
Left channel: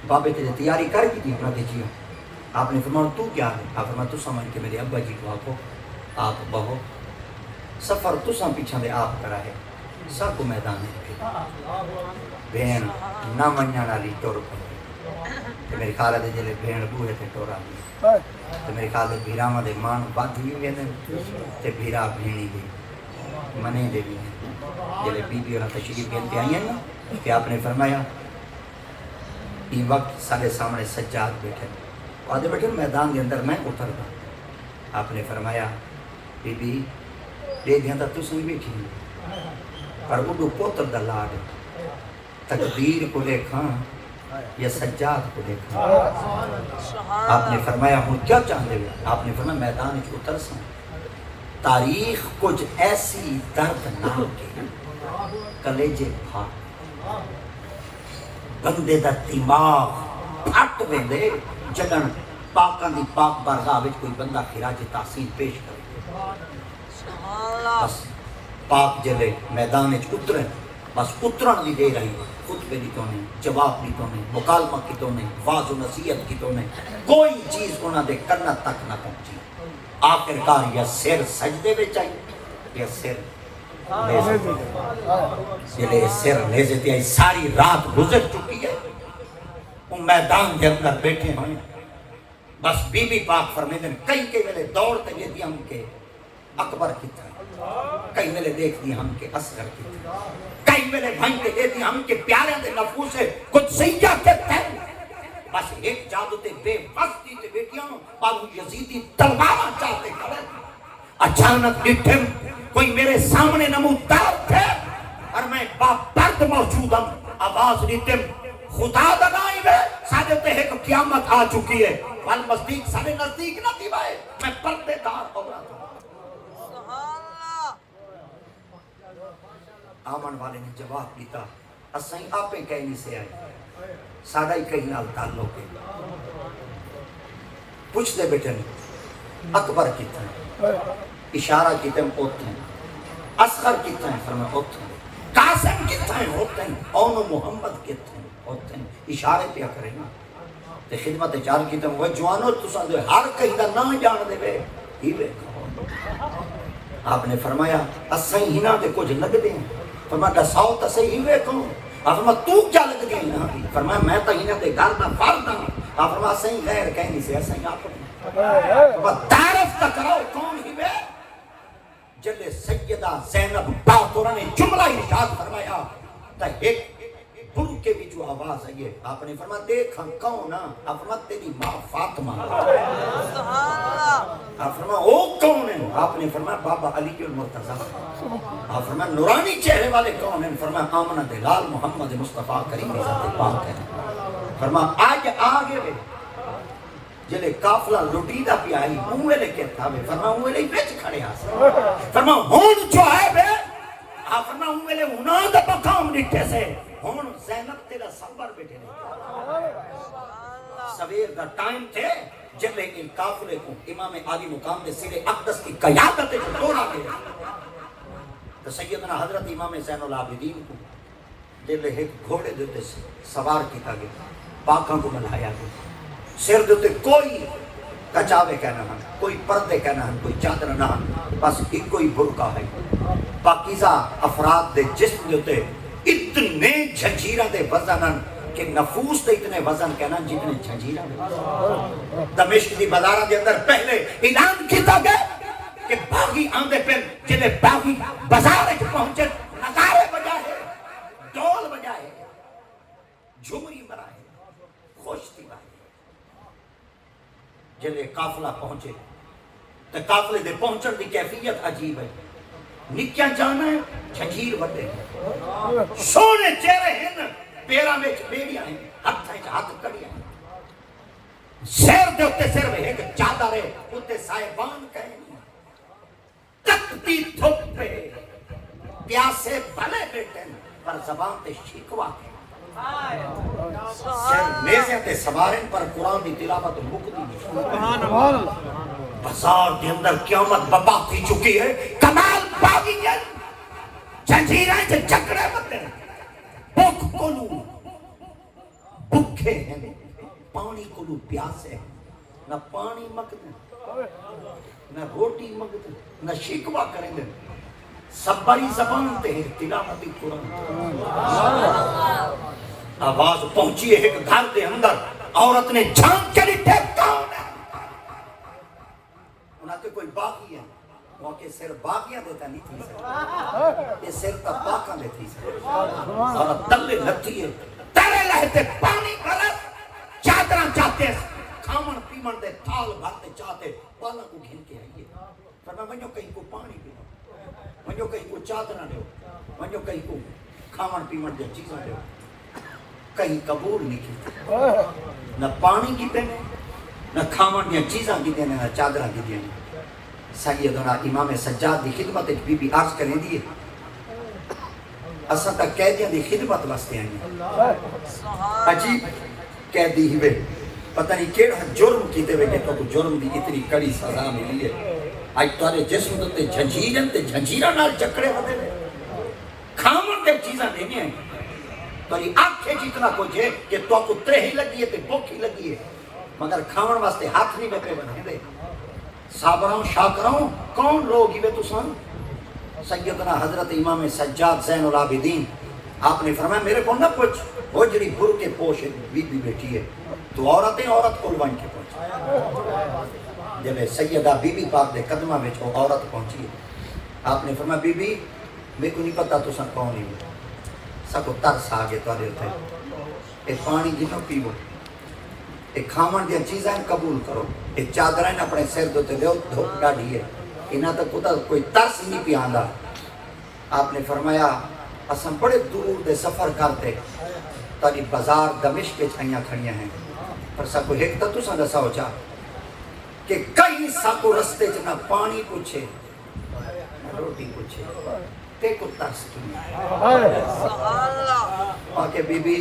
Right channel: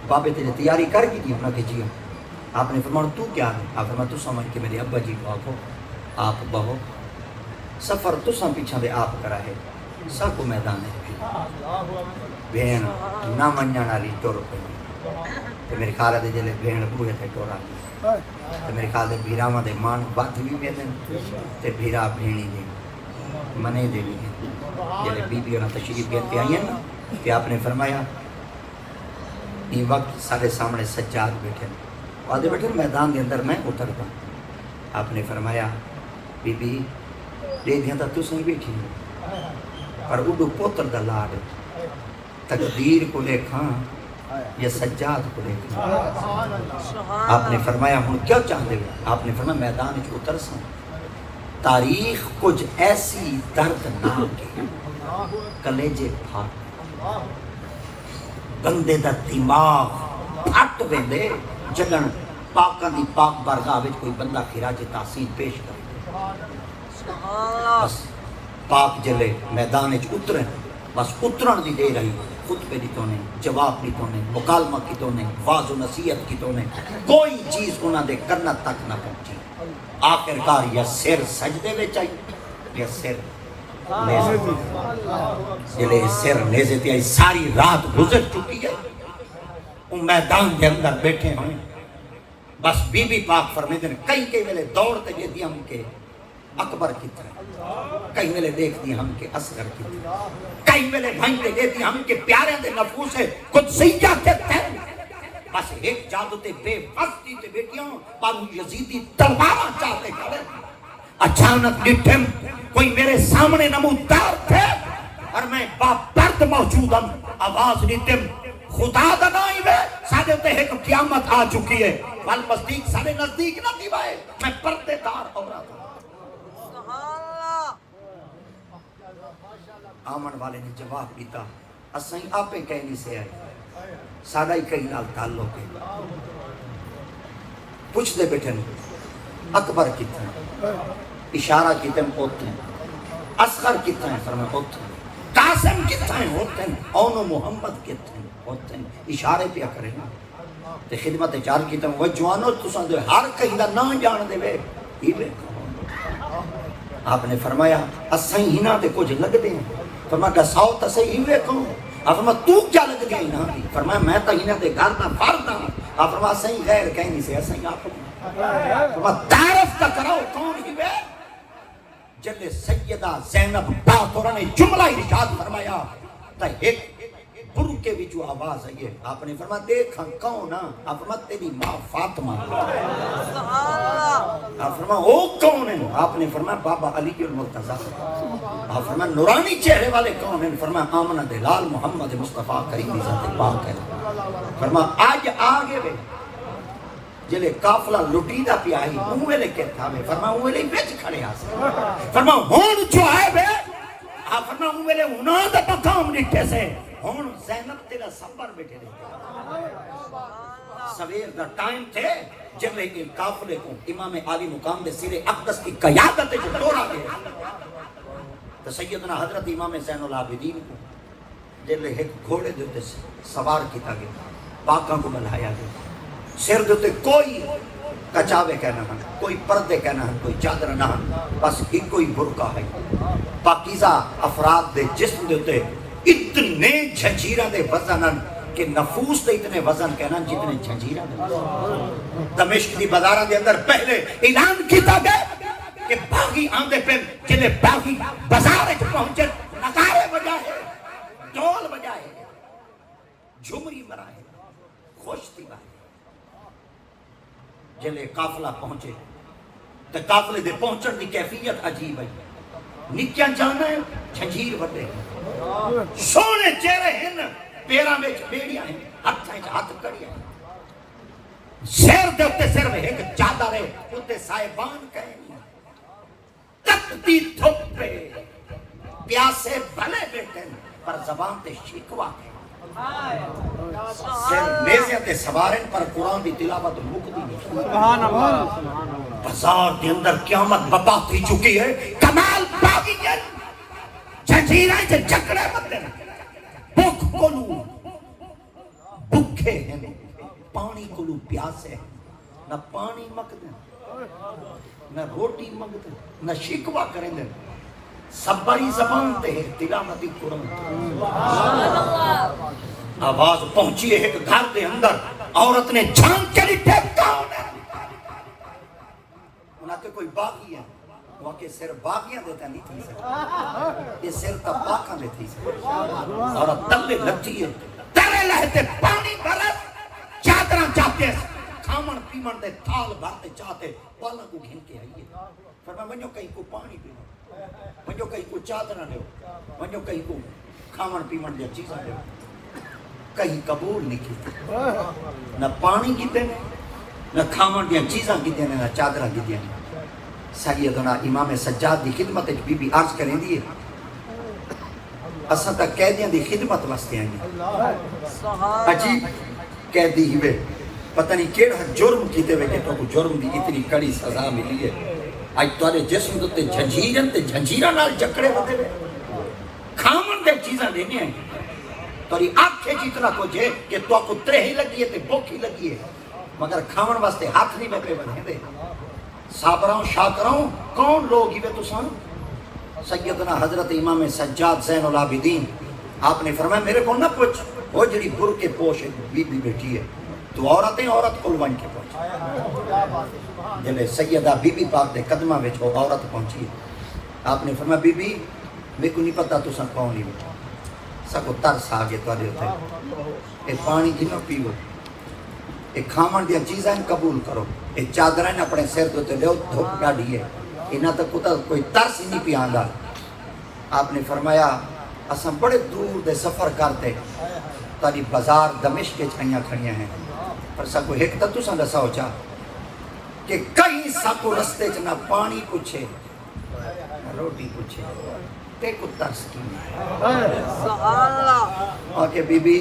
بابے تیری تیاری کر کی تھی اپنا جی آپ نے فرمایا تو کیا ہے آپ فرمایا تو سمجھ کے میرے ابا جی کو آپ بہو سفر تو سم پیچھا دے آپ کرا ہے سب کو میدان میں بین نہ منجا نالی ٹور پہ تو میرے خالہ دے جلے بین بوئے تھے ٹورا تو میرے خالہ بھیراما دے مان وقت بھی کہتے تے بھیرا بھینی دے منے دے بھی جلے بیدی اور تشریف کے آئی ہیں کہ آپ نے فرمایا یہ وقت سارے سامنے سجاد بیٹھے آدھے بیٹھے میدان دے اندر میں اتر گا آپ نے فرمایا بی بی لے دیا تھا تو سنگی بیٹھی پر اڈو پوتر دا لاغ تقدیر کو لے کھاں یا سجاد کو لے کھاں آپ نے فرمایا ہوں کیا چاہتے ہیں آپ نے فرمایا میدان کی اتر سن تاریخ کچھ ایسی درد نام کے کلیجے پھاٹ بندے دا دماغ پھٹ ویندے جلن پاکاں دی پاک بارگاہ وچ کوئی بندہ خراج تحسین پیش کرے سبحان اللہ بس پاک جلے میدان وچ اترن بس اترن دی دیر آئی خطبے دی تو نہیں جواب دی تو نہیں مکالمہ کی تو نہیں واض و نصیحت کی تو نہیں کوئی چیز انہاں دے کرنا تک نہ پہنچی آخرکار یا سر سجدے وچ آئی یا سر سر لیزے تے ساری رات گزر چکی ہے ان میدان کے اندر بیٹھے ہوں بس بی بی پاک فرمیدن کئی کے ویلے دوڑتے گئے دی ہم کے اکبر کی طرح کئی ویلے دیکھ دی ہم کے اصغر کی طرح کئی ویلے بھائی کے دے دی ہم کے پیارے دے نفوس قدسیہ کے تھے بس ایک جادو تے بے بستی کے بیٹیاں پارو یزیدی تلوارا چاہتے کرے اچانک لٹھن کوئی میرے سامنے نمودار تھے اور میں باپرد موجود ہوں آواز لٹھن خدا دا نائب ہے سادے تے ایک قیامت آ چکی ہے والمصدیق سارے نزدیک نہ کی بائے میں پردے دار ہو رہا تھا سبحان اللہ آمن والے نے جواب دیتا اسیں آپے کہیں سے آئے سادہ ہی کہیں نال تعلق ہے پوچھ دے بیٹھن اکبر کتنا اشارہ کتن ہوتے ہیں اصغر کتنا فرما ہوتے ہیں قاسم کتنا ہوتے ہیں اونو محمد کتنا ہوتے ہیں اشارے پیا کرے نا تے خدمت چار کتن وہ جوانو تو سمجھو ہر کہیں نہ نہ جان دے بے ہی بے آپ نے فرمایا اسیں ہی نہ تے کچھ لگ دیں فرمایا دساؤ تسے ہی بے کہوں آپ فرمایا تو کیا لگ دیں نا فرمایا میں تا ہی نہ تے گل نہ فرد ہوں آپ فرمایا اسیں غیر کہیں سے اسیں آپ تعرف کا کراؤ کون ہی بے جلے سیدہ زینب باقر نے جملہ ارشاد فرمایا تا ایک برو کے بھی جو آواز ہے آپ نے فرمایا دیکھ ہم کون ہاں آپ فرمایا تیری ماں فاطمہ سبحان اللہ آپ فرمایا وہ کون ہیں آپ نے فرمایا بابا علی المرتضیٰ آپ فرمایا نورانی چہرے والے کون ہیں فرمایا آمنہ دلال محمد مصطفیٰ کریم ذات پاک ہے فرمایا آج آگے بے جلے قافلہ لٹی دا پیا ہی اوے لے کے تھا میں فرمایا اوے لے بیچ کھڑے آسا فرمایا ہون جو ہے بے آپ فرمایا اوے لے انہاں دا پکام نٹھے سے ہون زینب تیرا سمبر بیٹھے سویر دا ٹائم تھے جلے ان قافلے کو امام عالی مقام دے سیر اقدس کی قیادت جو دور آگے تو سیدنا حضرت امام زین العابدین کو جلے ایک گھوڑے دیتے سوار کیتا گیا پاکاں کو ملایا گیا سر دوتے کوئی کچاوے کہنا ہم کوئی پردے کہنا ہم کوئی چادر نہ ہم بس ایک کوئی برکہ ہے پاکیزہ افراد دے جسم دوتے اتنے جھنجیرہ دے وزنن کہ نفوس دے اتنے وزن کہنا جتنے جھنجیرہ دے دمشق کی بازارہ دے اندر پہلے اعلان کیتا گیا کہ باغی آندے پہ جنہیں باغی بازار کے پہنچے نظارے بجائے ڈول بجائے جھمری مرائے خوش تھی بائے جلے قافلہ پہنچے تو قافلے دے پہنچن کی کیفیت عجیب ہے نکیاں جانا ہے جھنجیر بڑھے سونے چہرے ہیں پیرا میں بیڑیاں ہیں ہاتھ کڑیاں ہیں سیر دوتے سر میں ہے کہ چاہتا رہے ہوتے سائبان کریں گی تکتی تھوک پہ پیاسے بھلے بیٹھیں پر زبان تے شکوا کے نیزے تے سوارن پر قرآن دی تلاوت مکدی ہے بازار کے اندر قیامت بپا کی چکی ہے کمال باغی ہے جھنجیریں سے چکڑے بتے بھوک کلو بھوکے ہیں پانی کلو پیاسے نہ پانی مکدے نہ روٹی مکدے نہ شکوا کریں گے سبری زبان تے ہے تلاوت قرآن آواز پہنچی ہے ایک گھر دے اندر عورت نے جھان چلی پھینک کہاں ہے انہاں تے کوئی باقی ہے وہ کہ سر باقیاں دیتا نہیں تھی سر یہ سر کا باقیاں دیتی سر اور تلے لگتی ہے تلے لہتے پانی بھرت چادرہ چاہتے کھامن پیمن دے تھال بھرتے چاہتے پالا کو گھن کے آئیے فرما میں جو کہیں کو پانی پینا میں جو کہیں کو چادرہ دے میں جو کہیں کو کھامن پیمن دے چیزیں دے کہیں قبول نہیں کیتا نہ پانی کی دیں نہ کھامن دیا چیزاں کی دیں نہ چادرہ کی دیں سیدنا امام سجاد دی خدمت بی بی عرض کریں دیئے اساں تا قیدیاں دی خدمت واسطے آئیں سبحان عجیب قیدی ہی وے پتہ نہیں کیڑا جرم کیتے وے تو کو جرم دی اتنی کڑی سزا ملی ہے آج تارے جسم تے جھنجیرن تے جھنجیراں نال جکڑے ہوندے کھاون دے چیزاں دینی ہیں تاری آنکھیں جتنا کو جے کہ تو کو ترہی لگی ہے تے بوکھی لگی ہے مگر کھاون واسطے ہاتھ نہیں لگے بنے دے صابراں شاکراں کون لوگ ہی وے تساں سیدنا حضرت امام سجاد زین العابدین آپ نے فرمایا میرے کو نہ پوچھ وہ جڑی بر کے پوش بی بی بیٹھی ہے تو عورتیں عورت قلوان کی پہنچی جلے سیدہ بی بی پاک دے قدمہ میں چھو عورت پہنچی ہے آپ نے فرمایا بی بی میں کو نہیں پتا تو سن کون ہی سب کو ترس آگے تو آدھے ہوتے ایک پانی کی نہ پیو ایک کھامن دیا چیزیں قبول کرو ایک چادریں اپنے سیر دوتے لے دھوکا دیئے انہاں تو کتا کوئی ترس ہی نہیں پیاندہ آپ نے فرمایا اساں بڑے دور دے سفر کرتے تاری بازار دمشق کے چھائیاں کھڑیاں ہیں اور سب کو ایک تو سن دسا ہو چاہ کہ کئی ساتو رستے جنا پانی پوچھے روٹی پوچھے تے کو ترس کی سبحان اللہ اور کہ بی بی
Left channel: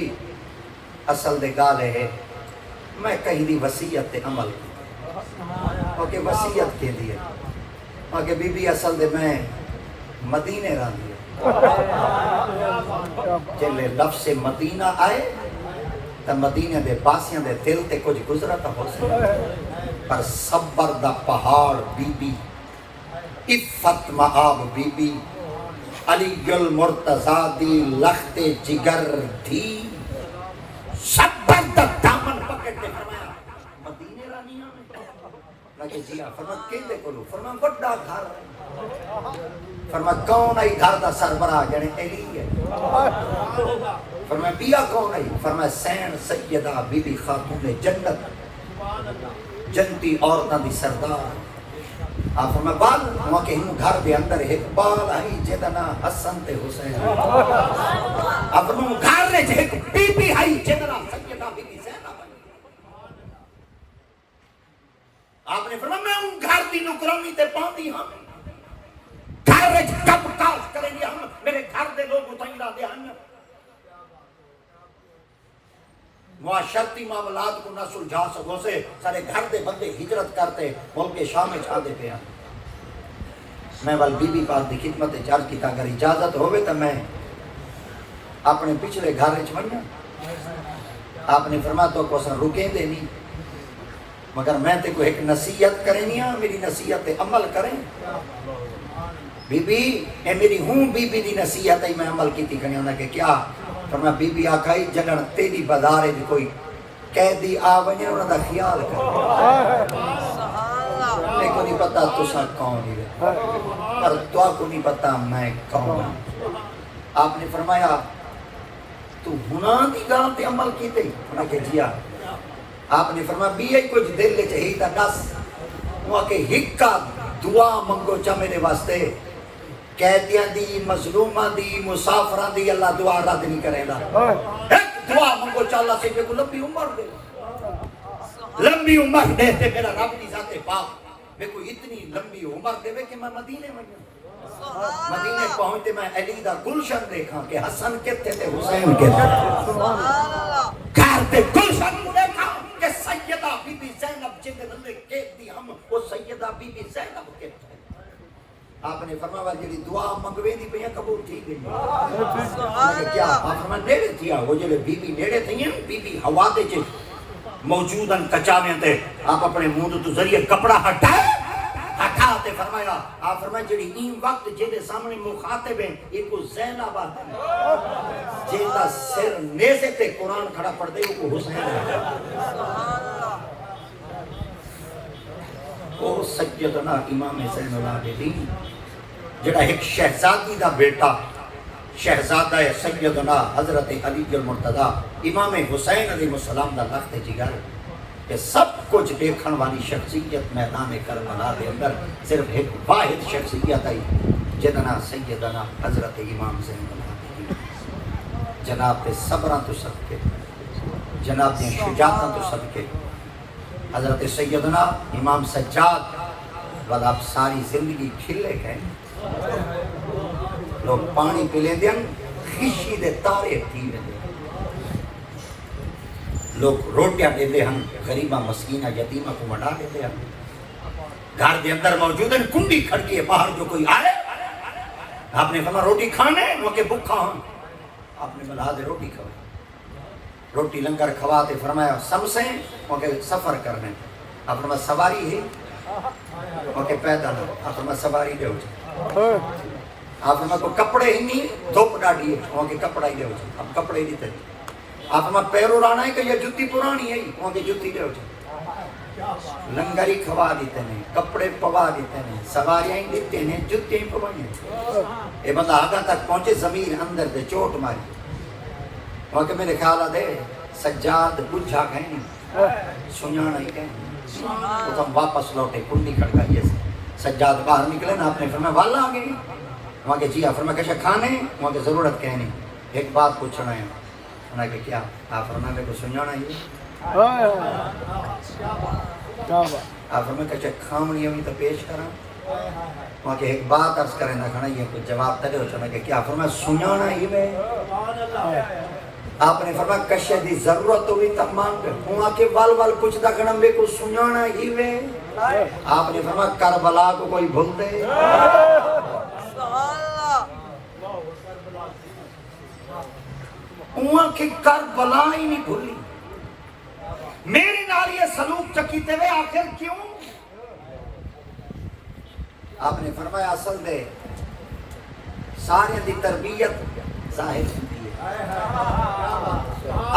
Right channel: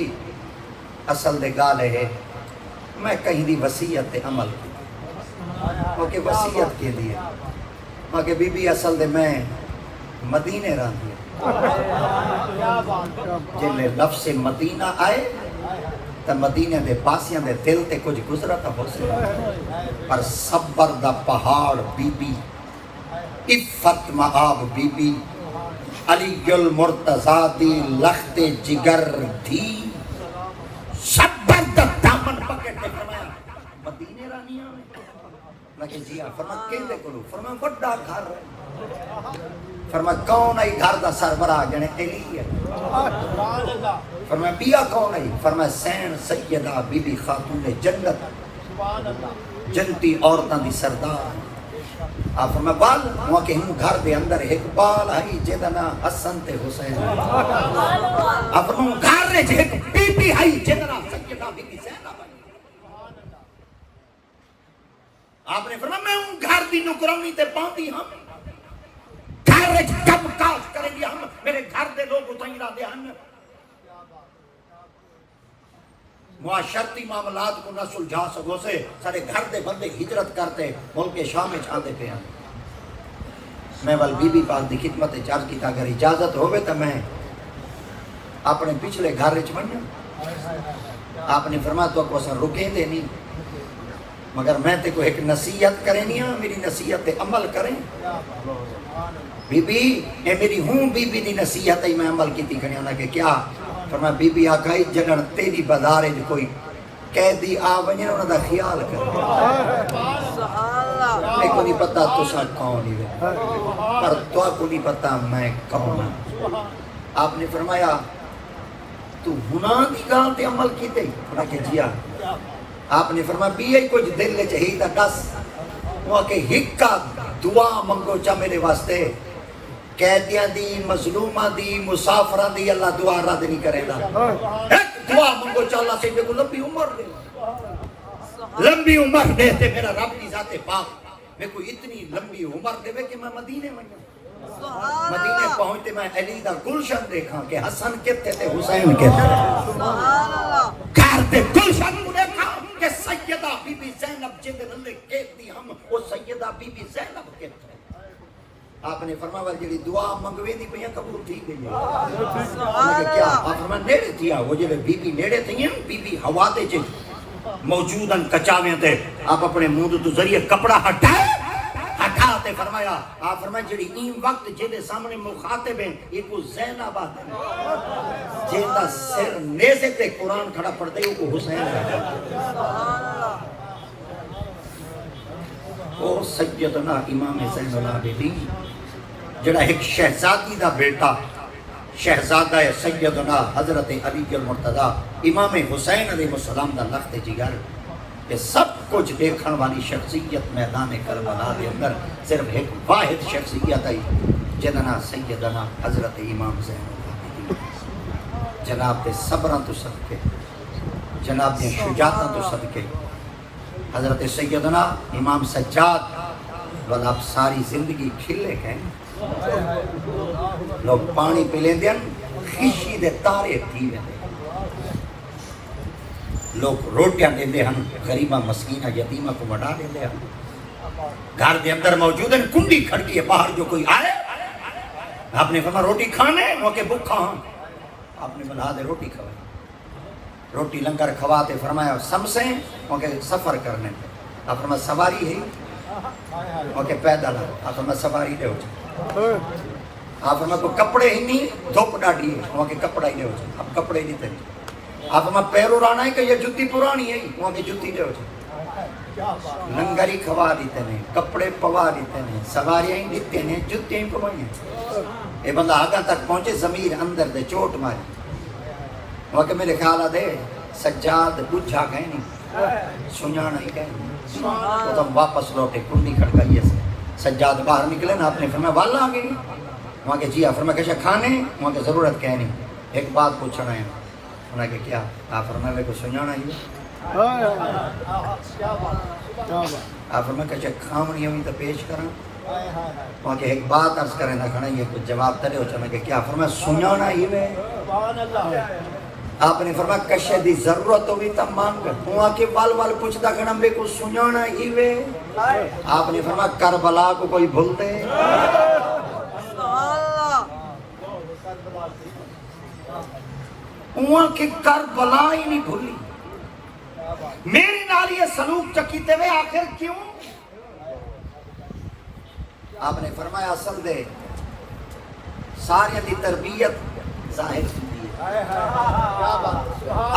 اصل دے گالے ہے میں کہیں دی وسیعت تے عمل کی اور کہ وسیعت کے دیئے اور کہ بی بی اصل دے میں مدینے رہا دیئے جلے لفظ مدینہ آئے تا مدینہ دے پاسیاں دے دل تے کچھ گزرا تا بس پر صبر دا پہاڑ be be Iffat معاب be be علی المرتضی دی لخت جگر تھی صبر دا دامن پکڑ کے فرمایا مدینے رانیاں میں لگے جی فرما کہندے کلو فرما بڑا گھر فرما کون آئی گھر دا سربراہ گنے ایلی ہے فرما بیا کون آئی فرما سین سیدہ بی بی خاتون جنت جنتی عورتاں دی سردار آپ فرما بال وہاں کہ ہم گھر دے اندر ایک بال آئی جدنا حسن تے حسین اب ہم گھر دے ایک بی بی آئی جدنا سیدہ بی بی زینب آپ نے فرما میں ہوں گھر دی نکرانی تے پاتی ہم گھر میں کب کاش کریں گے ہم میرے گھر دے لوگ اتائی را دے ہم معاشرتی معاملات کو نہ سلجھا سکو سے سارے گھر دے بندے ہجرت کرتے ملک شام میں چھا دے پہ ہم میں وال بی بی پاک دی خدمت چارج کی تا اگر اجازت ہوئے تو میں اپنے پچھلے گھر رچ بنیا آپ نے فرمایا تو کو سن رکے دے نہیں مگر میں تے کو ایک نصیحت کریں نہیں میری نصیحت عمل کریں بی بی اے میری ہوں بی بی دی نصیحت میں عمل کی تھی کرنے کہ کیا فرمایا بی بی آکھائی جگڑ تیری بازار ہے کوئی قیدی آونے انہوں دا خیال کر میں کو نہیں پتا تو شاہ کون ہی ہے اور تو کو نہیں پتا میں کون ہوں آپ نے فرمایا تو گناہ دی گاہ تے عمل کی تے میں کہ جیا آپ نے فرمایا بھی یہ کچھ دل لے چاہیے تا دس وہ کہ ہکا دعا منگو چا میرے واسطے قیدیاں دی مظلومہ دی مسافران دی اللہ دعا رد نہیں کرے گا ایک دعا منگو چا اللہ سے کہ تو لمبی عمر دے لمبی عمر دے تے میرا رب کی ذات پاک میں کوئی اتنی لمبی عمر دے کہ میں مدینے میں مدینے پہنچتے میں علی دا گلشن دیکھا کہ حسن کتے تے حسین کتے گھر تے گلشن دیکھا کہ سیدہ بی بی زینب جن دلے کہت دی ہم وہ سیدہ بی بی زینب کہت ہے آپ نے فرمایا جلی دعا منگوے دی پہیاں قبول تھی گئی آپ میں نیڑے تھیا وہ جلے بی بی نیڑے تھی ہیں بی بی ہوا دے چھے موجوداً کچاویں تے آپ اپنے مودو تو ذریعے کپڑا ہٹاتے فرمایا آپ فرمایا جڑی این وقت جیدے سامنے مخاطب ہیں ایک کو زینب آتا ہے جیدہ سر نیزے تے قرآن کھڑا پڑھتے ہیں کو حسین ہے وہ سیدنا امام حسین العابدین جڑا ایک شہزادی دا بیٹا شہزادہ سیدنا حضرت علی المرتضی امام حسین علیہ السلام دا لخت جگر کہ سب کچھ دیکھن والی شخصیت میدان کربلا کے اندر صرف ایک واحد شخصیت آئی جننا سیدنا حضرت امام حسین العابدین جناب دے صبران تو صدقے جناب دے شجاعتاں تو صدقے حضرت سیدنا امام سجاد والا آپ ساری زندگی کھلے ہیں لوگ پانی پلے دیں کشی دے تارے تھی ویندے لوگ روٹیاں دیندے ہن غریباں مسکیناں یتیماں کو بنا دیندے ہن گھر کے اندر موجود ہیں کنڈی کھڑکی ہے باہر جو کوئی آئے آپ نے فرمایا روٹی کھانے وہ کہ بھوکا ہوں آپ نے بلا دے روٹی کھانے روٹی لنگر کھواتے فرمایا سمسیں وہ کہ سفر کرنے آپ فرمایا سواری ہے وہ کہ پیدل آپ فرمایا سواری دے ہو آپ فرمایا کوئی کپڑے ہی نہیں دھوپ ڈاڑی ہے وہ کہ کپڑا ہی دے ہو اب کپڑے نہیں دے آپ فرمایا پیرو رانا ہے کہ یہ جتی پرانی ہے وہ کہ جتی دے ہو لنگری کھوا دیتے ہیں کپڑے پوا دیتے ہیں سواریاں ہی دیتے ہیں جتے ہی پوانی یہ بندہ آگا تک پہنچے ضمیر اندر دے چوٹ ماری وقت میرے خیالہ دے سجاد بجھا گئے نہیں سنیا نہیں گئے نہیں تو ہم واپس لوٹے کنڈی کھڑکائیے سے سجاد باہر نکلے نا اپنے فرمائے والا آگے نہیں وہاں کہ جی فرمائے کہ کھانے وہاں کہ ضرورت کہنے ایک بات پوچھنا ہے انہوں نے کہ کیا آپ فرمائے میں کو سنیا نہیں ہے آپ فرمائے کہ کھامنی ہمیں تو پیش کرنا وہاں کہ ایک بات عرض کریں نہ کھنا یہ کچھ جواب ترے ہو چاہنے کہ کیا فرمائے سنانا ہی میں آپ نے فرمایا کشے دی ضرورت ہوئی تب مانگ وہاں کے وال پوچھتا کھنا میں کو سنانا ہی میں آپ نے فرمایا کربلا کو کوئی بھولتے وہاں کے کربلا ہی نہیں بھولی میرے نال یہ سلوک چکیتے میں آخر کیوں آپ نے فرمایا اصل دے سارے دی تربیت ظاہر کی ہے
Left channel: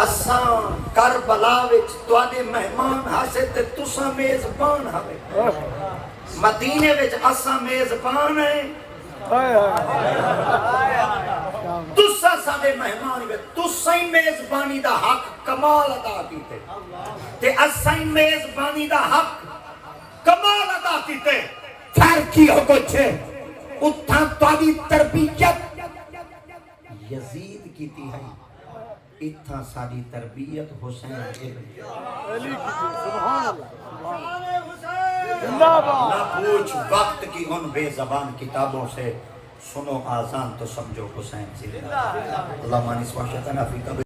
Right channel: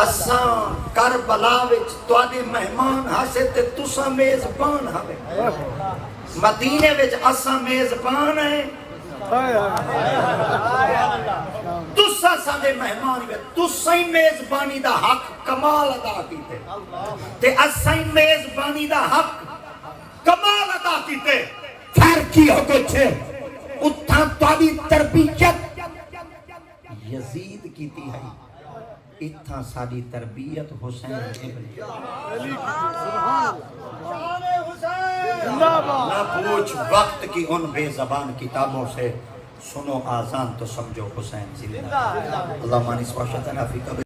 اساں کربلا وچ تواڈے مہمان ہاسے تے تساں میزبان ہوے مدینے وچ اساں میزبان ہیں تساں سارے مہمان تساں میزبانی دا حق کمال ادا کیتے تے اساں میزبانی دا حق کمال ادا کیتے پھر کی ہو کچھ اتھا تاری تربیت یزید کیتی ہے اتھا ساری تربیت حسین نہ پوچھ وقت کی ان بے زبان کتابوں سے سنو آزان تو سمجھو حسین زندہ اللہ مانی سماشتنا فی قبر